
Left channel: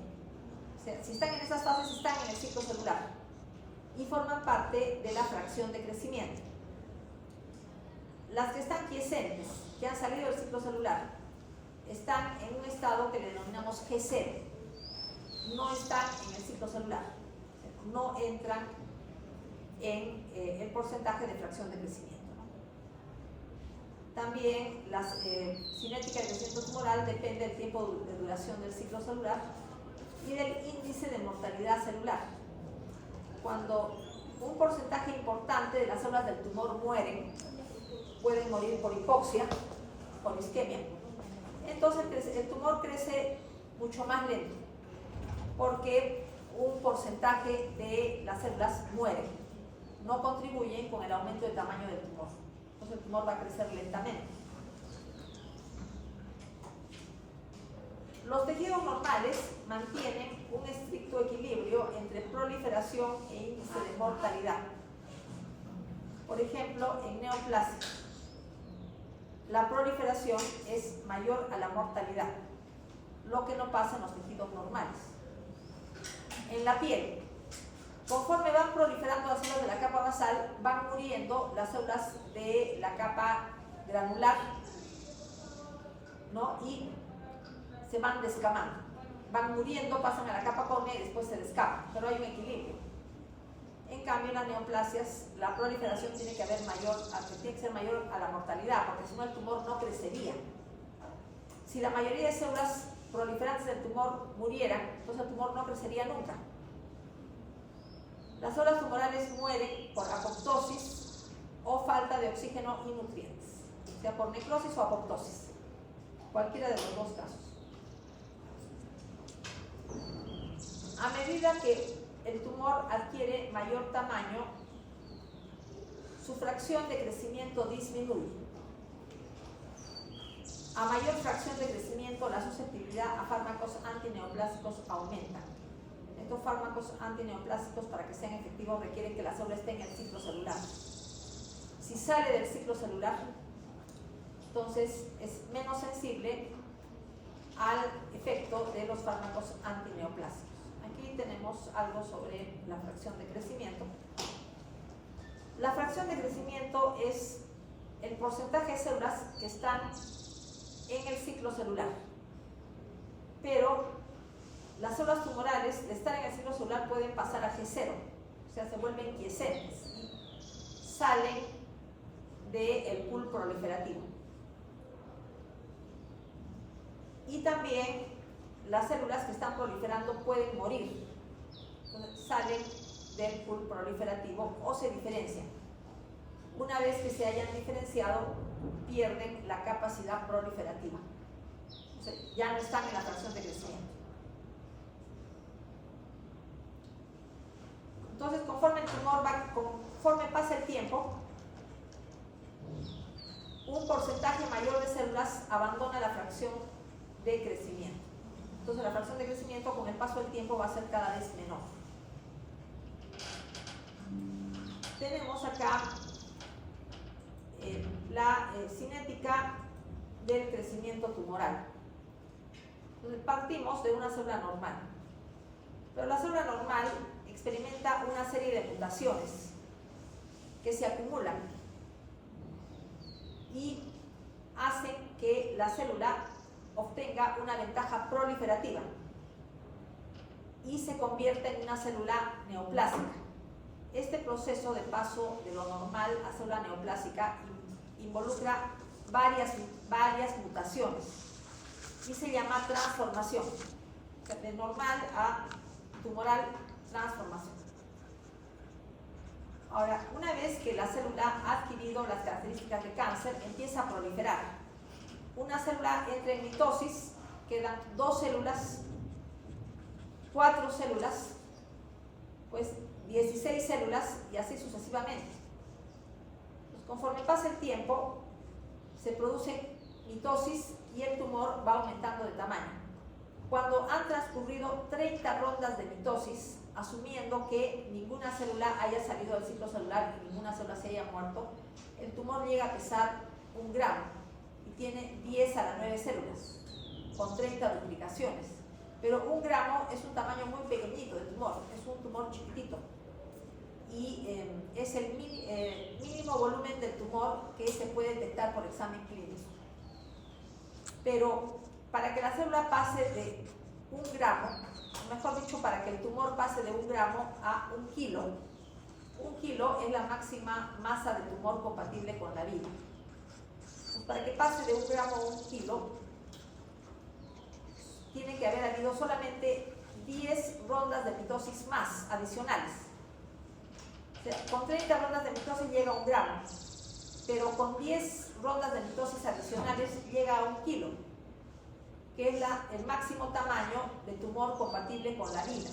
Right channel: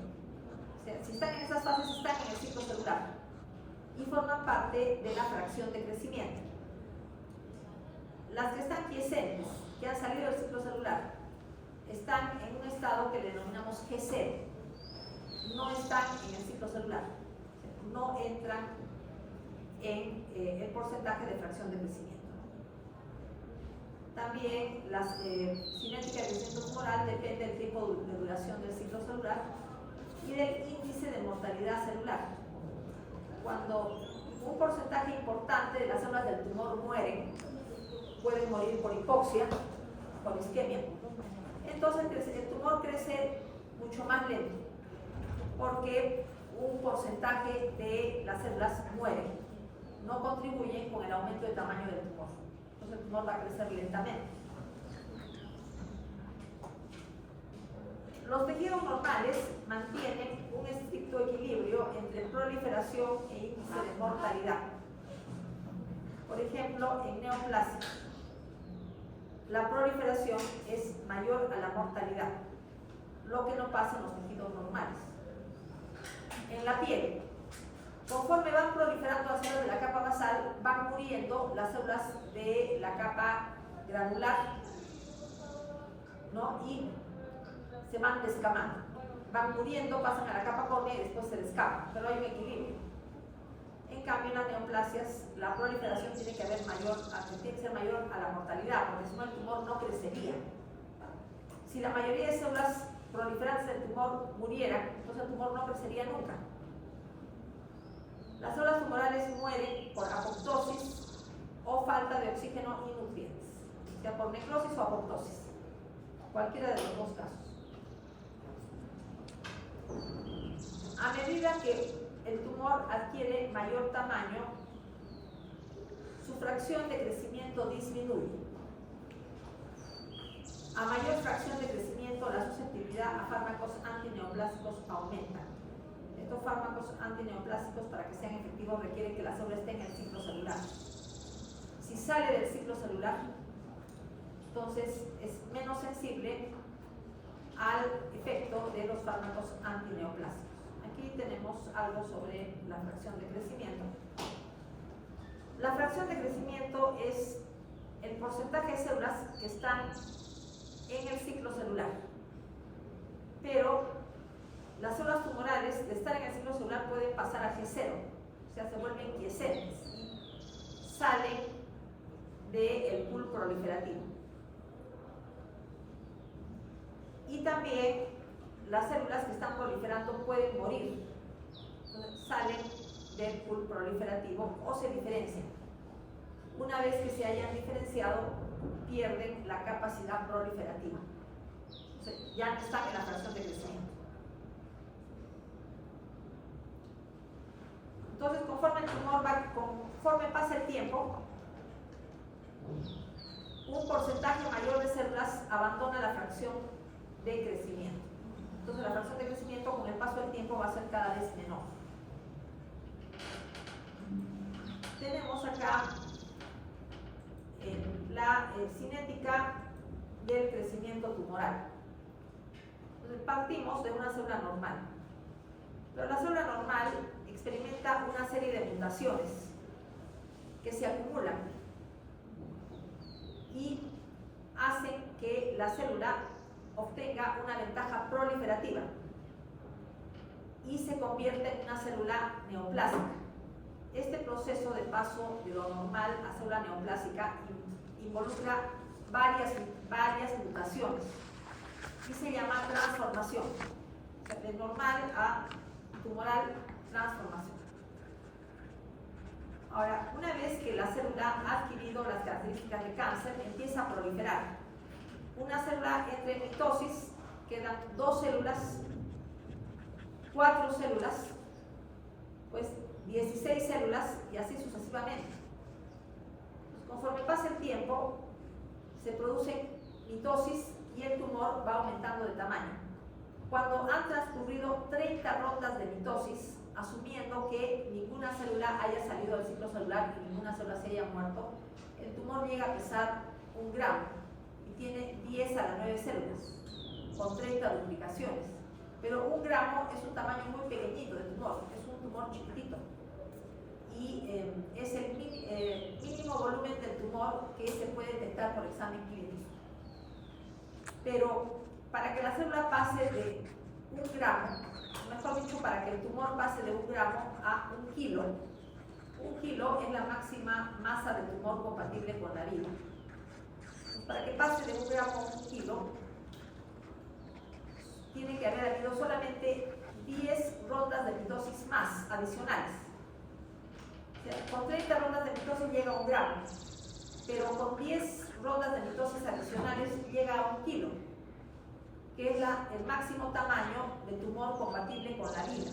O sea, si están en esas fases, están en el ciclo celular y forman parte de la fracción de crecimiento. Las que están quiescentes, que han salido del ciclo celular, están en un estado que le denominamos G0. No están en el ciclo celular, no entran en el porcentaje de fracción de crecimiento. También la cinética de crecimiento tumoral depende del tiempo de duración del ciclo celular y del índice de mortalidad celular. Cuando un porcentaje importante de las células del tumor mueren, pueden morir por hipoxia, por isquemia, entonces el tumor crece mucho más lento, porque un porcentaje de las células mueren, no contribuyen con el aumento de tamaño del tumor. Entonces el tumor va a crecer lentamente. Los tejidos normales mantienen un estricto equilibrio entre proliferación e índice de mortalidad. Por ejemplo, en neoplasia, la proliferación es mayor a la mortalidad, lo que no pasa en los tejidos normales. En la piel, conforme van proliferando las células de la capa basal, van muriendo las células de la capa granular, ¿no? Y se van descamando. Van muriendo, pasan a la capa córnea y después se descaman, pero hay un equilibrio. En cambio, en las neoplasias, la proliferación tiene que ser mayor a la mortalidad, porque si no el tumor no crecería. Si la mayoría de células proliferantes del tumor murieran, entonces el tumor no crecería nunca. Las células tumorales mueren por apoptosis o falta de oxígeno y nutrientes, sea por necrosis o apoptosis, cualquiera de los dos casos. A medida que el tumor adquiere mayor tamaño, su fracción de crecimiento disminuye. A mayor fracción de crecimiento, la susceptibilidad a fármacos antineoplásicos aumenta. Estos fármacos antineoplásicos, para que sean efectivos, requieren que la célula esté en el ciclo celular. Si sale del ciclo celular, entonces es menos sensible al efecto de los fármacos antineoplásicos. Aquí tenemos algo sobre la fracción de crecimiento. La fracción de crecimiento es el porcentaje de células que están en el ciclo celular. Pero las células tumorales, de estar en el ciclo celular, pueden pasar a G0, o sea, se vuelven quiescentes y salen del pool proliferativo. Y también las células que están proliferando pueden morir, salen del pool proliferativo o se diferencian. Una vez que se hayan diferenciado, pierden la capacidad proliferativa, o sea, ya no están en la fracción de crecimiento. Entonces, conforme pasa el tiempo, un porcentaje mayor de células abandona la fracción de crecimiento. Entonces, la fracción de crecimiento con el paso del tiempo va a ser cada vez menor. Tenemos acá la cinética del crecimiento tumoral. Partimos de una célula normal, pero la célula normal experimenta una serie de mutaciones que se acumulan y hacen que la célula obtenga una ventaja proliferativa y se convierte en una célula neoplásica. Este proceso de paso de lo normal a célula neoplásica involucra varias mutaciones y se llama transformación. De normal a tumoral, transformación. Ahora, una vez que la célula ha adquirido las características de cáncer, empieza a proliferar. Una célula entra en mitosis, quedan 2 células, 4 células, pues 16 células y así sucesivamente. Pues conforme pasa el tiempo, se produce mitosis y el tumor va aumentando de tamaño. Cuando han transcurrido 30 rondas de mitosis, asumiendo que ninguna célula haya salido del ciclo celular y ninguna célula se haya muerto, el tumor llega a pesar 1 gramo y tiene 10 a la 9 células, con 30 duplicaciones. Pero 1 gramo es un tamaño muy pequeñito de tumor, es un tumor chiquitito. Y es el mínimo volumen del tumor que se puede detectar por examen clínico. Pero para que la célula pase de 1 gramo, mejor dicho, para que el tumor pase de 1 gramo a 1 kilo, 1 kilo es la máxima masa de tumor compatible con la vida. Para que pase de 1 gramo a 1 kilo, tiene que haber habido solamente 10 rondas de mitosis más adicionales. O sea, con 30 rondas de mitosis llega a 1 gramo, pero con 10 rondas de mitosis adicionales llega a 1 kilo, que es el máximo tamaño de tumor compatible con la vida.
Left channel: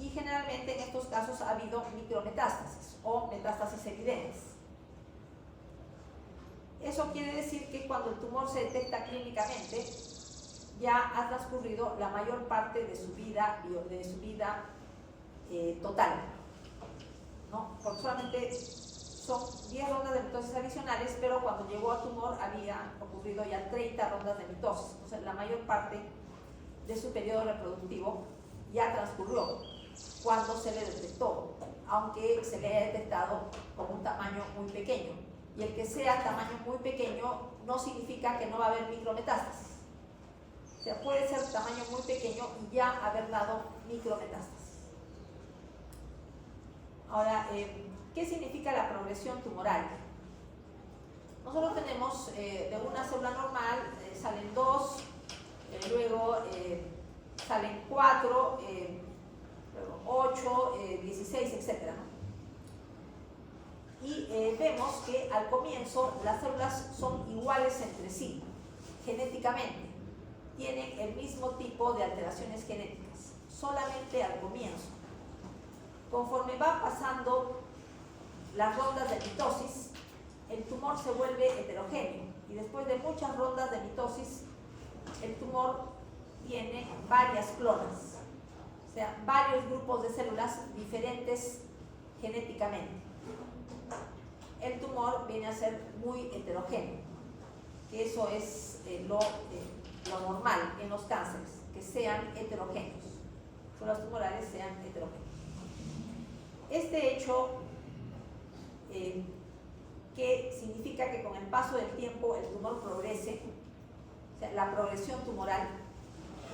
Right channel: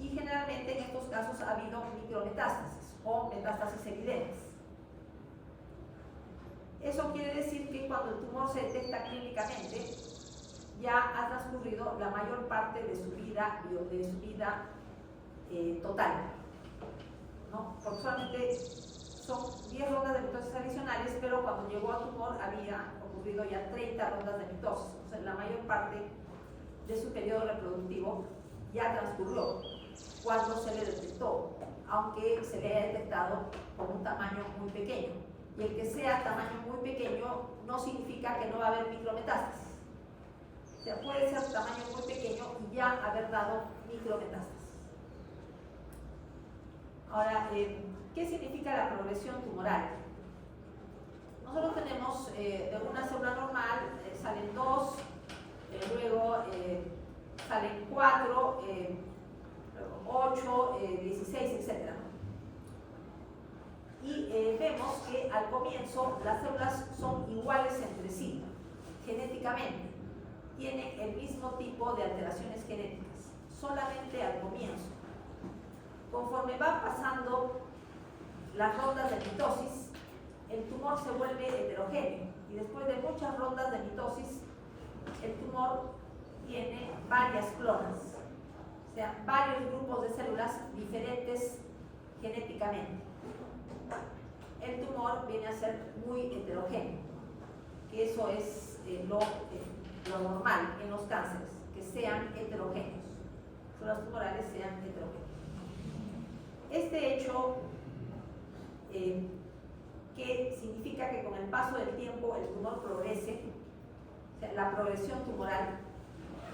Y generalmente en estos casos ha habido micrometástasis o metástasis evidentes. Eso quiere decir que cuando el tumor se detecta clínicamente, ya ha transcurrido la mayor parte de su vida total, ¿no? Porque solamente son 10 rondas de mitosis adicionales, pero cuando llegó al tumor había ocurrido ya 30 rondas de mitosis. O sea, la mayor parte de su periodo reproductivo ya transcurrió cuando se le detectó, aunque se le haya detectado con un tamaño muy pequeño. Y el que sea tamaño muy pequeño no significa que no va a haber micrometástasis. O sea, puede ser tamaño muy pequeño y ya haber dado micrometástasis. Ahora, ¿qué significa la progresión tumoral? Nosotros tenemos de una célula normal, salen 2, luego salen 4, 8, 16, etc. Y vemos que al comienzo las células son iguales entre sí, genéticamente. Tienen el mismo tipo de alteraciones genéticas, solamente al comienzo. Conforme va pasando las rondas de mitosis, el tumor se vuelve heterogéneo y después de muchas rondas de mitosis, el tumor tiene varias clonas, o sea, varios grupos de células diferentes genéticamente. El tumor viene a ser muy heterogéneo, que eso es lo normal en los cánceres, que sean heterogéneos, que los tumorales sean heterogéneos. Este hecho, que significa que con el paso del tiempo el tumor progrese, o sea, la progresión tumoral,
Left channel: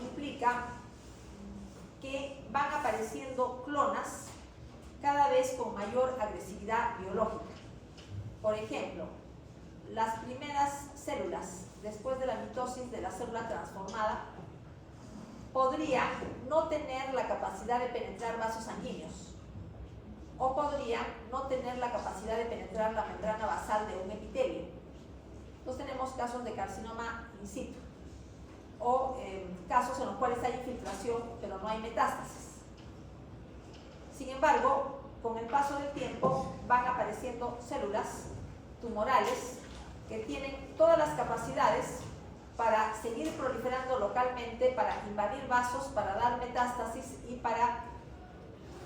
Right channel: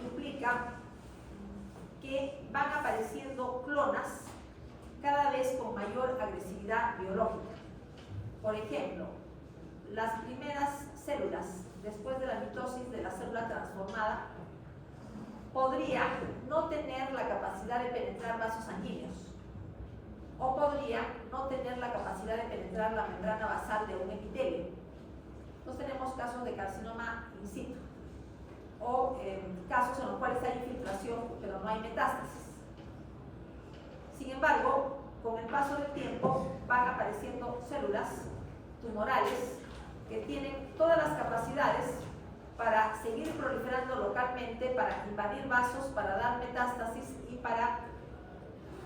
implica que van apareciendo clonas cada vez con mayor agresividad biológica. Por ejemplo, las primeras células, después de la mitosis de la célula transformada, podrían no tener la capacidad de penetrar vasos sanguíneos o podrían no tener la capacidad de penetrar la membrana basal de un epitelio. Entonces tenemos casos de carcinoma in situ o casos en los cuales hay infiltración pero no hay metástasis. Sin embargo, con el paso del tiempo van apareciendo células tumorales que tienen todas las capacidades para seguir proliferando localmente, para invadir vasos, para dar metástasis y para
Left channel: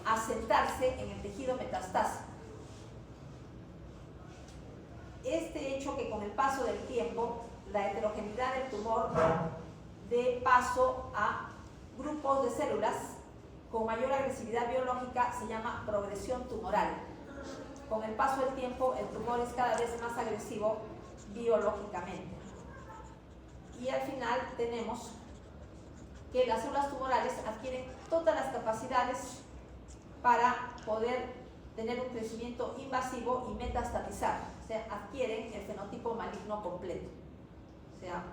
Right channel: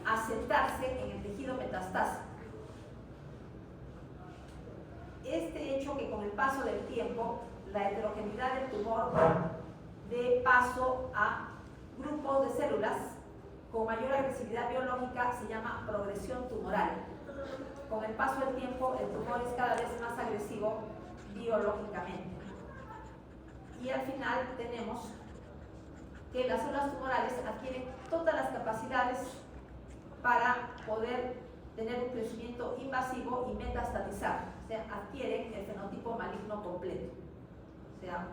asentarse en el tejido metastásico. Este hecho que con el paso del tiempo la heterogeneidad del tumor dé paso a grupos de células con mayor agresividad biológica se llama progresión tumoral. Con el paso del tiempo el tumor es cada vez más agresivo biológicamente. Y al final tenemos que las células tumorales adquieren todas las capacidades para poder tener un crecimiento invasivo y metastatizar, o sea, adquieren el fenotipo maligno completo, o sea,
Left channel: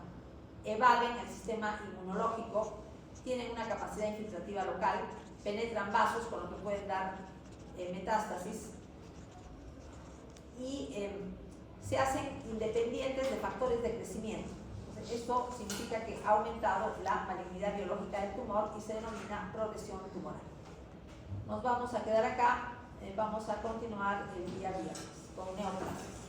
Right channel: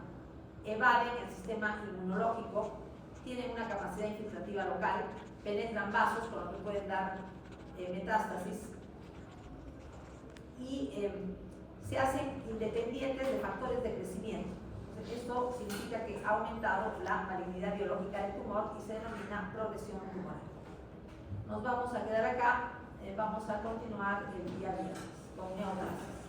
evaden el sistema inmunológico, tienen una capacidad infiltrativa local, penetran vasos con lo que pueden dar metástasis y se hacen independientes de factores de crecimiento. Esto significa que ha aumentado la malignidad biológica del tumor y se denomina progresión tumoral. Nos vamos a quedar acá, vamos a continuar el día viernes con neoplasias.